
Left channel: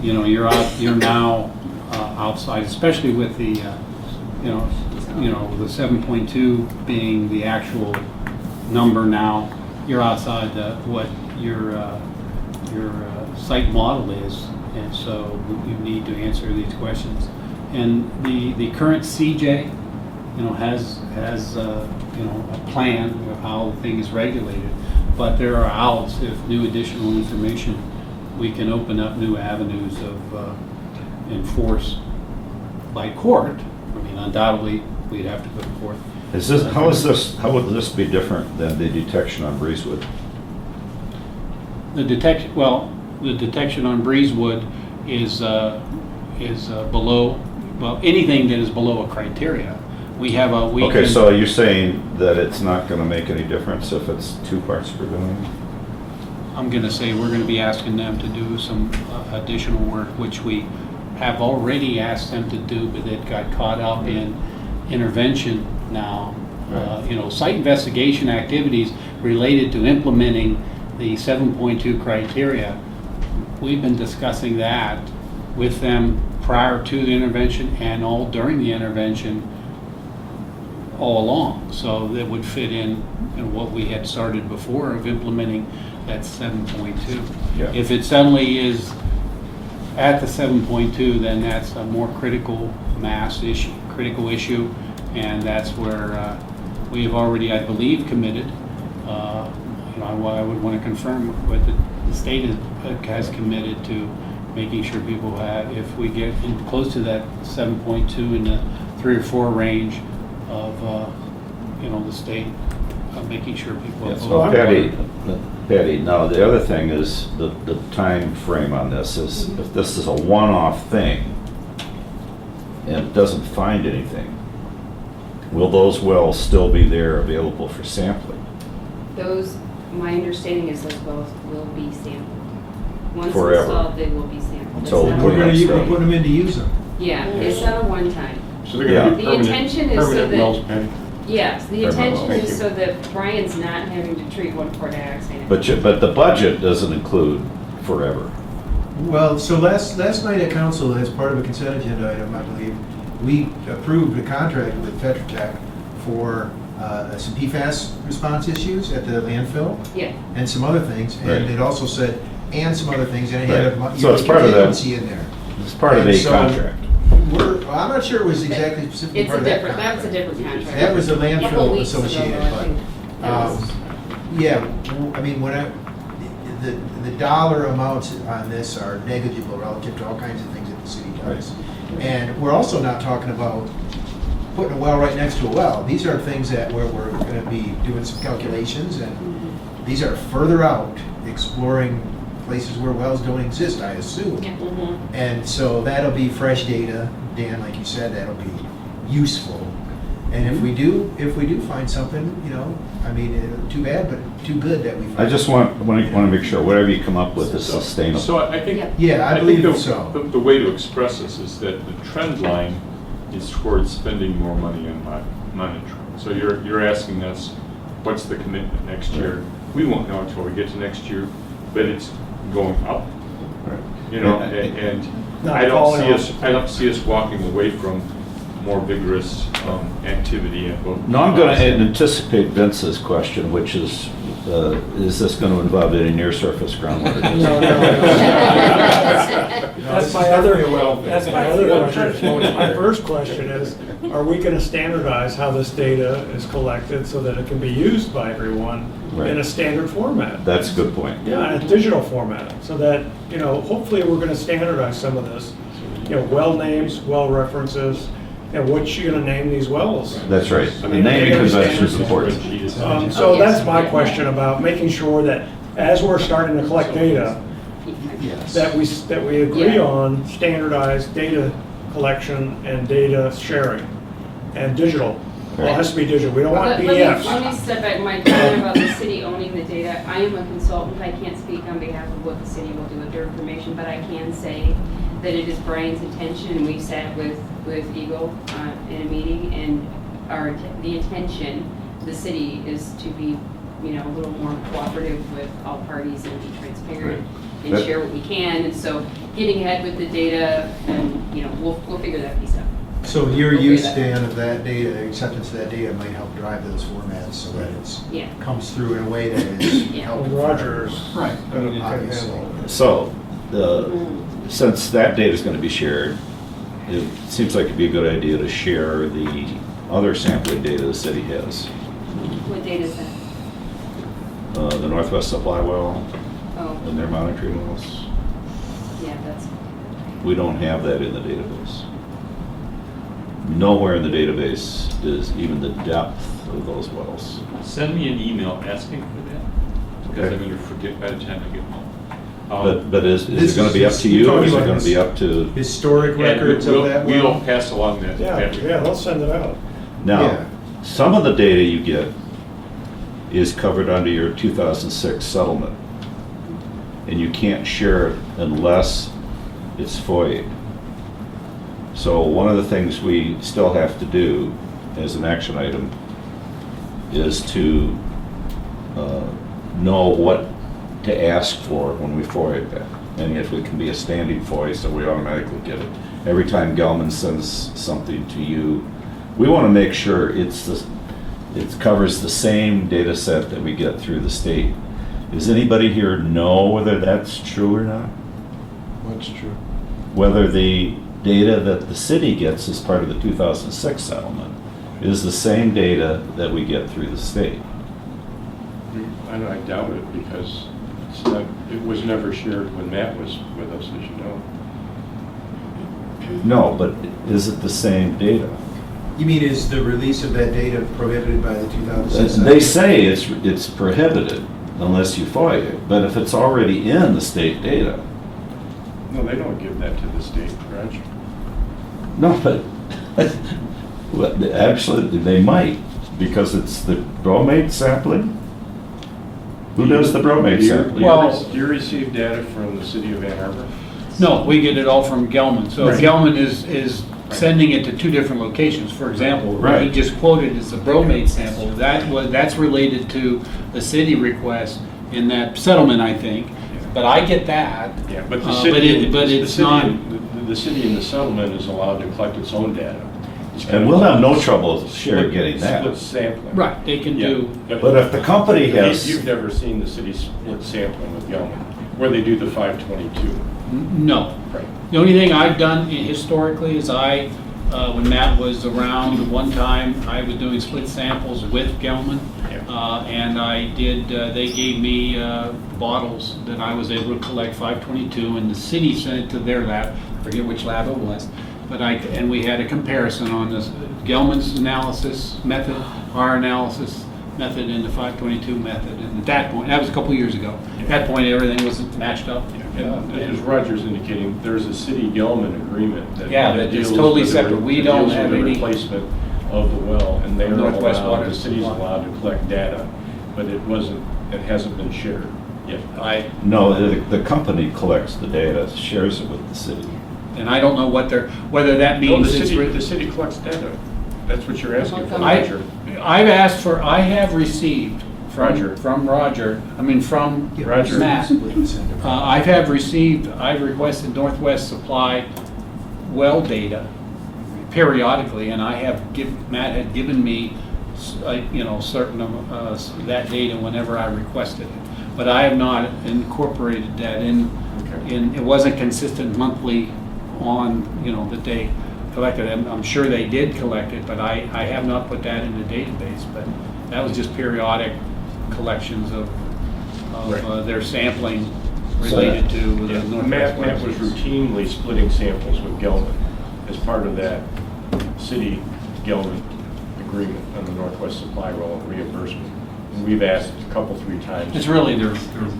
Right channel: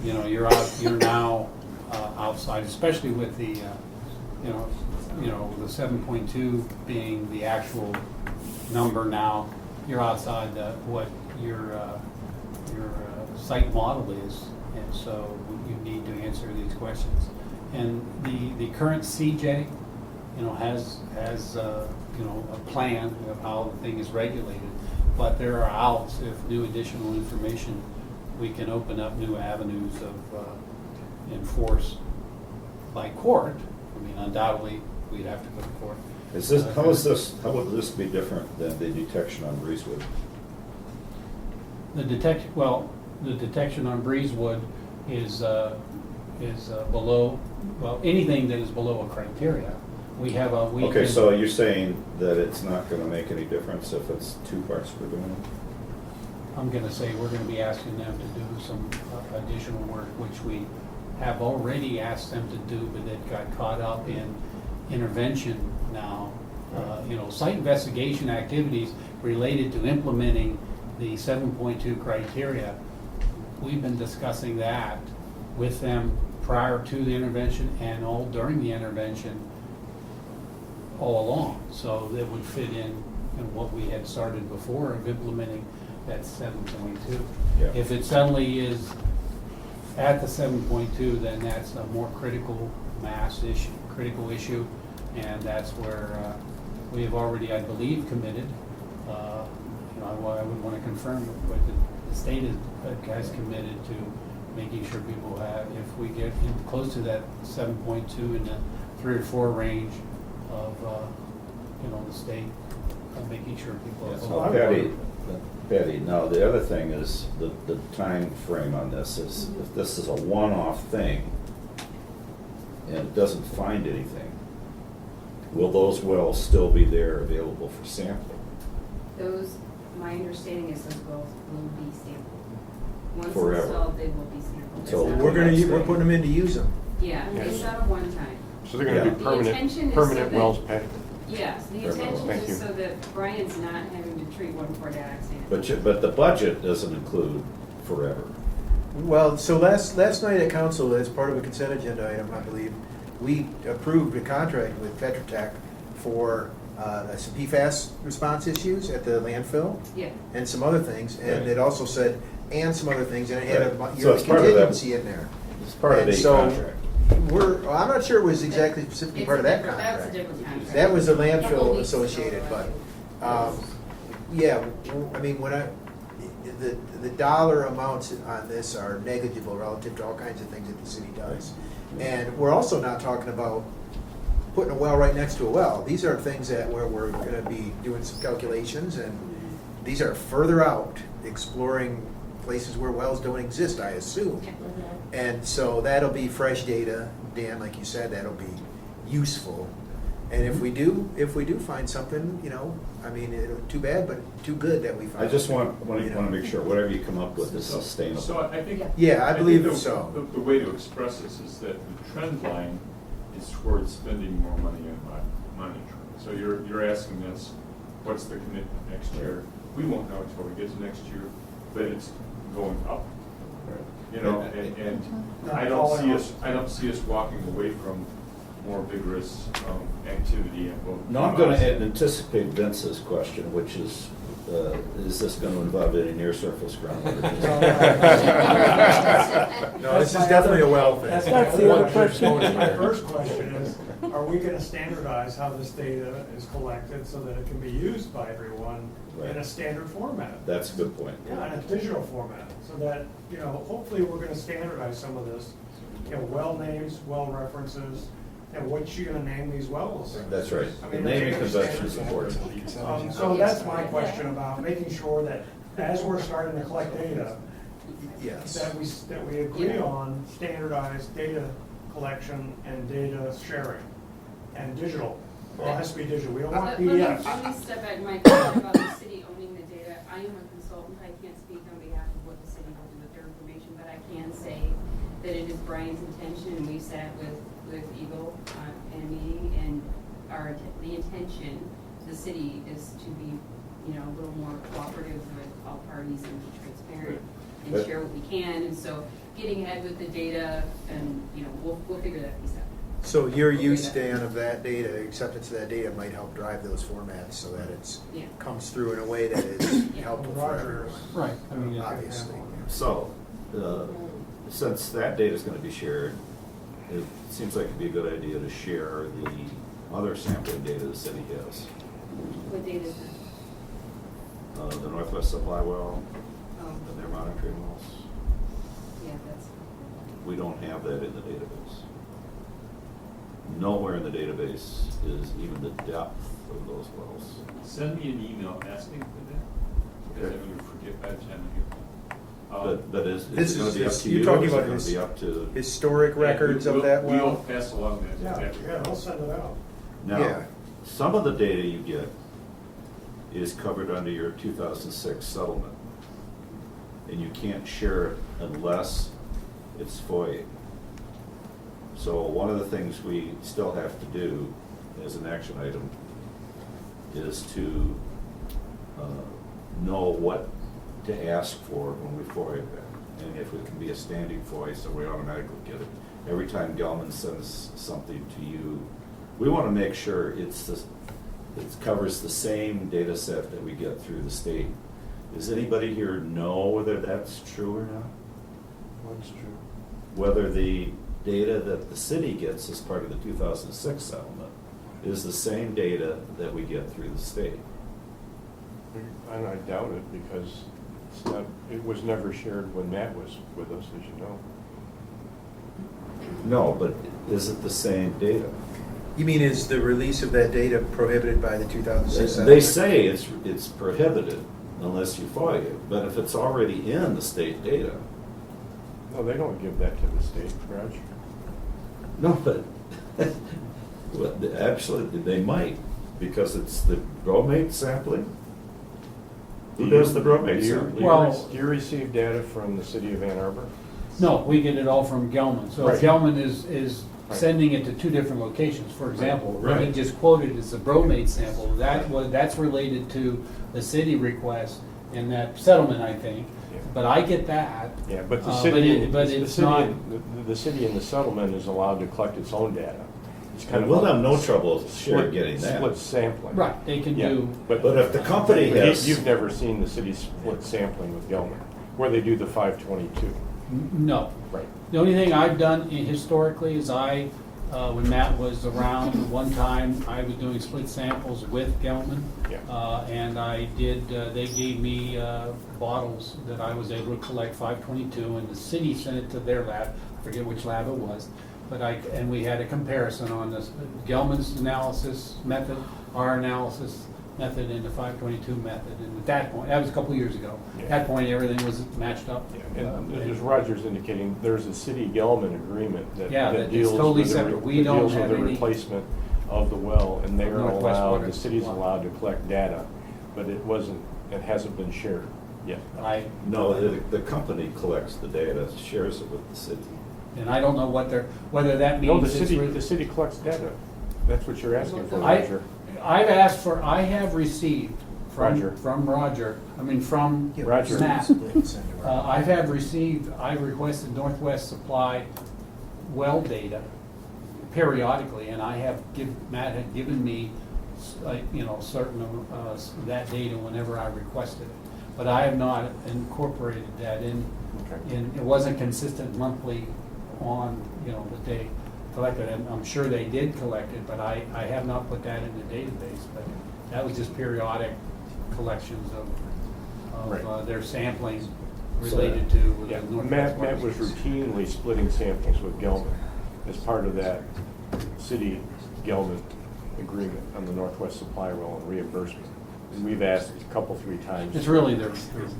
you know, you're now outside, especially with the, you know, the 7.2 being the actual number now, you're outside what your site model is, and so you need to answer these questions. And the current CJ, you know, has you know, a plan of how the thing is regulated, but there are outs. If new additional information, we can open up new avenues of enforce by court. I mean, undoubtedly, we'd have to go to court. How would this be different than the detection on Breezewood? The detection on Breezewood is below, well, anything that is below a criteria. We have a, we Okay, can- so you're saying that it's not going to make any difference if it's 2 parts per billion? I'm going to say we're going to be asking them to do some additional work, which we have already asked them to do, but it got caught up in intervention now. You know, site investigation activities related to implementing the 7.2 criteria. We've been discussing that with them prior to the intervention and all during the intervention all along. So that would fit in what we had started before of implementing that 7.2. Yeah. If it suddenly is at the 7.2, then that's a more critical issue, and that's where we have already, I believe, committed. You know, I would want to confirm what the state has committed to making sure people have, if we get close to that 7.2 in the 3 or 4 range of, you know, the state, making sure people have. Yes, well, Patty, now the other thing is the time frame on this is, if this is a one-off thing and it doesn't find anything, will those wells still be there available for sampling? Those, my understanding is those wells will be sampled. Once Forever. installed, they will be sampled. Until It's not We're a- gonna put them in to use them. Yeah, it's not a one-time. So they're going to be The intention is so permanent that- wells, Patty? Yes, the Permanent intention wells. is Thank so that Brian's not having to treat 1,4 dioxane. But the budget doesn't include forever. Well, so last night at council, as part of a consent agenda item, I believe, we approved a contract with Tetra Tech for some PFAS response issues at the landfill Yeah. and some other things. Right. And it also said, and some other things, and it had Right. a So it's part of that. contingency in there. It's part of And a so contract. I'm not sure it was exactly specifically It's part a of that different, that's a contract. different contract. That was a Couple landfill weeks ago, associated, though, I but, think that was- yeah, I mean, the dollar amounts on this are negligible relative to all kinds of things that the city does. And we're also not talking about putting a well right next to a well. These are things that we're gonna be doing some calculations and these are further out, exploring places where wells don't exist, I assume. And so that'll be fresh data, Dan, like you said, that'll be useful. And if we do find something, you know, I mean, too bad, but too good that we find. I just want to make sure whatever you come up with is sustainable. So I think. Yeah, I think believe so. The way to express this is that the trend line is towards spending more money on monitoring. So you're asking us, what's the commitment next year? We won't know until we get to next year, but it's going up. You know, and I don't see us walking away from more vigorous activity at both. No, I'm going to anticipate Vince's question, which is this going to involve any near-surface groundwater? That's my other question. My first question is, are we going to standardize how this data is collected so that it can be used by everyone in a standard format? That's a good point. Yeah, in a digital format, so that, you know, hopefully we're going to standardize some of this. You know, well names, well references, and what you're going to name these wells. That's right. I The mean, naming data convention is standards. important. So that's my question about making sure that as we're starting to collect data, that we agree on standardized data collection and data sharing and digital. Well, it has to be digital. We don't want PDFs. Let me step back. My point about the city owning the data, I am a consultant. I can't speak on behalf of what the city will do with their information, but I can say that it is Brian's intention, and we've sat with EGLE in a meeting, and the intention of the city is to be, you know, a little more cooperative with all parties and be transparent and share what we can. And so getting ahead with the data, and, you know, we'll figure that piece out. So your use, Dan, of that data, acceptance of that data might help drive those formats so that it's comes through in a way that is helpful. Rogers. Right. Obviously. So, since that data is going to be shared, it seems like it'd be a good idea to share the other sampling data the city has. What data is that? The Northwest Supply well Oh. and their monitoring wells. Yeah, that's. We don't have that in the database. Nowhere in the database is even the depth of those wells. Send me an email asking for that, because Okay. I'm going to forget by the time I get home. But is it going to be up to you, or is it going to be up to? Historic records of that well? We'll pass along that. Yeah, they'll send it out. Now, some of the data you get is covered under your 2006 settlement, and you can't share it unless it's FOIA. So one of the things we still have to do as an action item is to know what to ask for when we FOIA that. And if it can be a standing FOIA, so we automatically get it. Every time Gelman sends something to you, we want to make sure it covers the same data set that we get through the state. Does anybody here know whether that's true or not? What's true? Whether the data that the city gets as part of the 2006 settlement is the same data that we get through the state? I doubt it, because it was never shared when Matt was with us, as you know. No, but is it the same data? You mean, is the release of that data prohibited by the 2006? They say it's prohibited unless you FOIA it, but if it's already in the state data. No, they don't give that to the state, Raj. No, but actually, they might, because it's the bromate sampling. Who does the bromate sampling? Do you receive data from the City of Ann Arbor? No, we get it all from Gelman. So Right. Gelman is sending it to two different locations. For example, what he Right. just quoted is the bromate sample. That's related to the city request in that settlement, I think. But I get that. Yeah, but the but city, it's not. The city in the settlement is allowed to collect its own data. It's kind And of we'll like have no trouble split- getting that. Split sampling. Right, they can Yeah, do. But if the company has. You've never seen the city split sampling with Gelman, where they do the 522. No. Right. The only thing I've done historically is when Matt was around one time, I was doing split samples with Gelman. And I did, they gave me bottles that I was able to collect 522, and the city sent it to their lab, I forget which lab it was. And we had a comparison on this, Gelman's analysis method, our analysis, method and the 522 method. And at that point, that was a couple years ago. At that point, everything was matched up. As Roger's indicating, there's a city Gelman agreement that. Yeah, that that is deals totally with the- separate. We that don't deals with have the any- replacement of the well, and they're Northwest allowed, Water the city's Supply. allowed to collect data, but it hasn't been shared yet. No, the company collects the data, shares it with the city. And I don't know whether that No, means the it's. city collects data. That's what you're asking for, I Roger. I have received Roger. from Roger. Matt. I've requested Northwest Supply well data periodically, and Matt had given me, certain of that data whenever I requested it. But I have not incorporated that in, it wasn't consistent monthly on, that they collected it. I'm sure they did collect it, but I have not put that in the database. But that was just periodic collections of Right. their sampling related to the Yeah, Northwest. Matt was routinely splitting samples with Gelman as part of that city Gelman agreement on the Northwest Supply Well and reimbursement. And we've asked a couple, 3 times. It's really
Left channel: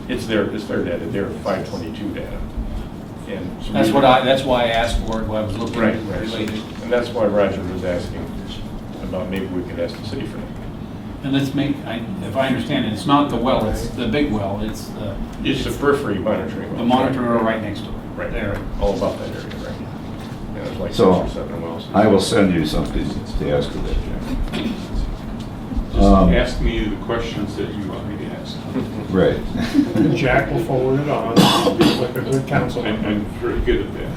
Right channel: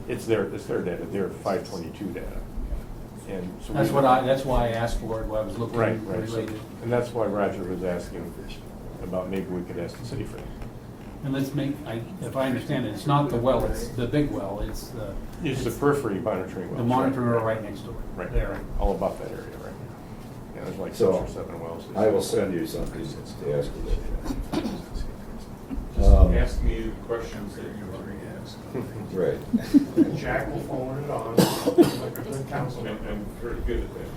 It's their data, their 522 data. And so that's why I asked for it, when I was looking Right. related. And that's why Roger was asking about maybe we could ask the city for that. And let's make, if I understand it, it's not the well, it's the big well, it's It's the periphery monitoring. the wells. monitor right next to it. Right. There. All about that area, right? Yeah, there's like 6 So, or 7 wells. I will send you something to ask you that, Jim. Just ask me the questions that you want me to ask. Right. Jack will forward it on, like a good council. I'm very good at that.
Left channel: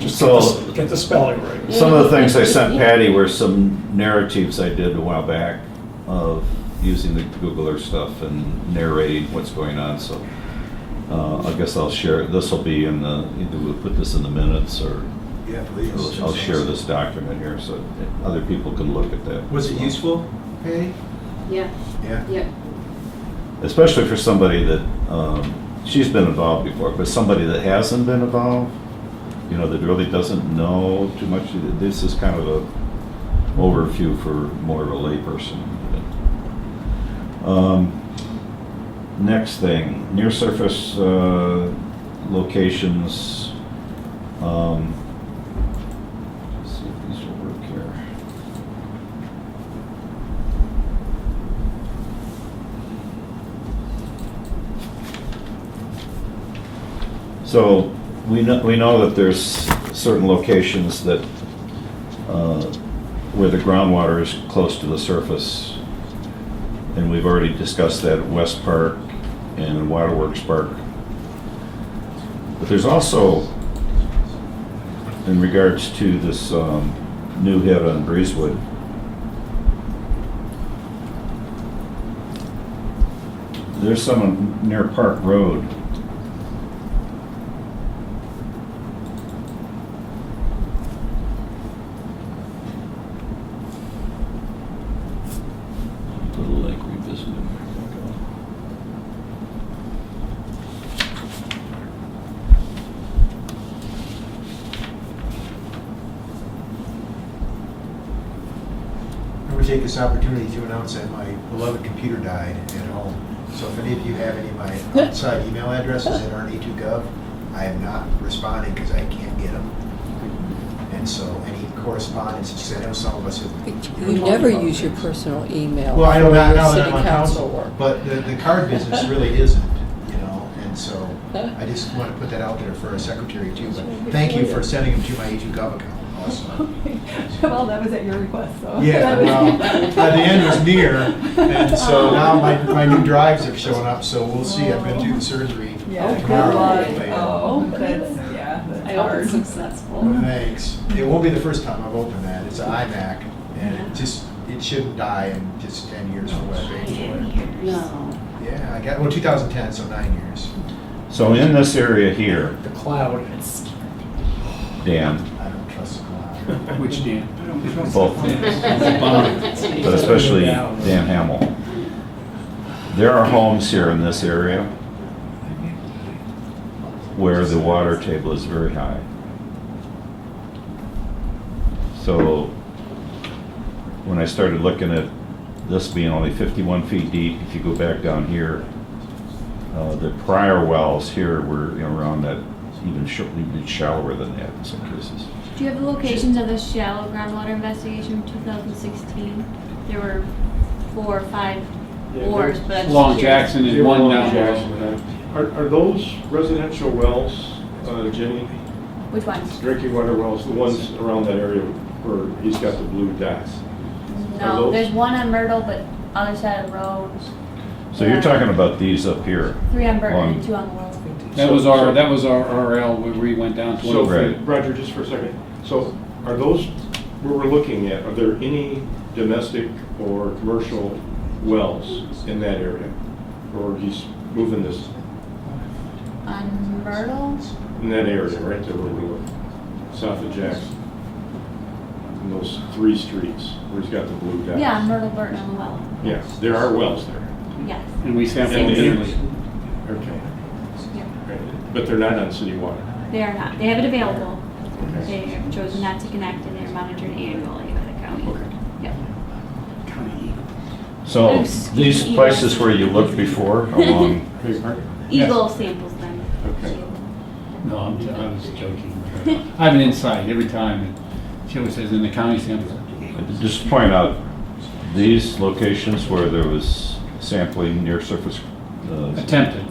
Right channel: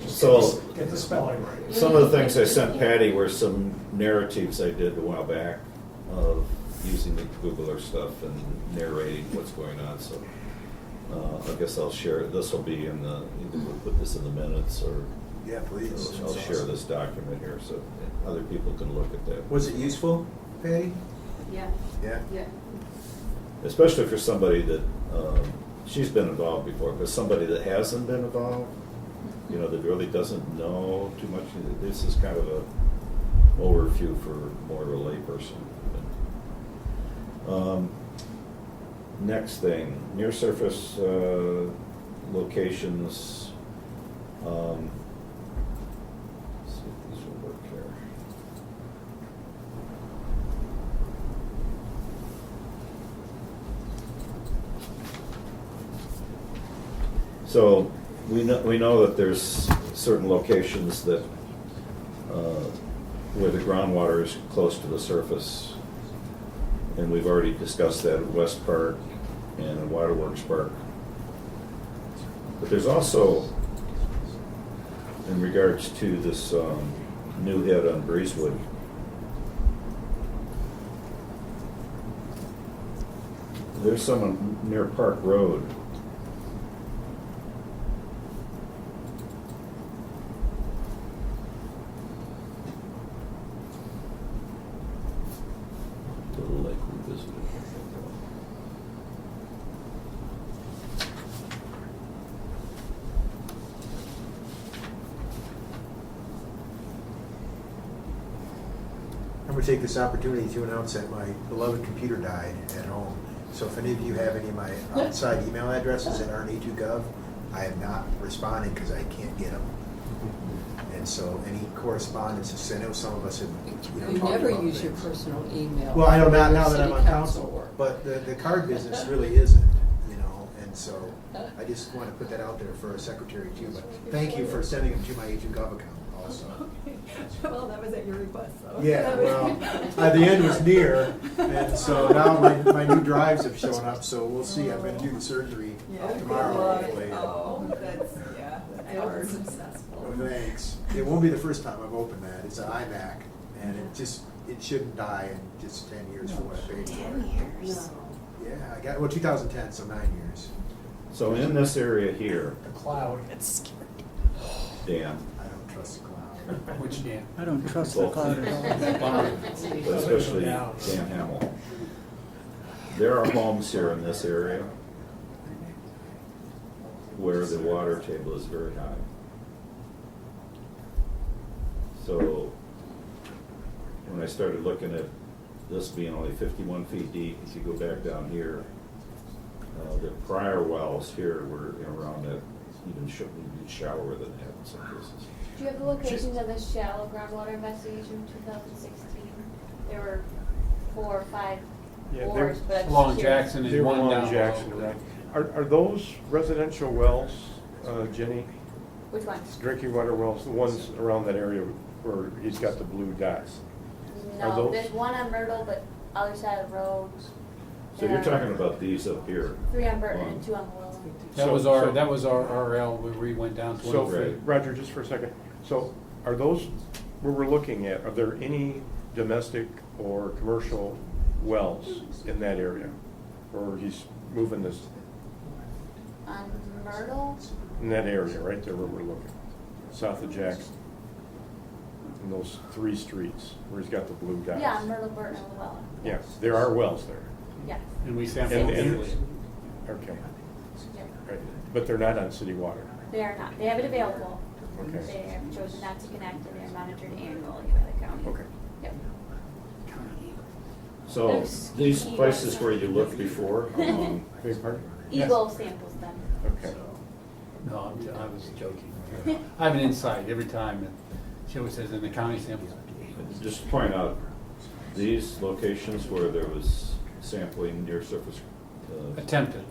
Just So- get the spelling right. Some of the things I sent Patty were some narratives I did a while back of using the Google Earth stuff and narrating what's going on, so I guess I'll share, this will be in the, either we'll put this in the minutes or Yeah, please. I'll share this document here so that other people can look at that. Was it useful, Patty? Yeah, Yeah. yeah. Especially for somebody that, she's been involved before, but somebody that hasn't been involved, that really doesn't know too much. This is kind of a overview for more of a layperson. Next thing, near surface locations. Let's see if these will work here. So we know that there's certain locations that where the groundwater is close to the surface, and we've already discussed that at West Park and Waterworks Park. But there's also, in regards to this new hit on Breezewood, there's some near Park Road. Little lake we visited. I'm going to take this opportunity to announce that my beloved computer died at home. So if any of you have any of my outside email addresses that aren't E2Gov, I am not responding because I can't get them. And so any correspondence, because I know some of us have. You never use your personal email Well, I for don't know your now that city I'm on council council, work. but the card business really isn't, and so I just want to put that out there for our secretary too. But thank you for sending them to my E2Gov account. Awesome. Well, that was at your request, so. Yeah, That was- well, the end was near, and so now my new drives have shown up, so we'll see. I've been through the surgery Yeah, good tomorrow. luck. hopefully. Oh, that's, yeah, I that's hope hard. it's successful. Thanks. It won't be the first time I've opened that. It's an iMac, and it shouldn't die in just 10 years from web-based. No. Yeah, I got, 2010, so 9 years. So in this area here, The cloud. Dan, I don't trust the cloud. Which dam? both, but especially Dan Hamill. There are homes here in this area where the water table is very high. So when I started looking at this being only 51 feet deep, if you go back down here, the prior wells here were, you know, around that, even shallower than that in some cases. Do you have the locations of the shallow groundwater investigation from 2016? There were 4 or 5 bores, but I'm just Long curious. Jackson is one down below. Are those residential wells, Jenny? Which ones? Drinking water wells, the ones around that area where he's got the blue dots? Are No, those- there's one on Myrtle, but other side of the road. So you're talking about these up here? 3 on Burton and on- 2 on the Willow. That was our RL where we went down to. So, Right. Roger, just for a second, so are those, where we're looking at, are there any domestic or commercial wells in that area? Or he's moving this, On Myrtle? in that area, right there where we look, south of Jackson? In those 3 streets where he's got the blue dots? Yeah, on Myrtle, Burton, and Willow. Yeah, there are wells there. Yes. And we sampled And- yearly. Okay. Yep. Right. But they're not on city water? They are not. They have it available. Okay. They have chosen not to connect, and they're monitored annually by the county. Okay. Yep. So Those these EGLE places where you looked before along, Beg your pardon? EGLE samples them. Okay. No, I was joking. I have an insight every time, and she always says, in the county samples. just point out, these locations where there was sampling near surface. Attempted.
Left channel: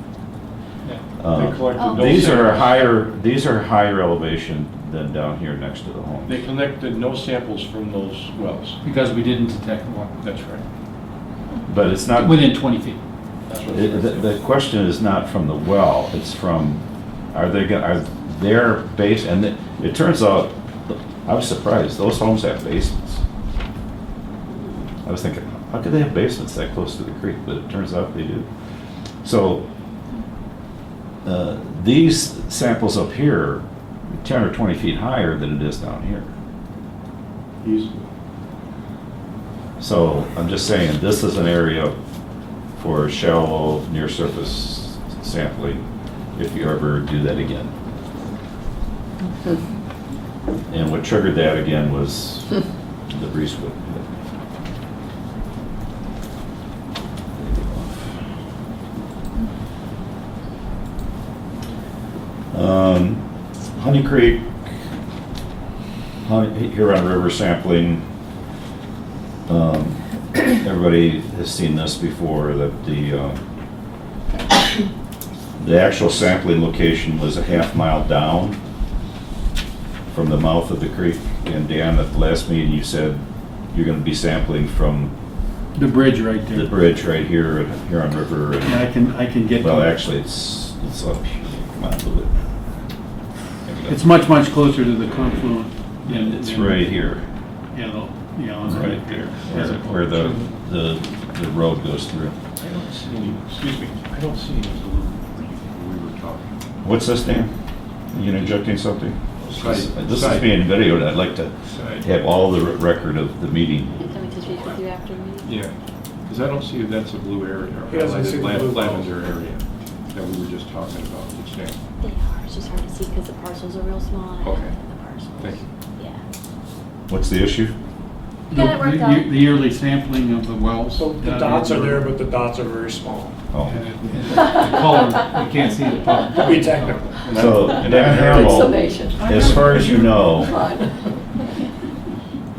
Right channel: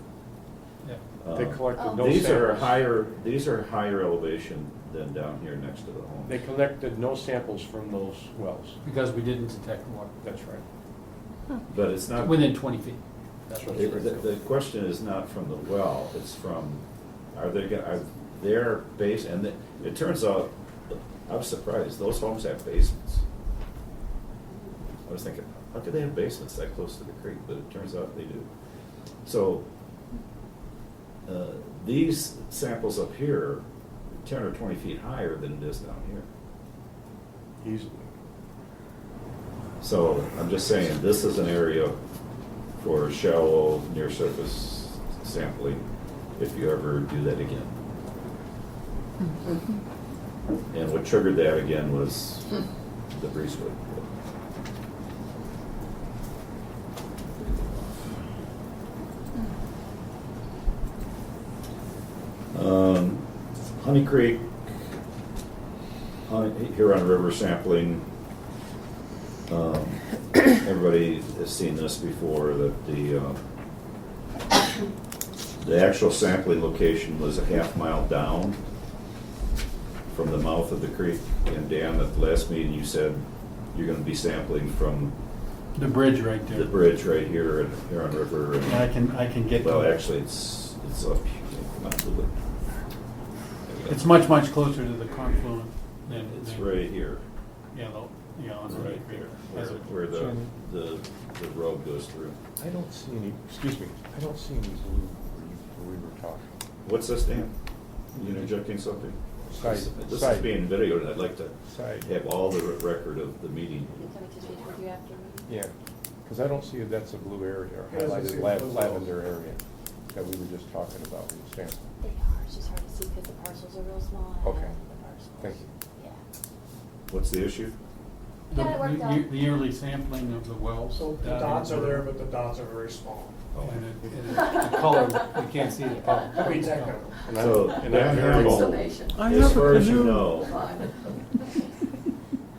Yeah. They collected Oh. no These are samples. these are higher elevation than down here next to the homes. They collected no samples from those wells. Because we didn't detect water. That's right. But it's not, Within 20 feet. That's what the question is not from the well, it's from, are their base, and it turns out, I was surprised, those homes have basements. I was thinking, how could they have basements that close to the creek? But it turns out they do. So, these samples up here, 10 or 20 feet higher than it is down here. Easily. So I'm just saying, this is an area for shallow, near-surface sampling, if you ever do that again. And what triggered that again was the Breezewood. Honey Creek, Huron River sampling. Everybody has seen this before, that the actual sampling location was a half-mile down from the mouth of the creek. And Dan, at the last meeting, you said you're gonna be sampling from The bridge right there. the bridge right here at Huron River. and- Yeah, I can get. Well, to it. actually, it's up here. Come on, a little bit. It's much much closer to the confluent. It's right here. On the Right here, where the road goes through. I don't see any, excuse me, I don't see any blue where we were talking. What's this, Dan? You interjecting something? Side. This is being videoed, I'd like to Side. have all the record of the meeting. And somebody to speak with you after me. Yeah, because I don't see if that's a blue area, or He doesn't see the highlighted blue lavender area that we were just talking about. They are. It's just hard to see because the parcels are real small. and I Okay. have the parcels. Thank you. Yeah. What's the issue? We got it worked out. The yearly sampling of the wells. So the down dots here. are there, but the dots are very small. Oh. And the color, you can't see the color. To be technical. So, Dan Harrell, Summation. as far as you know, Fun.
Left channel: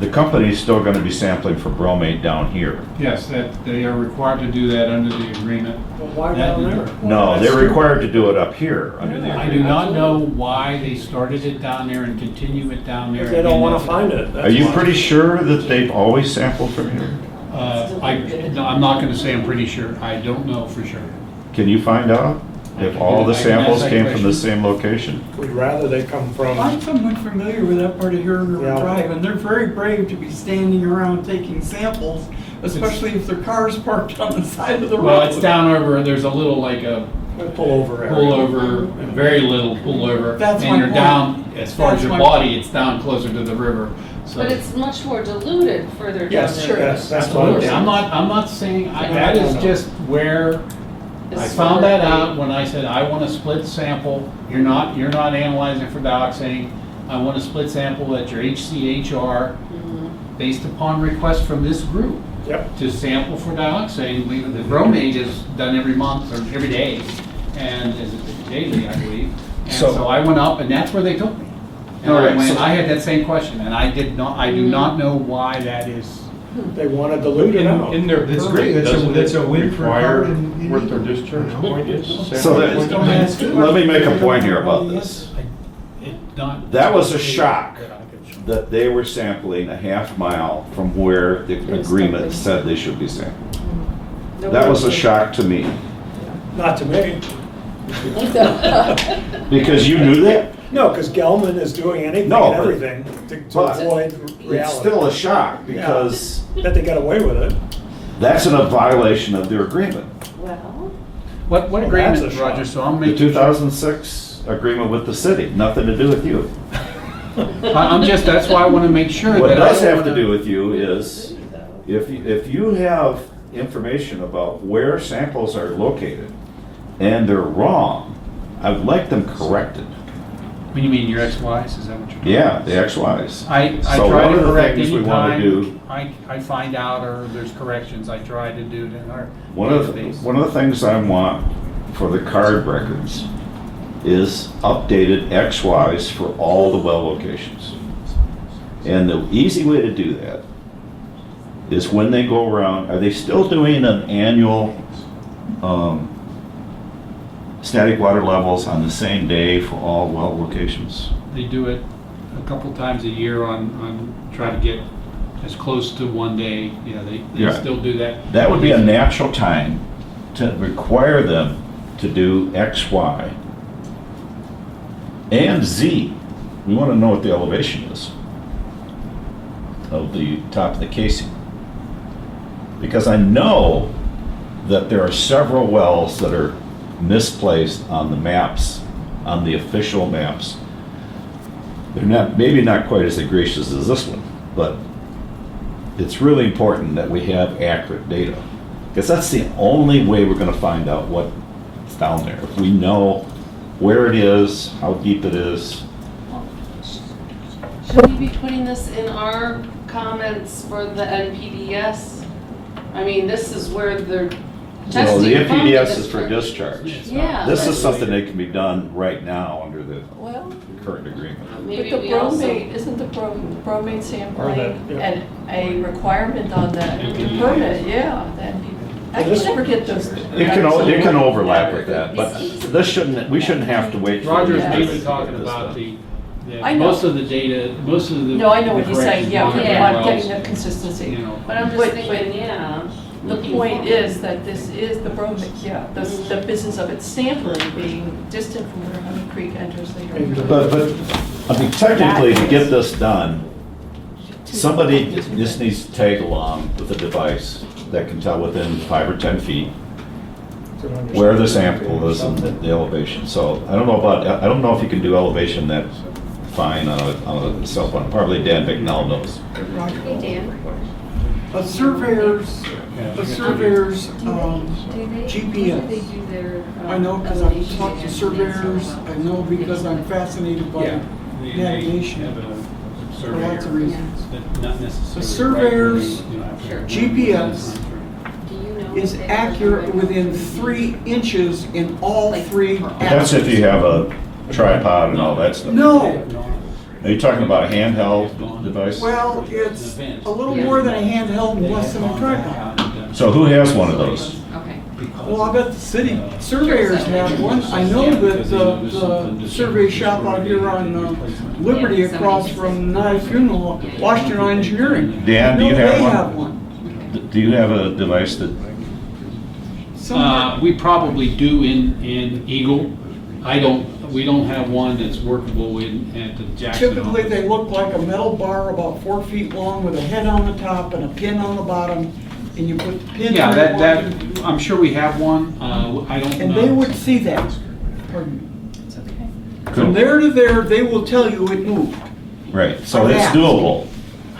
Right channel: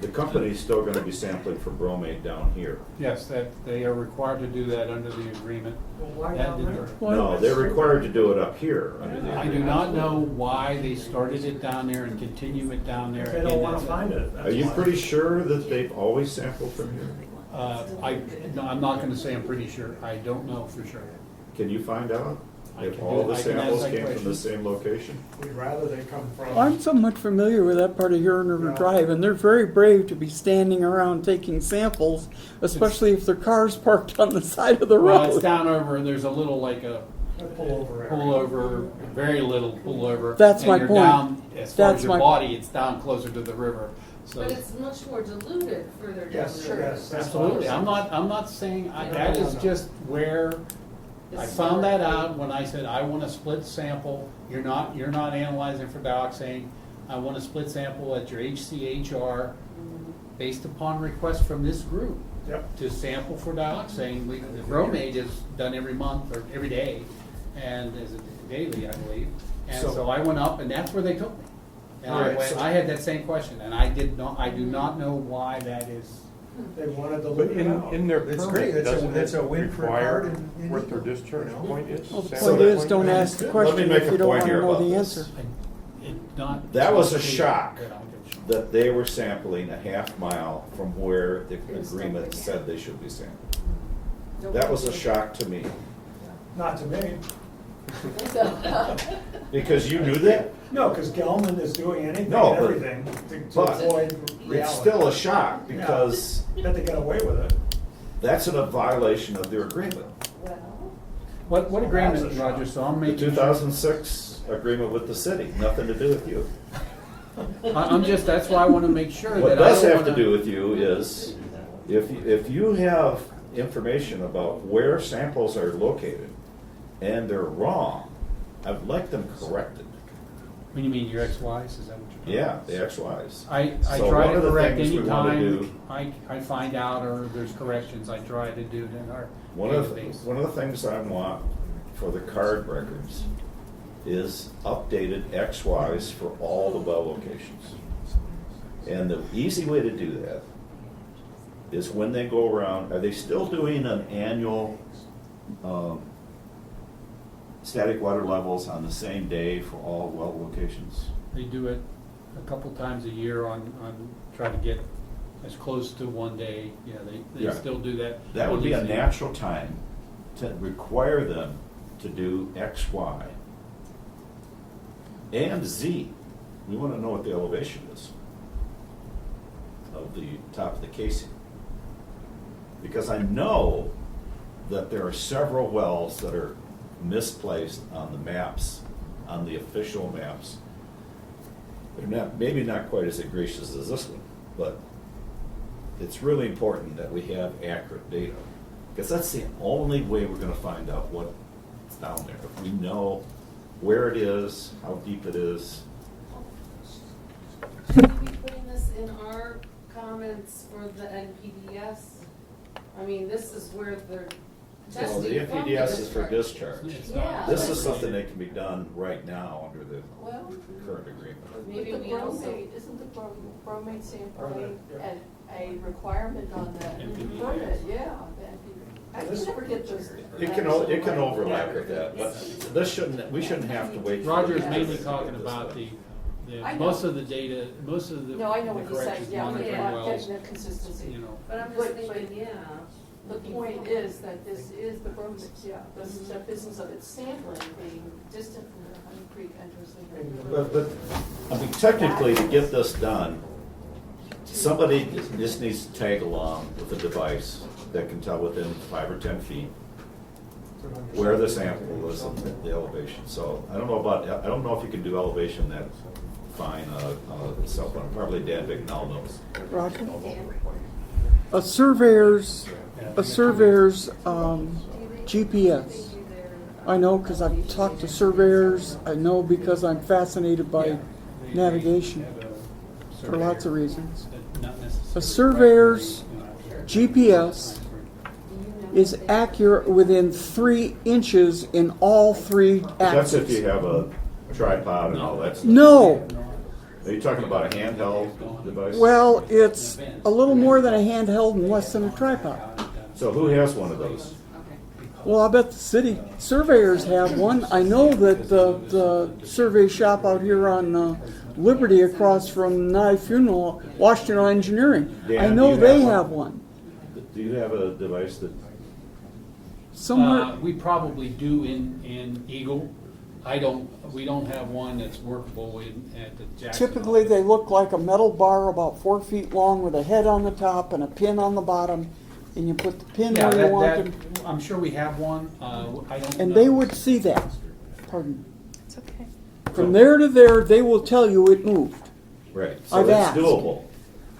the company's still gonna be sampling for bromate down here. Yes, that, they are required to do that under the agreement. Well, why That- down there? No, they're required to do it up here under the I agreement. do not know why they started it down there and continue it down there. If they don't want to Again, find it. that's Are you why. pretty sure that they've always sampled from here? No, I'm not gonna say I'm pretty sure. I don't know for sure. Can you find out I if can all do- the I can ask samples that came from the question. same location? We'd rather they come from. I'm somewhat familiar with that part of Huron River Yeah. Drive, and they're very brave to be standing around taking samples, especially if their car's parked on the side of the road. Well, it's down over, there's a little like a Pullover area. pullover, very little pullover. That's my And you're point. down, as far as That's your my body, it's down closer to the river. So But it's much more diluted further down Yes, there. yes, that's what I'm absolutely, saying. I'm not saying, No, that no, is no. just where I It's found that sort of out when I said, I want a split sample. You're not analyzing for dioxane. I want a split sample at your HCHR Mhm. based upon request from this group. Yep. to sample for dioxane. The bromate is done every month or every day, and is it daily, I believe. And So- so I went up, and that's where they took me. And All right, I went, so- I had that same question, and I do not know why that is. They want to dilute it out. In their That's permit, great. That's a- doesn't that's a it win for require Card and what their Eagle. discharge point is? So Sample Don't point? ask let me questions make a if you don't point here know about the this. answer. That was a shock that they were sampling a half mile from where the agreement said they should be sampled. That was a shock to me, Not to me. because you knew that. No, because Gelman is doing anything No, and but- everything to but avoid reality. It's still a shock, because That they got away with it. that's in a violation of their agreement. Well, What Well, agreement, that's a shock. Roger, so I'm The making sure. 2006 agreement with the city, nothing to do with you. I'm just, that's why I want to make sure What that I does don't have to wanna- do with you is, if you have information about where samples are located and they're wrong, I would like them corrected. When you mean your ex-wives, is that what you're? Yeah, the XYs. I So try one to of the correct things we wanna do- anytime I find out or there's corrections, I try to do it in our One of database. the things I want for the card records is updated XYs for all the well locations. And the easy way to do that is when they go around, are they still doing an annual static water levels on the same day for all well locations? They do it a couple times a year on trying to get as close to one day, they Yeah. still do that. That would be a natural time to require them to do X, Y, and Z. We want to know what the elevation is of the top of the casing. Because I know that there are several wells that are misplaced on the maps, on the official maps. They're not, maybe not quite as egregious as this one, but it's really important that we have accurate data. Because that's the only way we're gonna find out what's down there. If we know where it is, how deep it is. should we be putting this in our comments for the NPDES? I mean, this is where they're Well, testing. the from NPDES is for discharge. discharge. Yeah. This but is something that can be done right now under the Well, current agreement. Maybe but the we also. bromate, isn't the bromate sampling yeah. and a requirement on the permit? Yeah, then I can never get those. It can overlap with that, but we shouldn't have to wait. for Roger's the- mainly talking about I know. most of the data, most of the. No, I know what the he's saying, corrections yeah, on we the Yeah. want wells, getting the consistency. you know. But I'm just But- thinking, yeah. The looking point forward. is that this is the bromate, yeah, the business of its sampling being distant from where Honey Creek enters the area. But, I mean, technically, to get this done, somebody just needs to tag along with a device that can tell within 5 or 10 feet where the sample is and the elevation. So I don't know if you can do elevation that fine on a cell phone. Probably Dan Bicknell knows. Hey, Dan. A surveyor's GPS. I know because I've talked to surveyors, I know because I'm fascinated by They navigation have a for lots of surveyor, reasons. but not necessarily. A surveyor's right when they, have to- GPS Do you know is if they- accurate within 3 inches in all 3 That's if axes. you have a tripod and all that stuff. No, Are you talking about a handheld device? well, it's a little more than a handheld and less than a tripod. So who has one of those? Okay. Well, I bet the city surveyors have one. I know that the survey shop out here on Liberty across from Nye Funeral, Washington Engineering. Dan, I do know you they have have one? one. Do you have a device that, Somewhere, We probably do in EGLE. We don't have one that's workable at the Jackson. typically office. they look like a metal bar about 4 feet long with a head on the top and a pin on the bottom, and you put the pin Yeah, where you that, want it. I'm sure we have one, I don't know. And they would see that. Pardon me. It's okay. From there to there, they will tell you it moved. right, so I've it's asked. doable.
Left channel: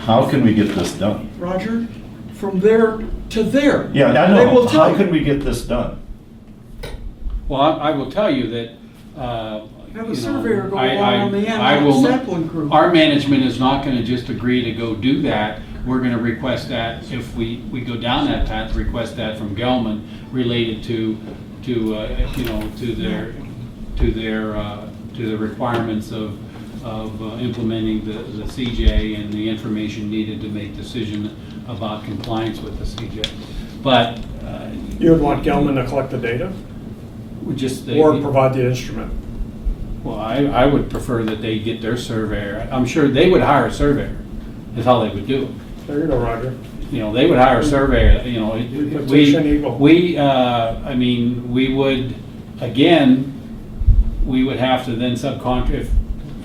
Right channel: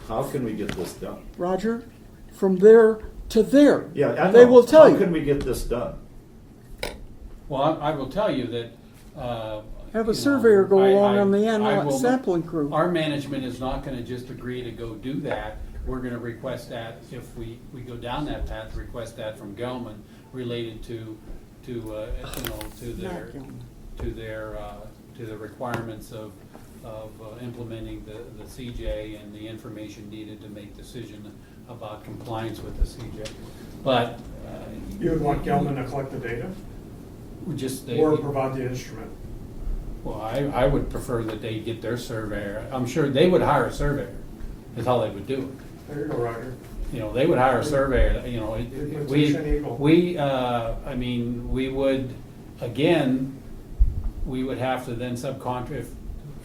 How can we get this done? Roger, from there to there. Yeah, I They know. will tell How can you. we get this done? Well, I will tell you that, Have you a know, surveyor go along on the end I of will the not- sampling crew. Our management is not gonna just agree to go do that we're gonna request that, if we go down that path, request that from Gelman related to the requirements of implementing the CJ and the information needed to make decision about compliance with the CJ. But You would want Gelman to collect the data or provide the instrument? Well, I would prefer that they get their surveyor. I'm sure they would hire a surveyor, is how they would do it. There you go, Roger. You know, they would hire a surveyor, you know, Petition EGLE. I mean, we would, again, we would have to then subcontract,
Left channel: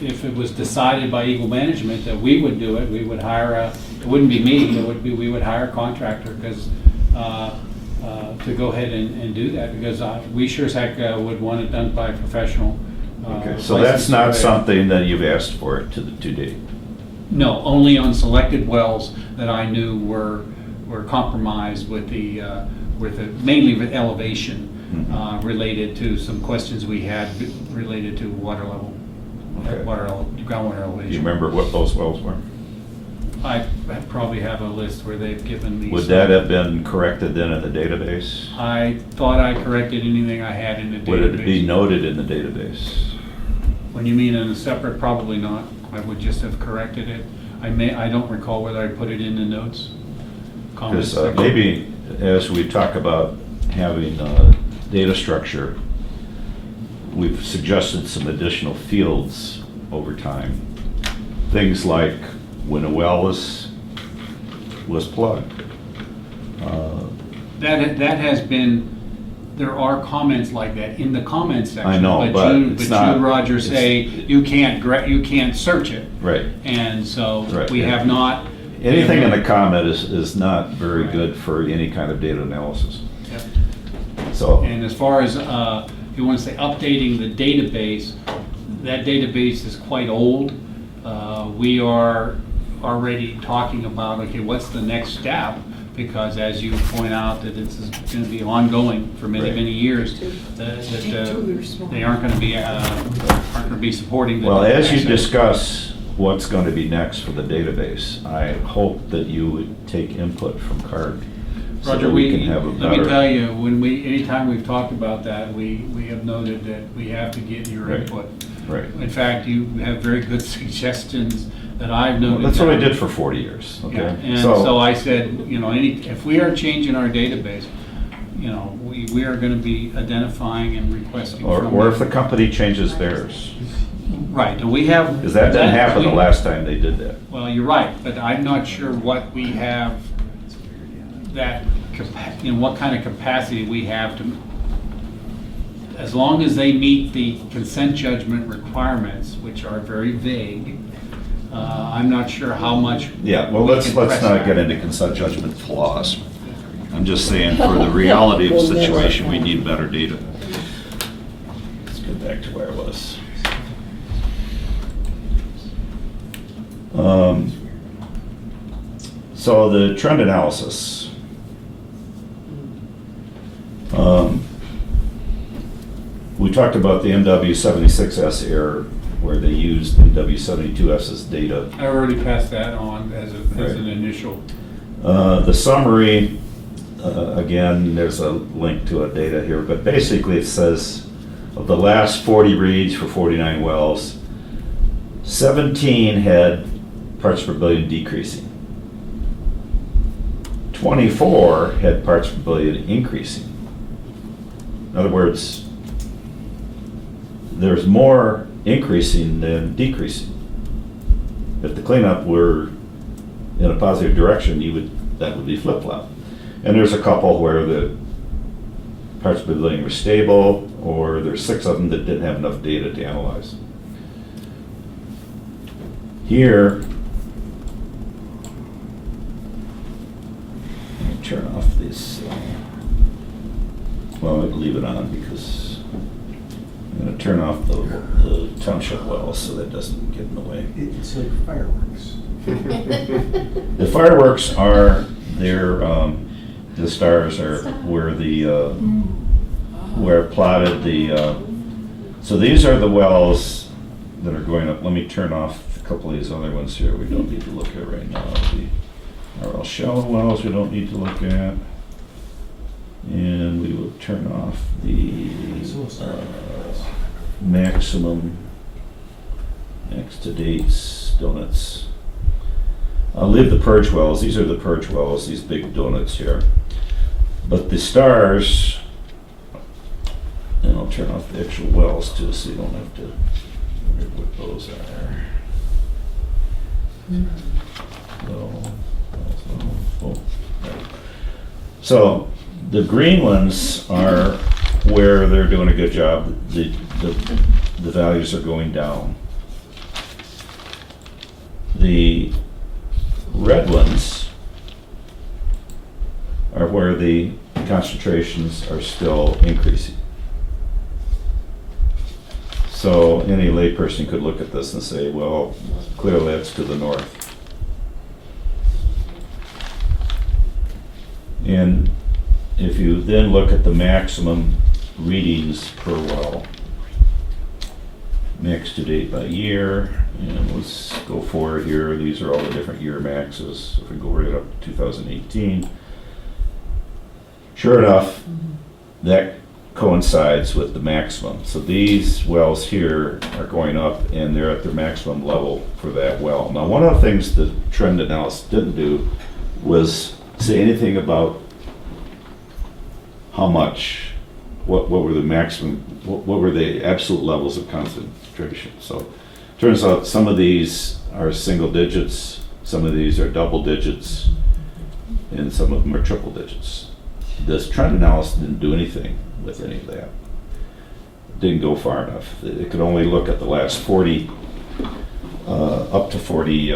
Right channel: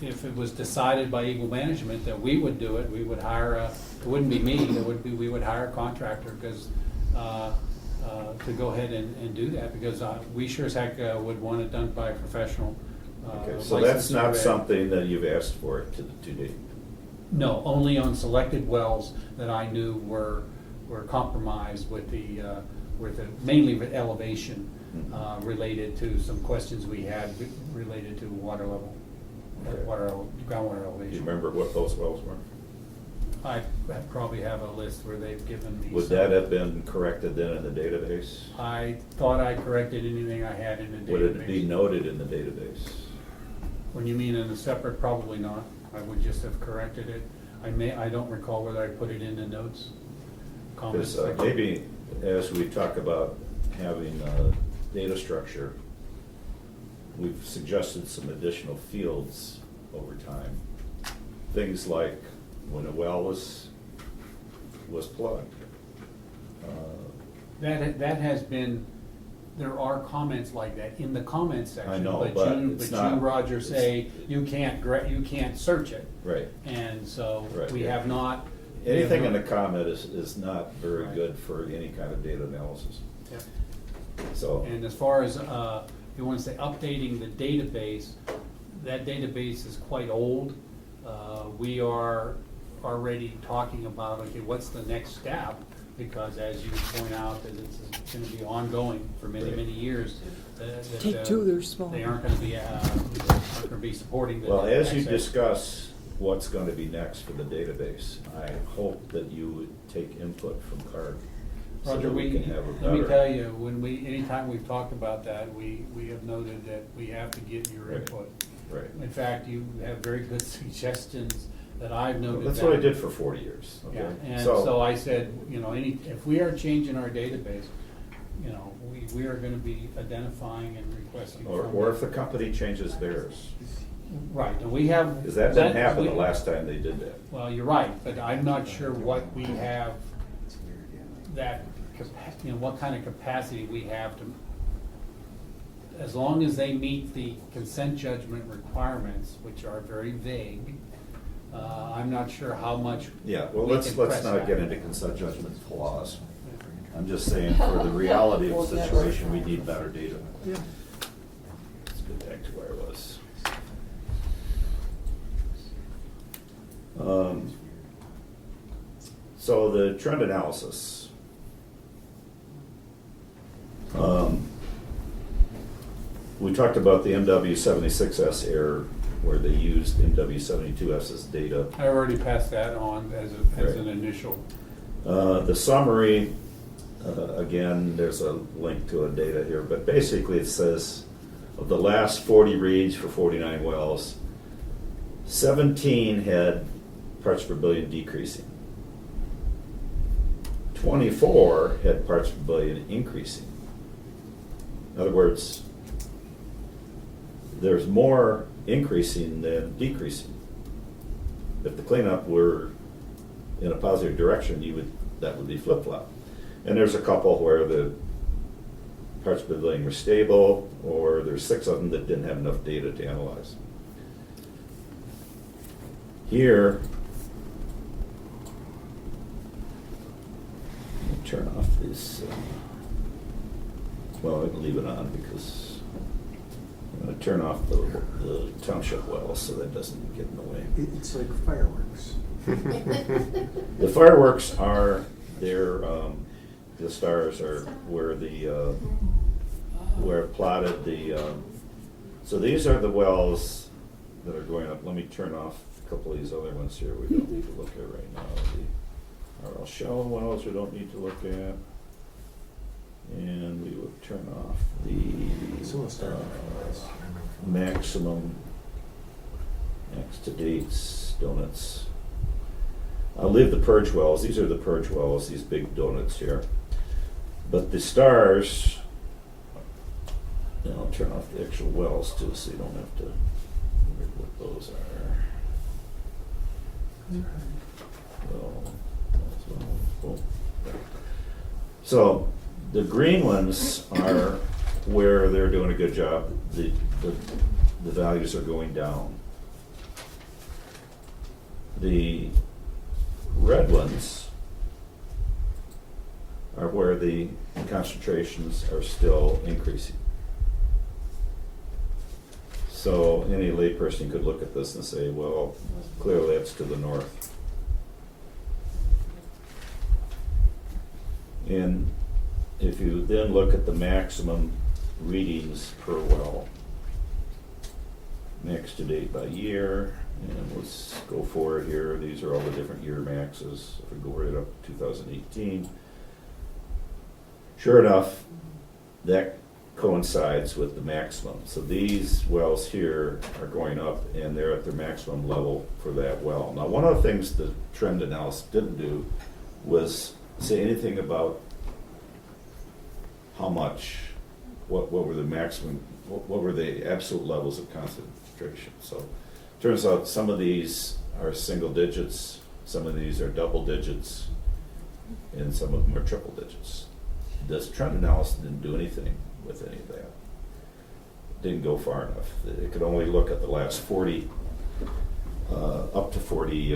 if it was decided by EGLE management that we would do it, we would hire it wouldn't be me, we would hire a contractor, because, to go ahead and do that, because we sure as heck would want it done by a professional. Okay, so that's not something that you've asked for to date? No, only on selected wells that I knew were compromised with mainly with elevation, related to some questions we had related to water level, Okay. groundwater elevation. Do you remember what those wells were? I probably have a list where they've given me. Would that have been corrected then in the database? I thought I corrected anything I had in the database. Would it be noted in the database? When you mean in a separate, probably not. I would just have corrected it. I don't recall whether I put it in the notes. Comments Because section. maybe as we talk about having data structure, we've suggested some additional fields over time. Things like when a well was plugged. That has been, there are comments like that in the comments section. I know, but it's But not- you, Roger, it's- say you can't search it. Right. And so Right, we yeah. have not. Anything in the comment is not very good for any kind of data analysis. Yep. So, And as far as, you want to say updating the database, that database is quite old. We are already talking about, okay, what's the next step? Because as you point out, that it's going to be ongoing for many, Right. many years. They aren't going to be supporting the. well, as you discuss what's going to be next for the database, I hope that you would take input from CARD. so Roger, that we can have a let me better- tell you, anytime we've talked about that, we have noted that we have to get your Right. input. Right. In fact, you have very good suggestions that I've noted. Well, that's what I down. did for 40 years, Yeah, okay? and so I said, you know, if we are changing our database, you know, we are gonna be identifying and requesting. from Or if them. the company changes theirs, Right, and we have. because that didn't happen the last time they did that. Well, you're right, but I'm not sure what we have, what kind of capacity we have to, as long as they meet the consent judgment requirements, which are very vague, I'm not sure how much. Yeah, well, we let's can not press get that. into consent judgment flaws. I'm just saying, for the reality of the situation, we need better data. Let's get back to where I was. So the trend analysis. We talked about the MW76S error, where they used MW72S's data. I already passed that on as Right. an initial. The summary, again, there's a link to a data here, but basically it says of the last 40 reads for 49 wells, 17 had parts per billion decreasing. 24 had parts per billion increasing. In other words, there's more increasing than decreasing. If the cleanup were in a positive direction, that would be flip-flop. And there's a couple where the parts per billion were stable, or there's 6 of them that didn't have enough data to analyze. Here, let me turn off this, well, I'll leave it on because I'm gonna turn off the township wells so that doesn't get in the way. It's like fireworks. The fireworks are the stars are where where plotted so these are the wells that are going up. Let me turn off a couple of these other ones here we don't need to look at right now. Our all shallow wells we don't need to look at. And we will turn off the maximum next to dates donuts. I'll leave the purge wells. These are the purge wells, these big donuts here. But the stars, and I'll turn off the actual wells too, so you don't have to read what those are. So the green ones are where they're doing a good job. The values are going down. The red ones are where the concentrations are still increasing. So any layperson could look at this and say, well, clearly that's to the north. And if you then look at the maximum readings per well, max to date by year, and let's go forward here. These are all the different year maxes. If we go right up to 2018, sure enough, that coincides with the maximum. So these wells here are going up and they're at their maximum level for that well. Now, one of the things the trend analysis didn't do was say anything about how much, what were the maximum, what were the absolute levels of concentration. So turns out some of these are single digits, some of these are double digits, and some of them are triple digits. This trend analysis didn't do anything with any of that. It didn't go far enough. It could only look at the last 40, up to 40,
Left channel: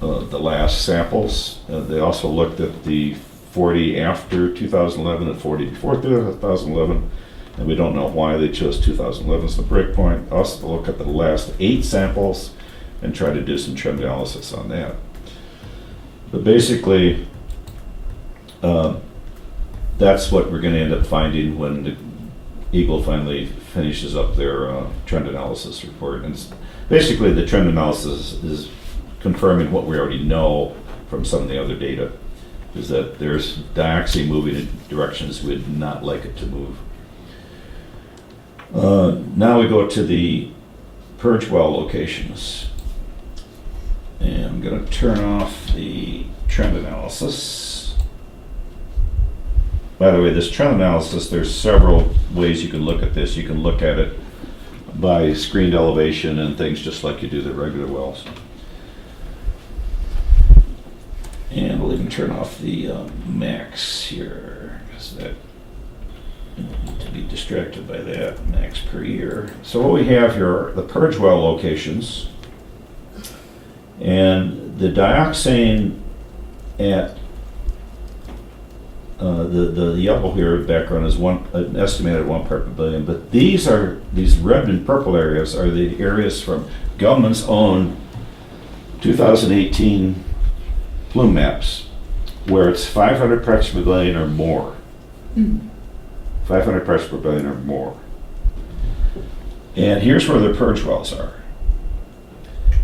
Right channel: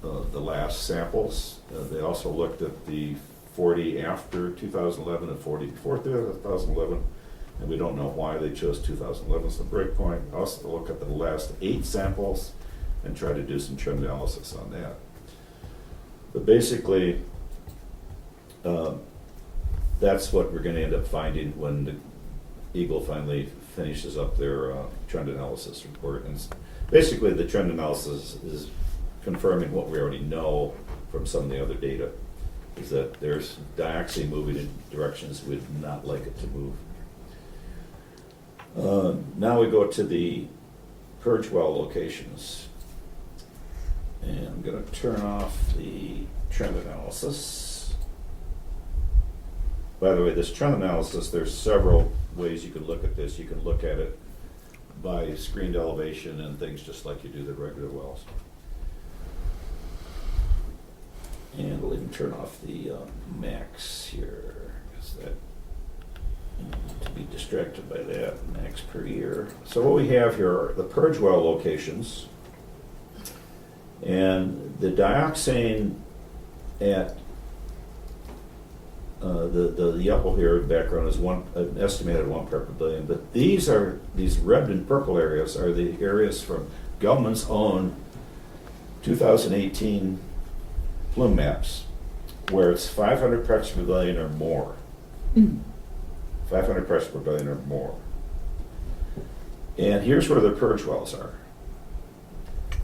the last samples. They also looked at the 40 after 2011 and 40 before 2011, and we don't know why they chose 2011 as the break point. Also look at the last 8 samples and try to do some trend analysis on that. But basically, that's what we're going to end up finding when the EGLE finally finishes up their trend analysis report. And basically, the trend analysis is confirming what we already know from some of the other data, is that there's dioxin moving in directions we'd not like it to move. Now we go to the purge well locations. And I'm going to turn off the trend analysis. By the way, this trend analysis, there's several ways you can look at this. You can look at it by screened elevation and things just like you do the regular wells. And we'll even turn off the max here, because that, you don't need to be distracted by that, max per year. So what we have here are the purge well locations, and the dioxane at the yellow here background is an estimated 1 part per billion, but these red and purple areas are the areas from Gelman's own 2018 plume maps, where it's 500 parts per billion or more. 500 parts per billion or more. And here's where the purge wells are.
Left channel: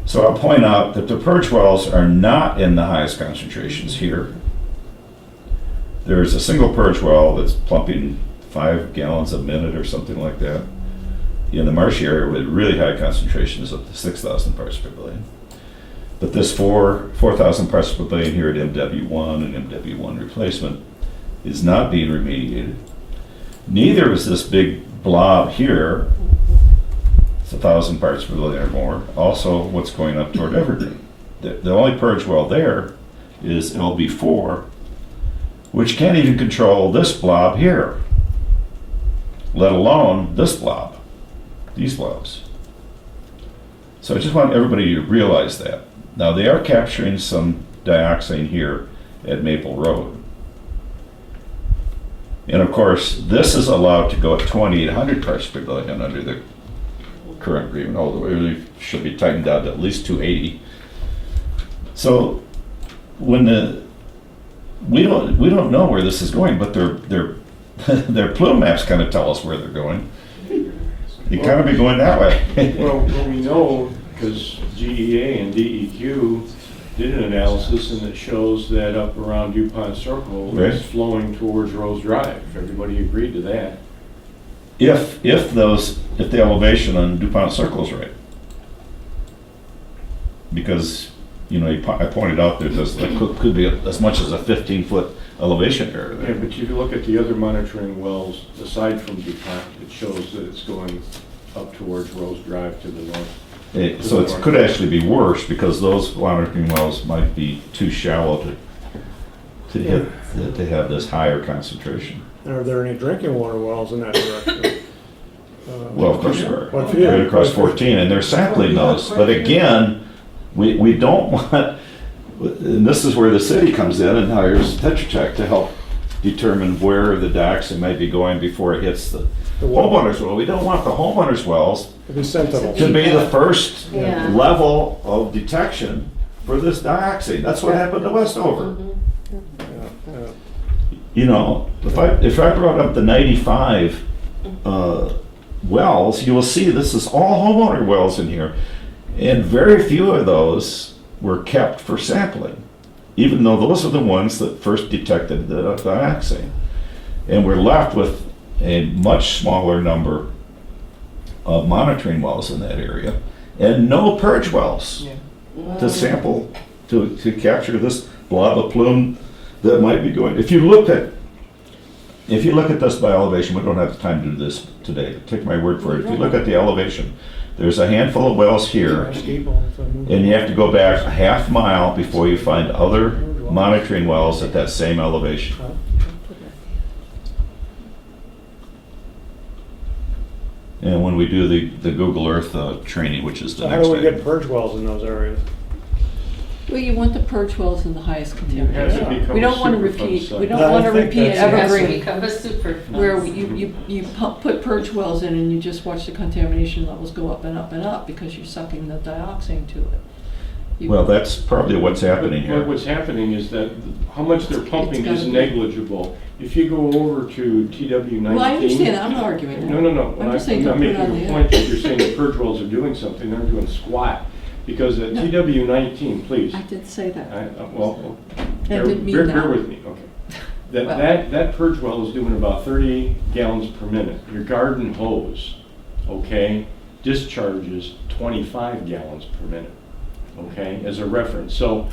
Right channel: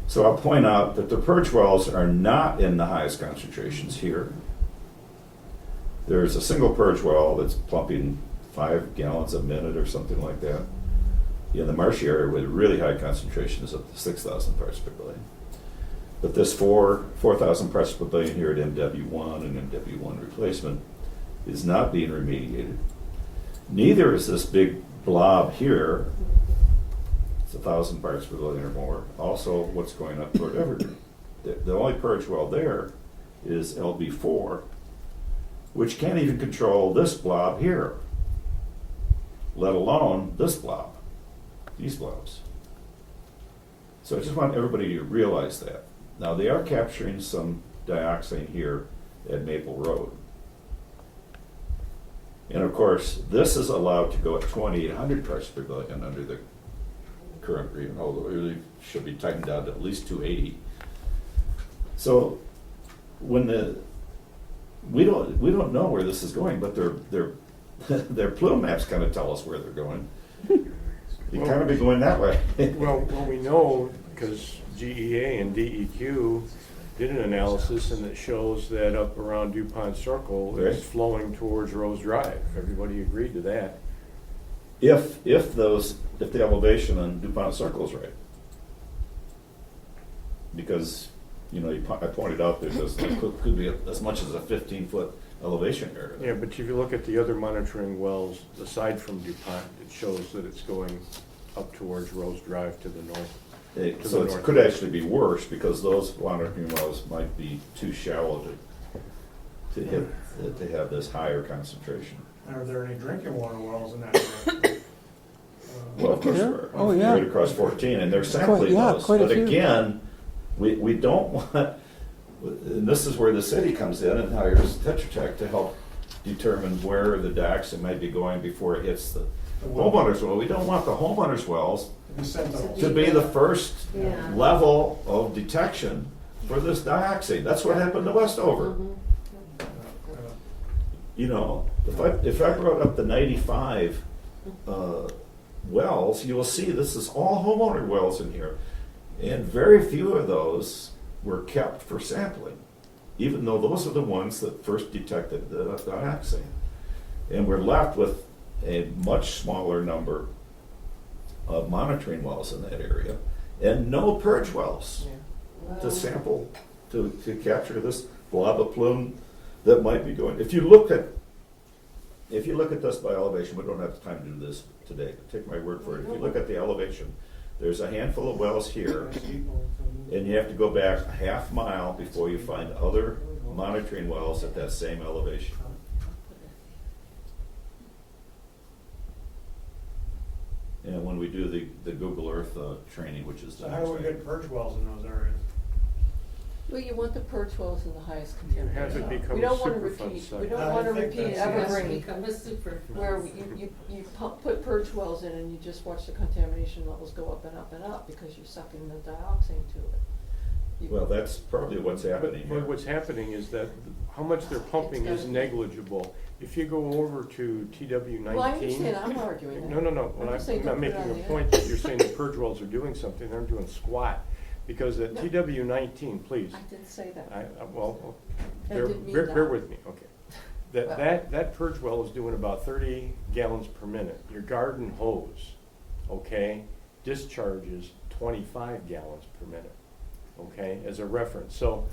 So I'll point out that the purge wells are not in the highest concentrations here. There's a single purge well that's pumping 5 gallons a minute or something like that. In the marshy area with really high concentrations up to 6,000 parts per billion. But this 4,000 parts per billion here at MW1 and MW1 replacement is not being remediated. Neither is this big blob here. It's 1,000 parts per billion or more. Also, what's going up toward Evergreen. The only purge well there is LB4, which can't even control this blob here, let alone this blob, these blobs. So I just want everybody to realize that. Now, they are capturing some dioxin here at Maple Road. And of course, this is allowed to go at 2,800 parts per billion under the current agreement, although it really should be tightened down to at least 280. So when we don't know where this is going, but their plume maps kind of tell us where they're going. They kind of be going that way. Well, we know, because GEA and DEQ did an analysis and it shows that up around DuPont Circle Right. is flowing towards Rose Drive. Everybody agreed to that. If the elevation on DuPont Circle is right. Because, you know, I pointed out there's could be as much as a 15-foot elevation area Yeah, there. but if you look at the other monitoring wells, aside from DuPont, it shows that it's going up towards Rose Drive to the north. So it could actually be worse because those monitoring wells might be too shallow to have this higher concentration. And are there any drinking water wells in that direction? Well, of course, we're Oh, yeah. right across 14, and they're sampling Yeah, those. quite But a few. again, we don't want, and this is where the city comes in and hires Tetra Tech to help determine where the dioxin might be going before it hits the homeowners' well. We don't want the homeowners' wells It'd be sentinels. to be the first Yeah. level of detection for this dioxin. That's what happened to Westover. You know, if I brought up the 95 wells, you will see this is all homeowner wells in here. And very few of those were kept for sampling, even though those are the ones that first detected the dioxin. And we're left with a much smaller number of monitoring wells in that area and no purge wells to sample, to capture this blob of plume that might be going. If you look at this by elevation, we don't have time to do this today, take my word for it. If you look at the elevation, there's a handful of wells here, and you have to go back a half mile before you find other monitoring wells at that same elevation. And when we do the Google Earth training, which is the So how next do we day. get purge wells in those areas? Well, you want the purge wells in the highest It has to contamination. become We a don't want to Superfund repeat, site. we don't No, I want to think repeat that's- It has to Evergreen, become a Superfund. where you put purge wells in and you just watch the contamination levels go up and up and up because you're sucking the dioxin to it. You- Well, that's probably what's happening But here. what's happening is that how much they're pumping gotta is be- negligible. If you go over to TW19. Well, I understand, I'm not arguing that. No. I'm just saying I'm don't put it on making the a point edge. that you're saying the purge wells are doing something, they're doing squat. Because at No. TW19, please. I did say that. Well, I bear didn't mean bear that. with me, okay. Well- That purge well is doing about 30 gallons per minute. Your garden hose, okay, discharges 25 gallons per minute, okay, as a reference. So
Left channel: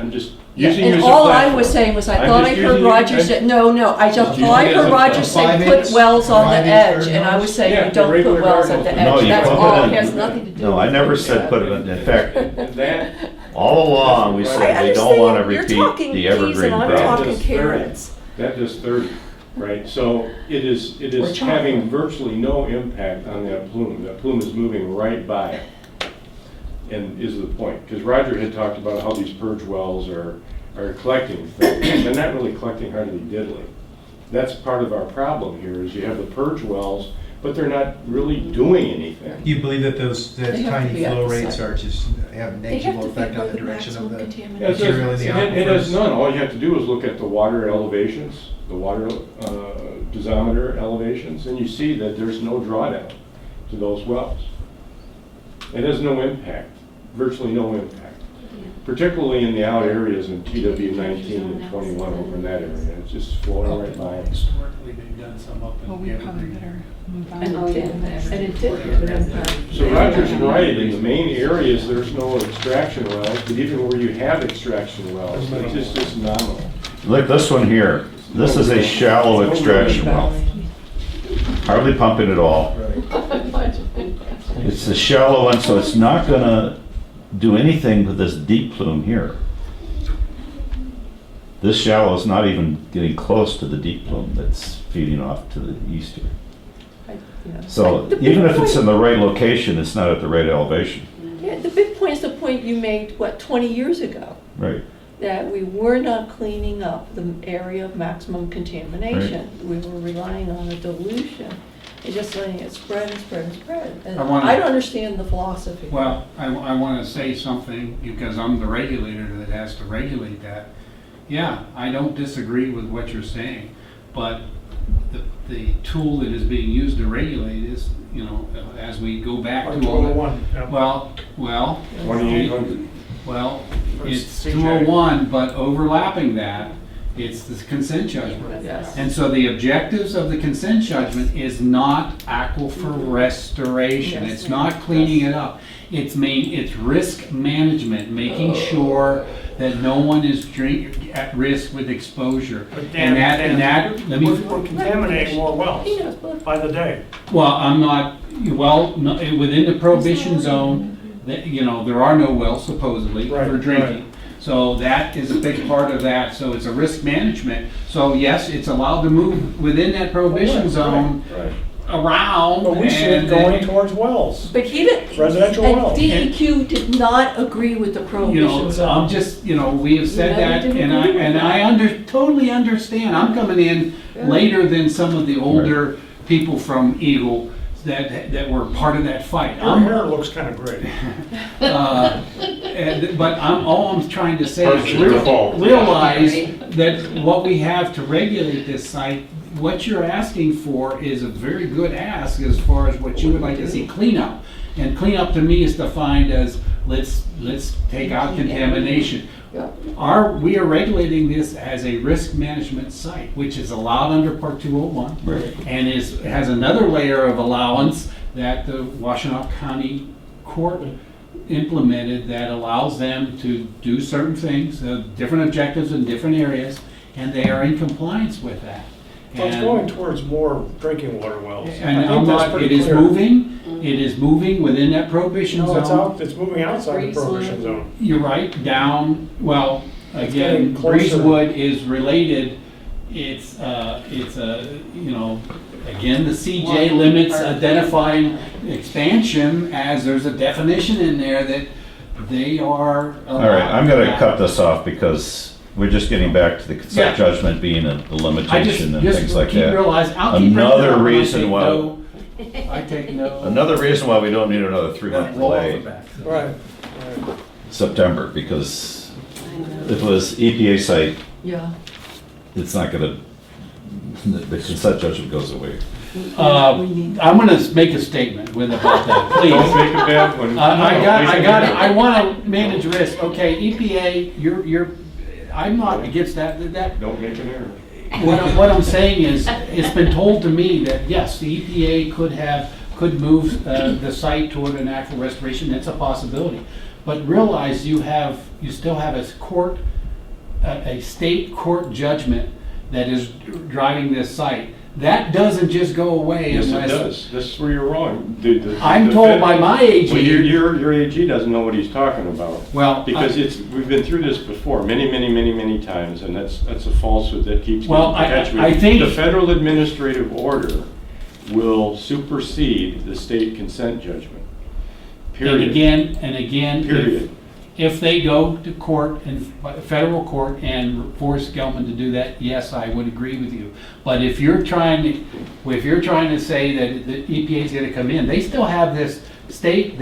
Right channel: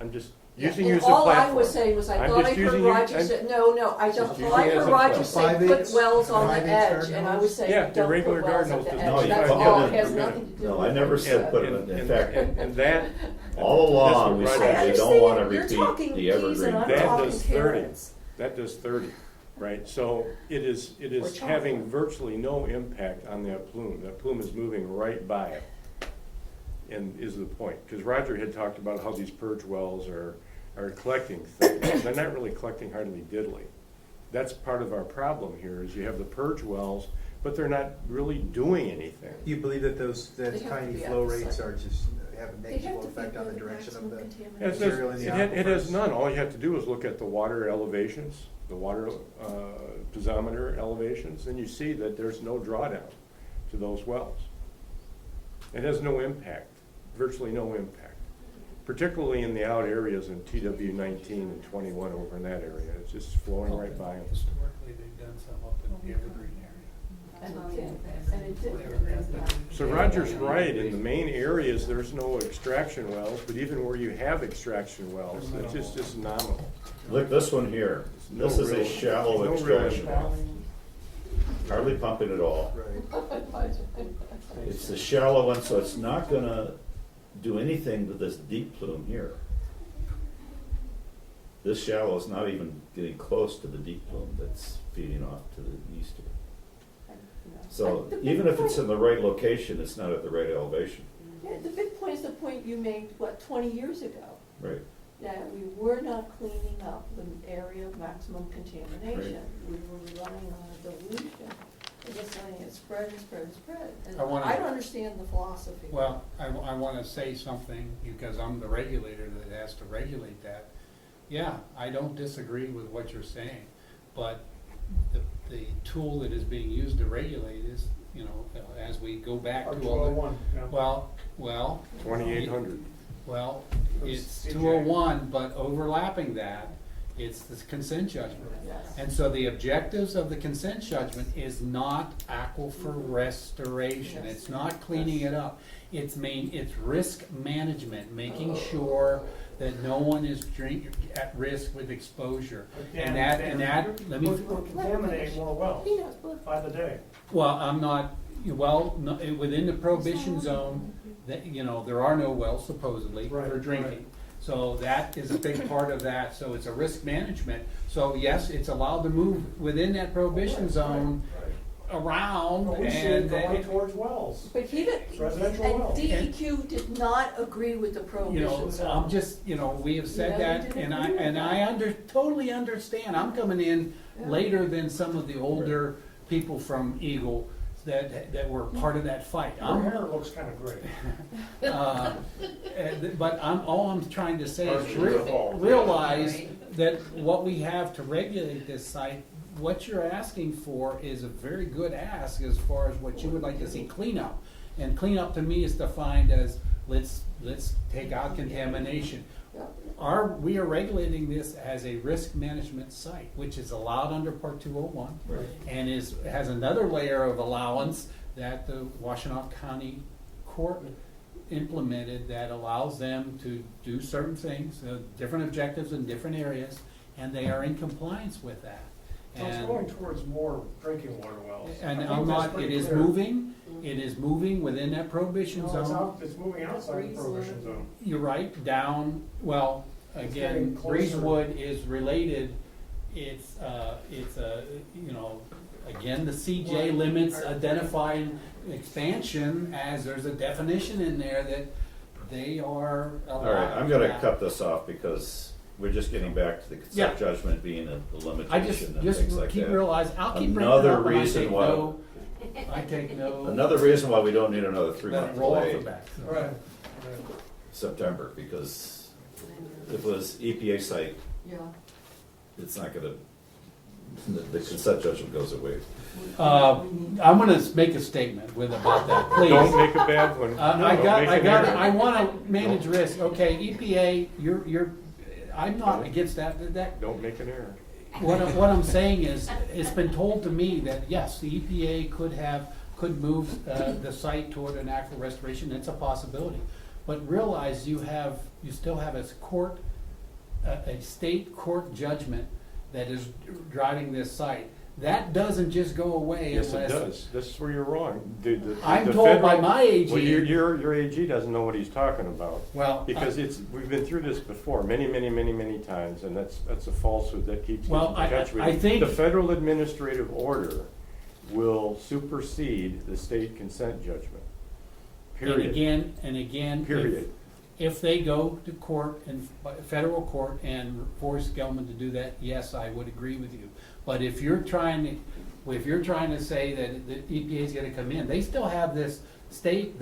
I'm just Yeah, using you and as a all I platform. was saying was I I'm thought I just heard using you- Roger say, no, I just Just thought I using it as heard a Roger platform. say 5 put inch, wells on the 5 inch edge, garden and I was hose? saying Yeah, you don't regular put wells garden at the hose. No, edge. you That's put it all, in- it has nothing to do with. No, I never purge said well. put it in. In fact, And that, all along, we That's said what we don't want to You're repeat talking the peas evergreen and I'm problem. talking does 30. carrots. That does 30, right? So it is Or chocolate. having virtually no impact on that plume. That plume is moving right by it, and is the point. Because Roger had talked about how these purge wells are collecting things. They're not really collecting hardly diddly. That's part of our problem here, is you have the purge wells, but they're not really doing anything. You believe that those, that They have to tiny be at flow the rates site. are just have a They have negligible to be effect on where the the direction of maximum the Yeah, contamination. material in the it has aquifers? none. All you have to do is look at the water elevations, the water dosimeter elevations, and you see that there's no drawdown to those wells. It has no impact, virtually no impact, particularly in the out areas in TW19 and 21 over in that area. It's just flowing right by. Historically, they've done some up Well, in we probably Evergreen. better move on. And to it that. did, and it did have an impact. So Roger's right, in the main areas, there's no extraction wells, but even where you have extraction wells, it's just nominal. Look, this one here, this is a shallow extraction well, hardly pumping at all. It's a shallow one, so it's not gonna do anything with this deep plume here. This shallow is not even getting close to the deep plume that's feeding off to the east here. So even if it's in the right location, it's not at the right elevation. Yeah, the big point is the point you made, 20 years ago? Right. That we were not cleaning up the area of maximum contamination. We were relying on a dilution and just letting it spread and spread and spread. And I don't understand the philosophy. Well, I want to say something because I'm the regulator that has to regulate that. Yeah, I don't disagree with what you're saying, but the tool that is being used to regulate is, you know, as we go back to all that. 201, yeah. Well, 2800. well, it's it's CJ. 201, but overlapping that, it's the consent judgment. Yes. And so the objectives of the consent judgment is not aquifer restoration, Yes. it's not cleaning it up. It's risk management, making sure that no one is at risk with exposure. But And that, let me. We're contaminating more wells by the day. Well, I'm not, well, no, within the prohibition zone, that, you know, there are no wells supposedly Right, for right. drinking. So that is a big part of that, so it's a risk management. So yes, it's allowed to move within that prohibition Right, zone right. around. But we see it and going then, towards wells. But he did, Residential and wells. DEQ did not agree with the you know, prohibition zone. I'm just, you know, we have said You know, that, we and didn't agree with and that. totally understand. I'm coming in Yeah. later than some of the older people from EGLE that were part of that fight. Your hair looks kind of great. But all I'm trying to say is Partial default. realize that what we have to regulate this site, what you're asking for is a very good ask as far as what you would like to see cleanup. And cleanup to me is defined as, let's take out contamination. We are regulating this as a risk management site, which is allowed under Part 201. Right. And has another layer of allowance that the Washtenaw County Court implemented that allows them to do certain things, different objectives in different areas, and they are in compliance with that. Well, it's And- going towards more drinking water wells. And I think I'm that's not, pretty it is clear. moving within that prohibition No, zone. it's moving outside the prohibition zone. You're right, down, well, It's again, getting closer. Breezewood is related, it's you know, again, the CJ limits identifying expansion as there's a definition in there that they are. All right, I'm gonna cut this off because we're just getting back to the consent Yeah. judgment being a I limitation and things like keep that. realizing, I'll keep bringing it Another up when I reason take why- no- I take no. Another reason why we don't need another 3-month Roll off the delay, back. Right. September, because if it was EPA site, Yeah. it's not gonna, the consent judgment goes away. I'm gonna make a statement with about that, please. Don't make a bad one. I wanna manage risk, okay, EPA, you're, I'm not against that, Don't make an error. what I'm saying is, it's been told to me that, yes, the EPA could move the site toward an actual restoration, that's a possibility. But realize you still have a state court judgment that is driving this site. That doesn't just go away Yes, it unless. does. This is where you're wrong. I'm told by my AG. Well, your AG doesn't know what he's talking about. Well, Because we've been through this before, many times, and that's a falsehood that keeps Well, getting I perpetuated. think- The federal administrative order will supersede the state consent judgment. Period. And again, Period. if they go to court and federal court and force Gelman to do that, yes, I would agree with you. But if you're trying to say that the EPA is going to come in, they still have this state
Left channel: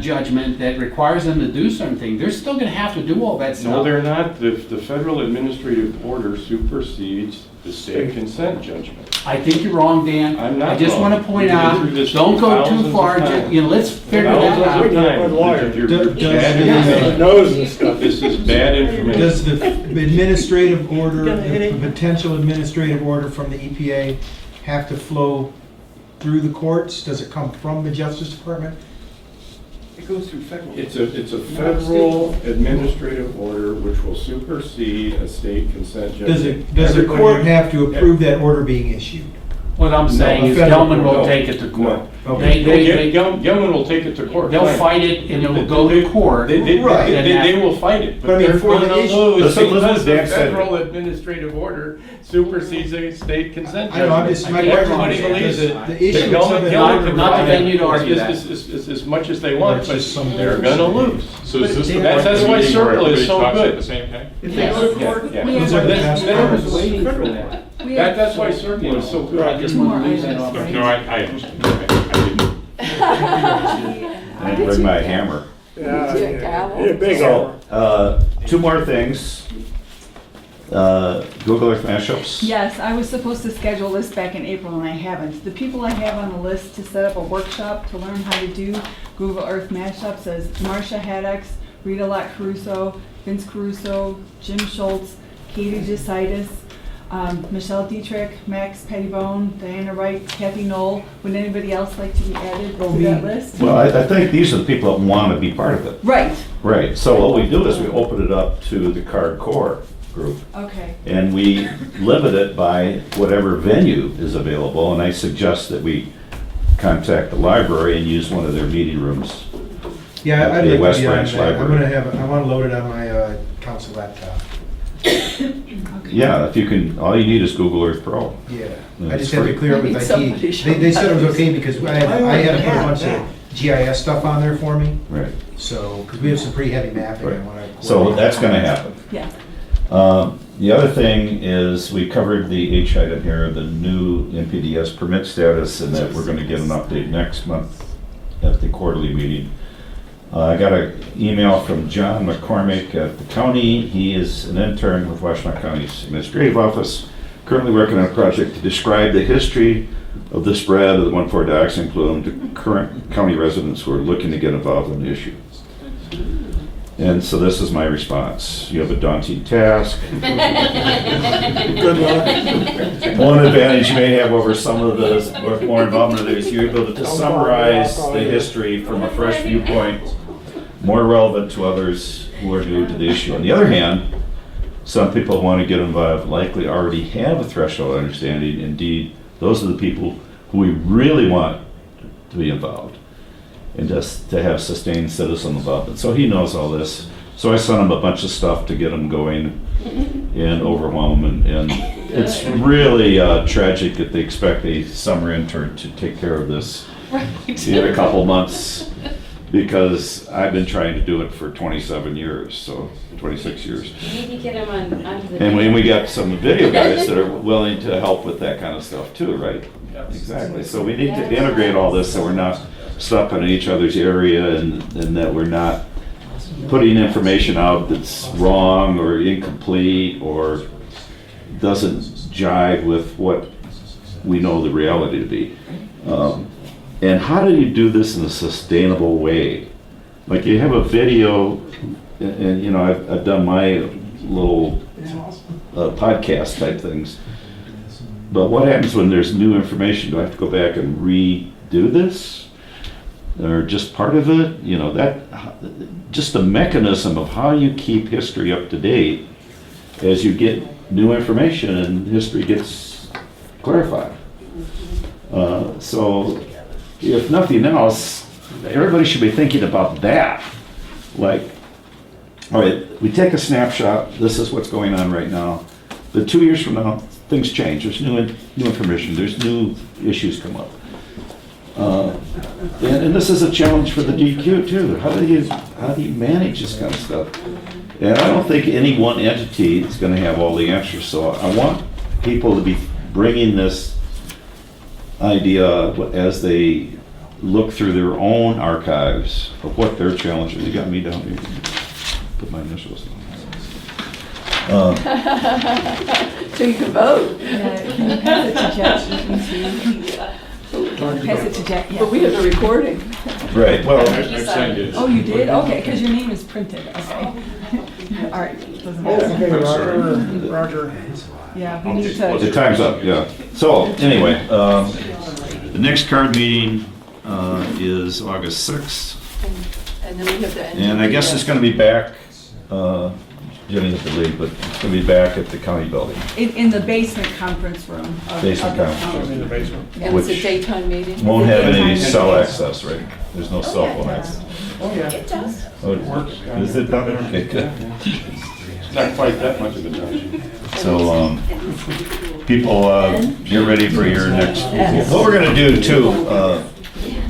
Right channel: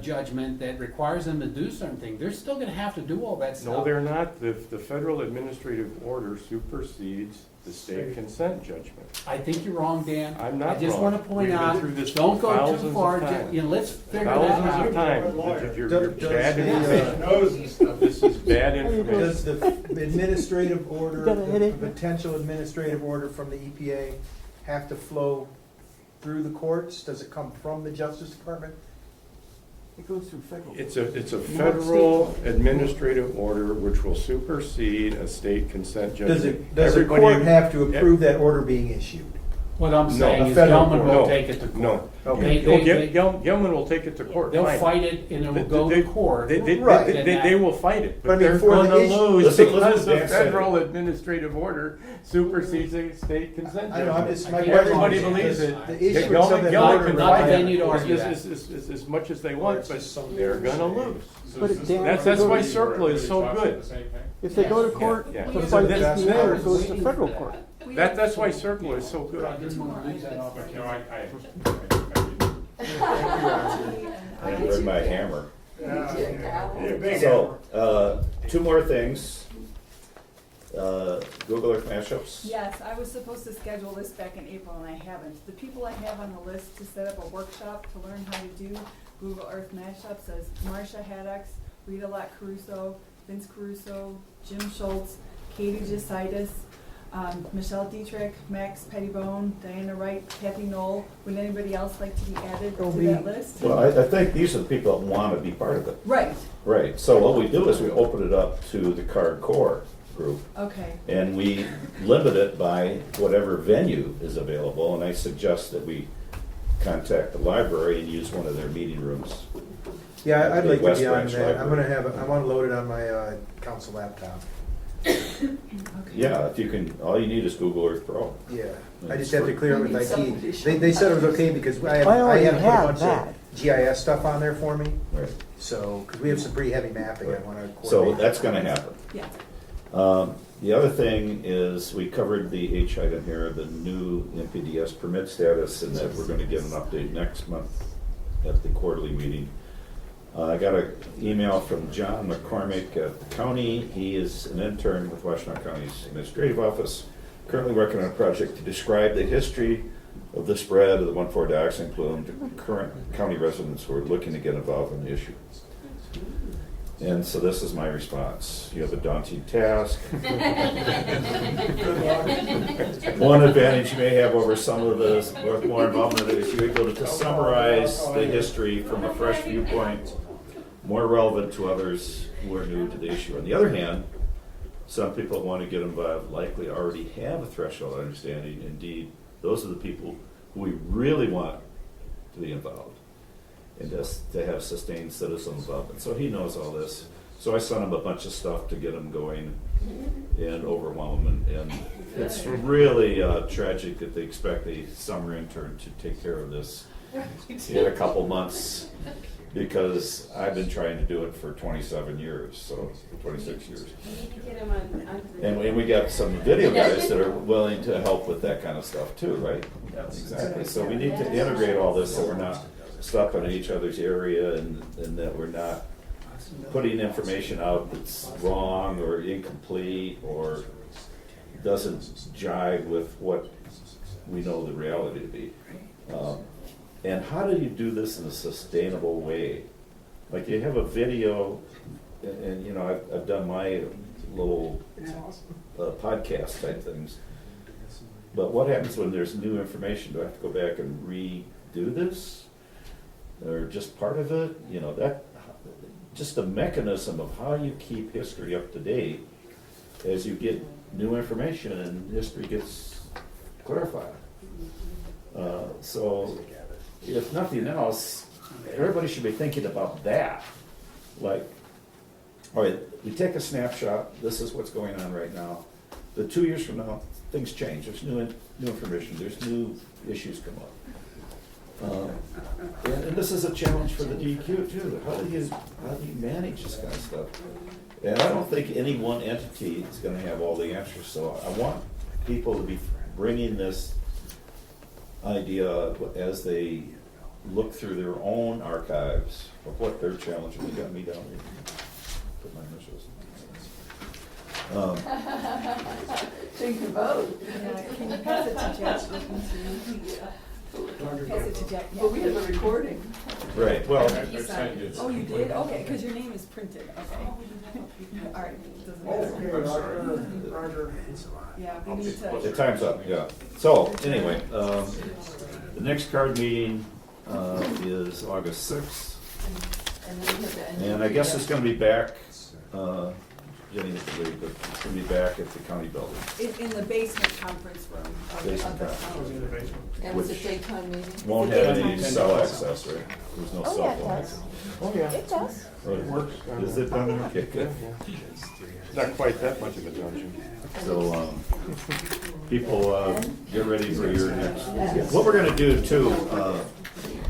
judgment that requires them to do certain things. They're still going to have to do all that stuff. No, they're not. The federal administrative order supersedes the state consent judgment. I think you're wrong, Dan. I'm not I just wrong. want to point We've been out, through this don't go thousands too of far. times. Let's figure that Thousands of out. times. Lawyer. You're Does- bad does- information. Nose and stuff. This is bad information. Does the administrative order, the potential administrative order from the EPA have to flow through the courts? Does it come from the Justice Department? It goes through federal. It's a federal administrative order which will supersede a state consent judgment. Does the Everybody- court have to approve that order being issued? What I'm saying is federal Gelman will No. take it to court. No. They- Gelman will take it to court. They'll fine. fight it and it'll go to court. Right. They will fight it, But I but mean, they're for the gonna issue- lose Listen, because the Dan said it. federal administrative order supersedes a state consent I know, I'm judgment. just, my I can't question Everybody is, believes it. the issuance of Gelman that Not- order. not that they need to fight argue it that. as much as they want, That's but just some they're bullshit. gonna lose. So is this the That's- point that's of the why meeting where Circle is everybody so talks good. at the same time? If they go to court, Yeah. we These have are the Then best it was orders. waiting for that. That's why Circle is so good. I just want to lose that off. No, I understand. I didn't. I didn't bring my hammer. Yeah, Yeah, gavel. yeah, big So, two more things. Google Earth mashups? Yes, I was supposed to schedule this back in April and I haven't. The people I have on the list to set up a workshop to learn how to do Google Earth mashups is Marcia Haddix, Rita Lott Caruso, Vince Caruso, Jim Schultz, Katie Desitis, Michelle Dietrich, Max Pettibone, Diana Wright, Kathy Knoll. Would anybody else like to be added to that list? Well, I think these are the people that want to be part of it. Right, Right, so what we do is we open it up to the card core group, okay. and we limit it by whatever venue is available, and I suggest that we contact the library and use one of their meeting rooms. Yeah, I'd The like West to be on Branch that. I'm Library. gonna I wanna load it on my council laptop. Yeah, if you can, all you need is Google Earth Pro. Yeah, And I it's just had to free. clear it Maybe with somebody IT. should They said it was have okay because I had to put a bunch of GIS stuff on there for me. Right, So, because we have some pretty heavy mapping. I right. wanna So coordinate. that's gonna happen. Yeah. The other thing is, we covered the H item here, the new NPDES permit status, and that we're gonna get an update next month at the quarterly meeting. I got an email from John McCormick at the county. He is an intern with Washtenaw County's Administrative Office, currently working on a project to describe the history of the spread of the 1,4 dioxin to current county residents who are looking to get involved in the issue. And so this is my response. You have a daunting task. Good luck. One advantage you may have over some of those with more involvement is you're able to summarize the history from a fresh viewpoint, more relevant to others who are new to the issue. On the other hand, some people who want to get involved likely already have a threshold understanding. Indeed, those are the people who we really want to be involved and just to have sustained citizen involvement. So he knows all this. So I sent him a bunch of stuff to get him going and overwhelm him. And it's really tragic that they expect a summer intern to take care of this in a couple months, because I've been trying to do it for 27 years, so 26 years. You need to get him onto the. And we got some video guys that are willing to help with that kind of stuff too, right? Exactly. So we need to integrate all this so we're not stuck in each other's area, and that we're not putting information out that's wrong or incomplete or doesn't jive with what we know the reality to be. And how do you do this in a sustainable way? Like, you have a video, and you know, I've done my little podcast type things. But what happens when there's new information? Do I have to go back and redo this? Or just part of it? You know, that, just the mechanism of how you keep history up to date as you get new information and history gets clarified. So if nothing else, everybody should be thinking about that. Like, all right, we take a snapshot, this is what's going on right now. But 2 years from now, things change, there's new information, there's new issues come up. And this is a challenge for the DQ too. How do you manage this kind of stuff? And I don't think any one entity is going to have all the answers. So I want people to be bringing this idea as they look through their own archives of what their challenges. You got me down here. Put my initials on. So you can vote. Can you pass it to Jeff? Pass it to Jeff, yeah. But we have the recording. Right. Well, I've sent it. Oh, you did? Okay, because your name is printed, okay. All right, doesn't matter. Okay, Roger. Yeah, we need the to, time's up, yeah. So, anyway, the next card meeting is August 6th. And then we have the. And I guess it's gonna be back, Jenny has to leave, but it's gonna be back at the county building. in the basement conference room. of- Basement of the conference room. county. In the basement. And it's a which daytime meeting? Won't have any Daytime. cell access, right? There's no cell yeah, it phone does. access. Oh, yeah. It does. Oh, it works. Is it done? Okay, good. It's not quite that much of a junction. So, people, get ready for your next, what we're gonna do too,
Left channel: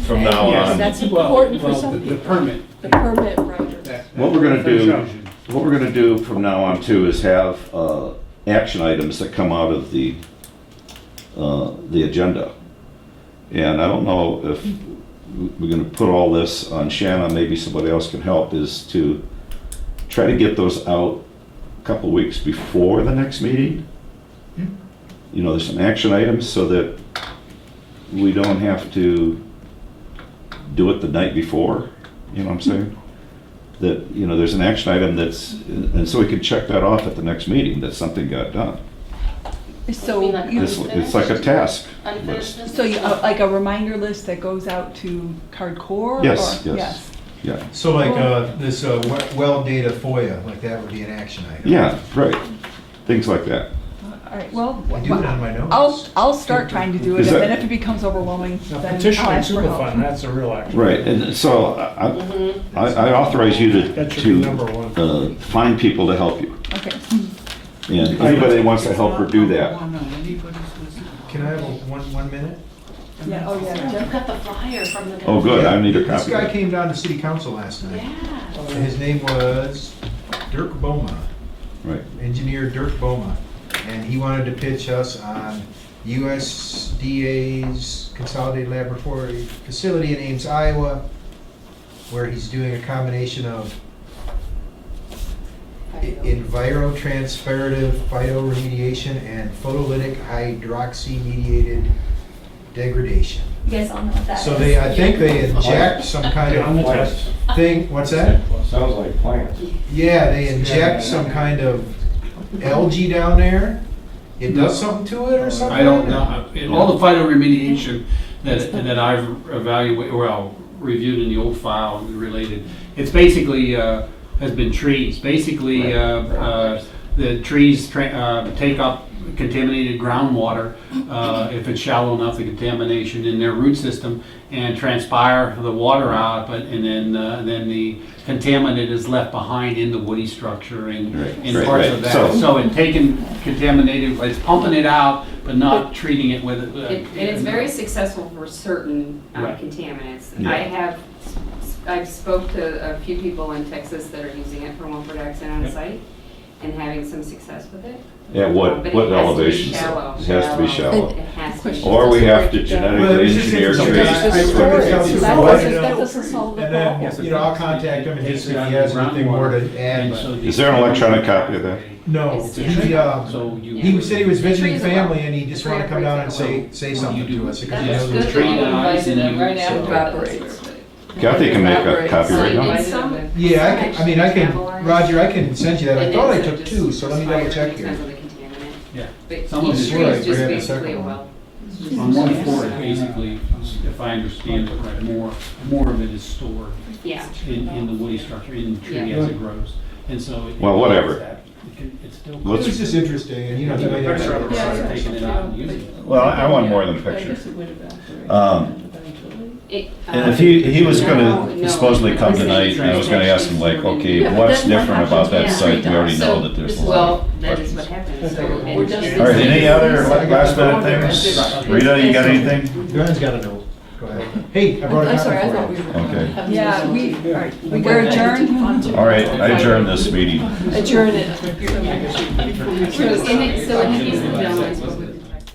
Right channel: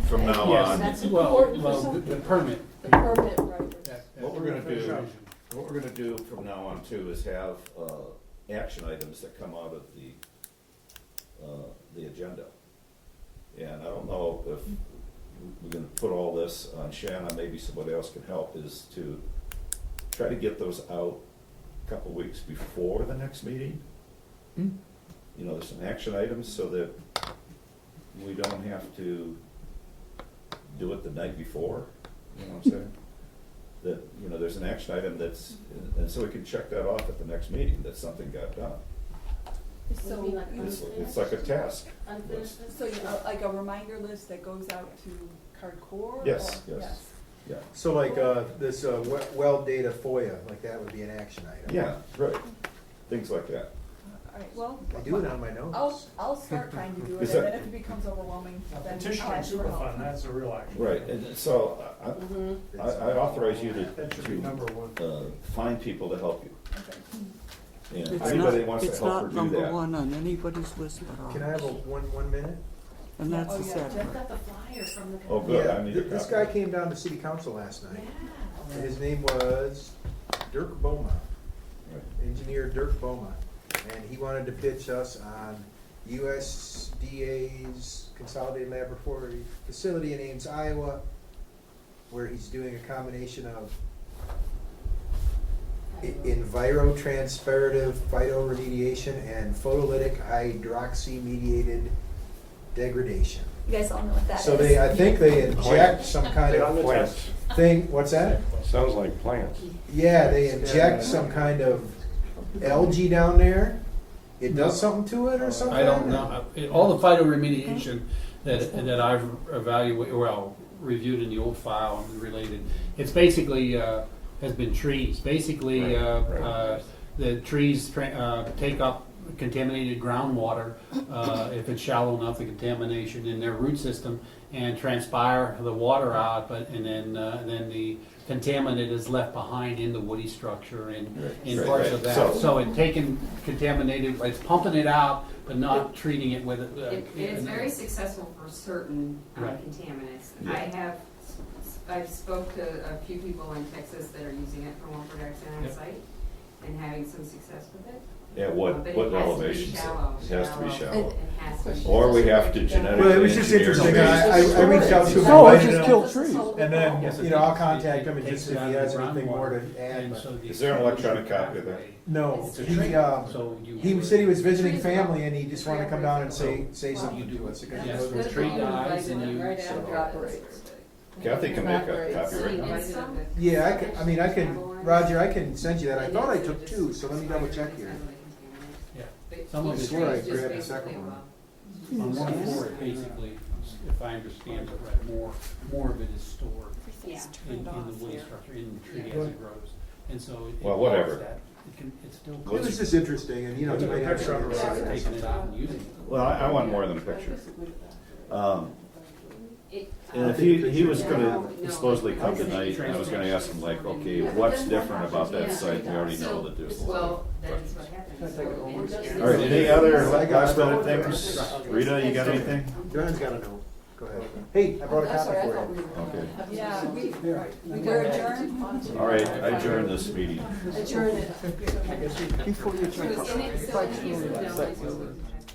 from now Yes. on. That's important for some The people. permit. The permit writer. What we're gonna do from now on too is have action items that come out of the agenda. And I don't know if we're gonna put all this on Shanna, maybe somebody else can help, is to try to get those out couple weeks before the next meeting. You know, there's some action items so that we don't have to do it the night before, you know what I'm saying? That, you know, there's an action item that's, and so we can check that off at the next meeting, that something got done. So, It's like a task Unfinished list. so you, like a reminder list that goes out to Cardcore? Yes, or- yes. Yeah, So like this well data FOIA, like that would be an action item. yeah, right, things like that. All right, well, I do it on my notes. I'll start trying to do it, Is and that- then if it becomes overwhelming, Now, then I'll petitioning ask for help. Superfund, that's a real action. Right, and so I authorize you That should be number one. to find people to help you. Okay. And anybody that wants to help her do that. Can I have 1 minute? Yeah, oh, yeah. Jeff got the flyer from the. Oh, good, I need a This copy. guy came down to city council last night. Yeah. And his name was Dirk Beaumont, Right, engineer Dirk Beaumont. And he wanted to pitch us on USDA's Consolidated Laboratory Facility in Ames, Iowa, where he's doing a combination of envirotransferative phytoremediation and photolytic hydroxy-mediated degradation. You guys all know what that is. So they, I think they inject some kind On the of test. thing, what's that? Sounds like plants. Yeah, they inject some kind of algae down there. It does something to it or something? I don't know. All the phytoremediation that I've reviewed in the old file and related, it's basically, has been trees. Basically, the trees take up contaminated groundwater, if it's shallow enough, the contamination in their root system, and transpire the water out, and then the contaminant is left behind in the woody structure and in Right, parts right. of that. So- So in taking contaminated, it's pumping it out, but not treating it with. And it's very successful for certain Right. contaminants. Yeah. I've spoke to a few people in Texas that are using it for one production on Yep. site and having some success with it. at what But it what has to be elevation? shallow. It has to be shallow. It has to be. Or we have to Well, it genetically was just engineer interesting, trees. I would tell you, No, I it's didn't just that know. doesn't solve the And then, Yes, you know, I'll contact him and Takes see it if out he of has the anything more groundwater, to add. and but- so the- Is there an electronic copy of that? No, It's he, So you. he said he was visiting Trees are well. family and he just wanted to come down and say something to us. because he That's knows good. it's Tree that you dies invited and them right you- after so- that. Evaporates. Kathy can make a Evaporates. copy right now. And some- Yeah, I can, Roger, I can send you that. I and thought I it's took just two, so let me double check expired here. because of the contaminant. Yeah. But Some of each it's tree right. is just Grab the basically second a one. well. On 1/4, basically, if I understand it right, more of it is stored Yeah. in the woody structure, in the tree Yeah. as it grows. And so. Well, whatever. It's still. It was just interesting and, you know, he might have. Start taking it out and using it. Well, I want more than a picture. It, And if he was gonna no, supposedly come it's tonight, and I was gonna ask him like, okay, Yeah, but what's then what different about that happens site? We already know So, that there's a lot well, of that is questions. what happens. So, We're and- just- All right, any other last minute things? Rita, you got anything? Joanne's got a note. Go ahead. Hey, I brought a I'm sorry, I copy thought for we you. were. Okay. Yeah, We we're adjourned. All right, I adjourn this meeting. Adjourn it. So in the gentleman spoke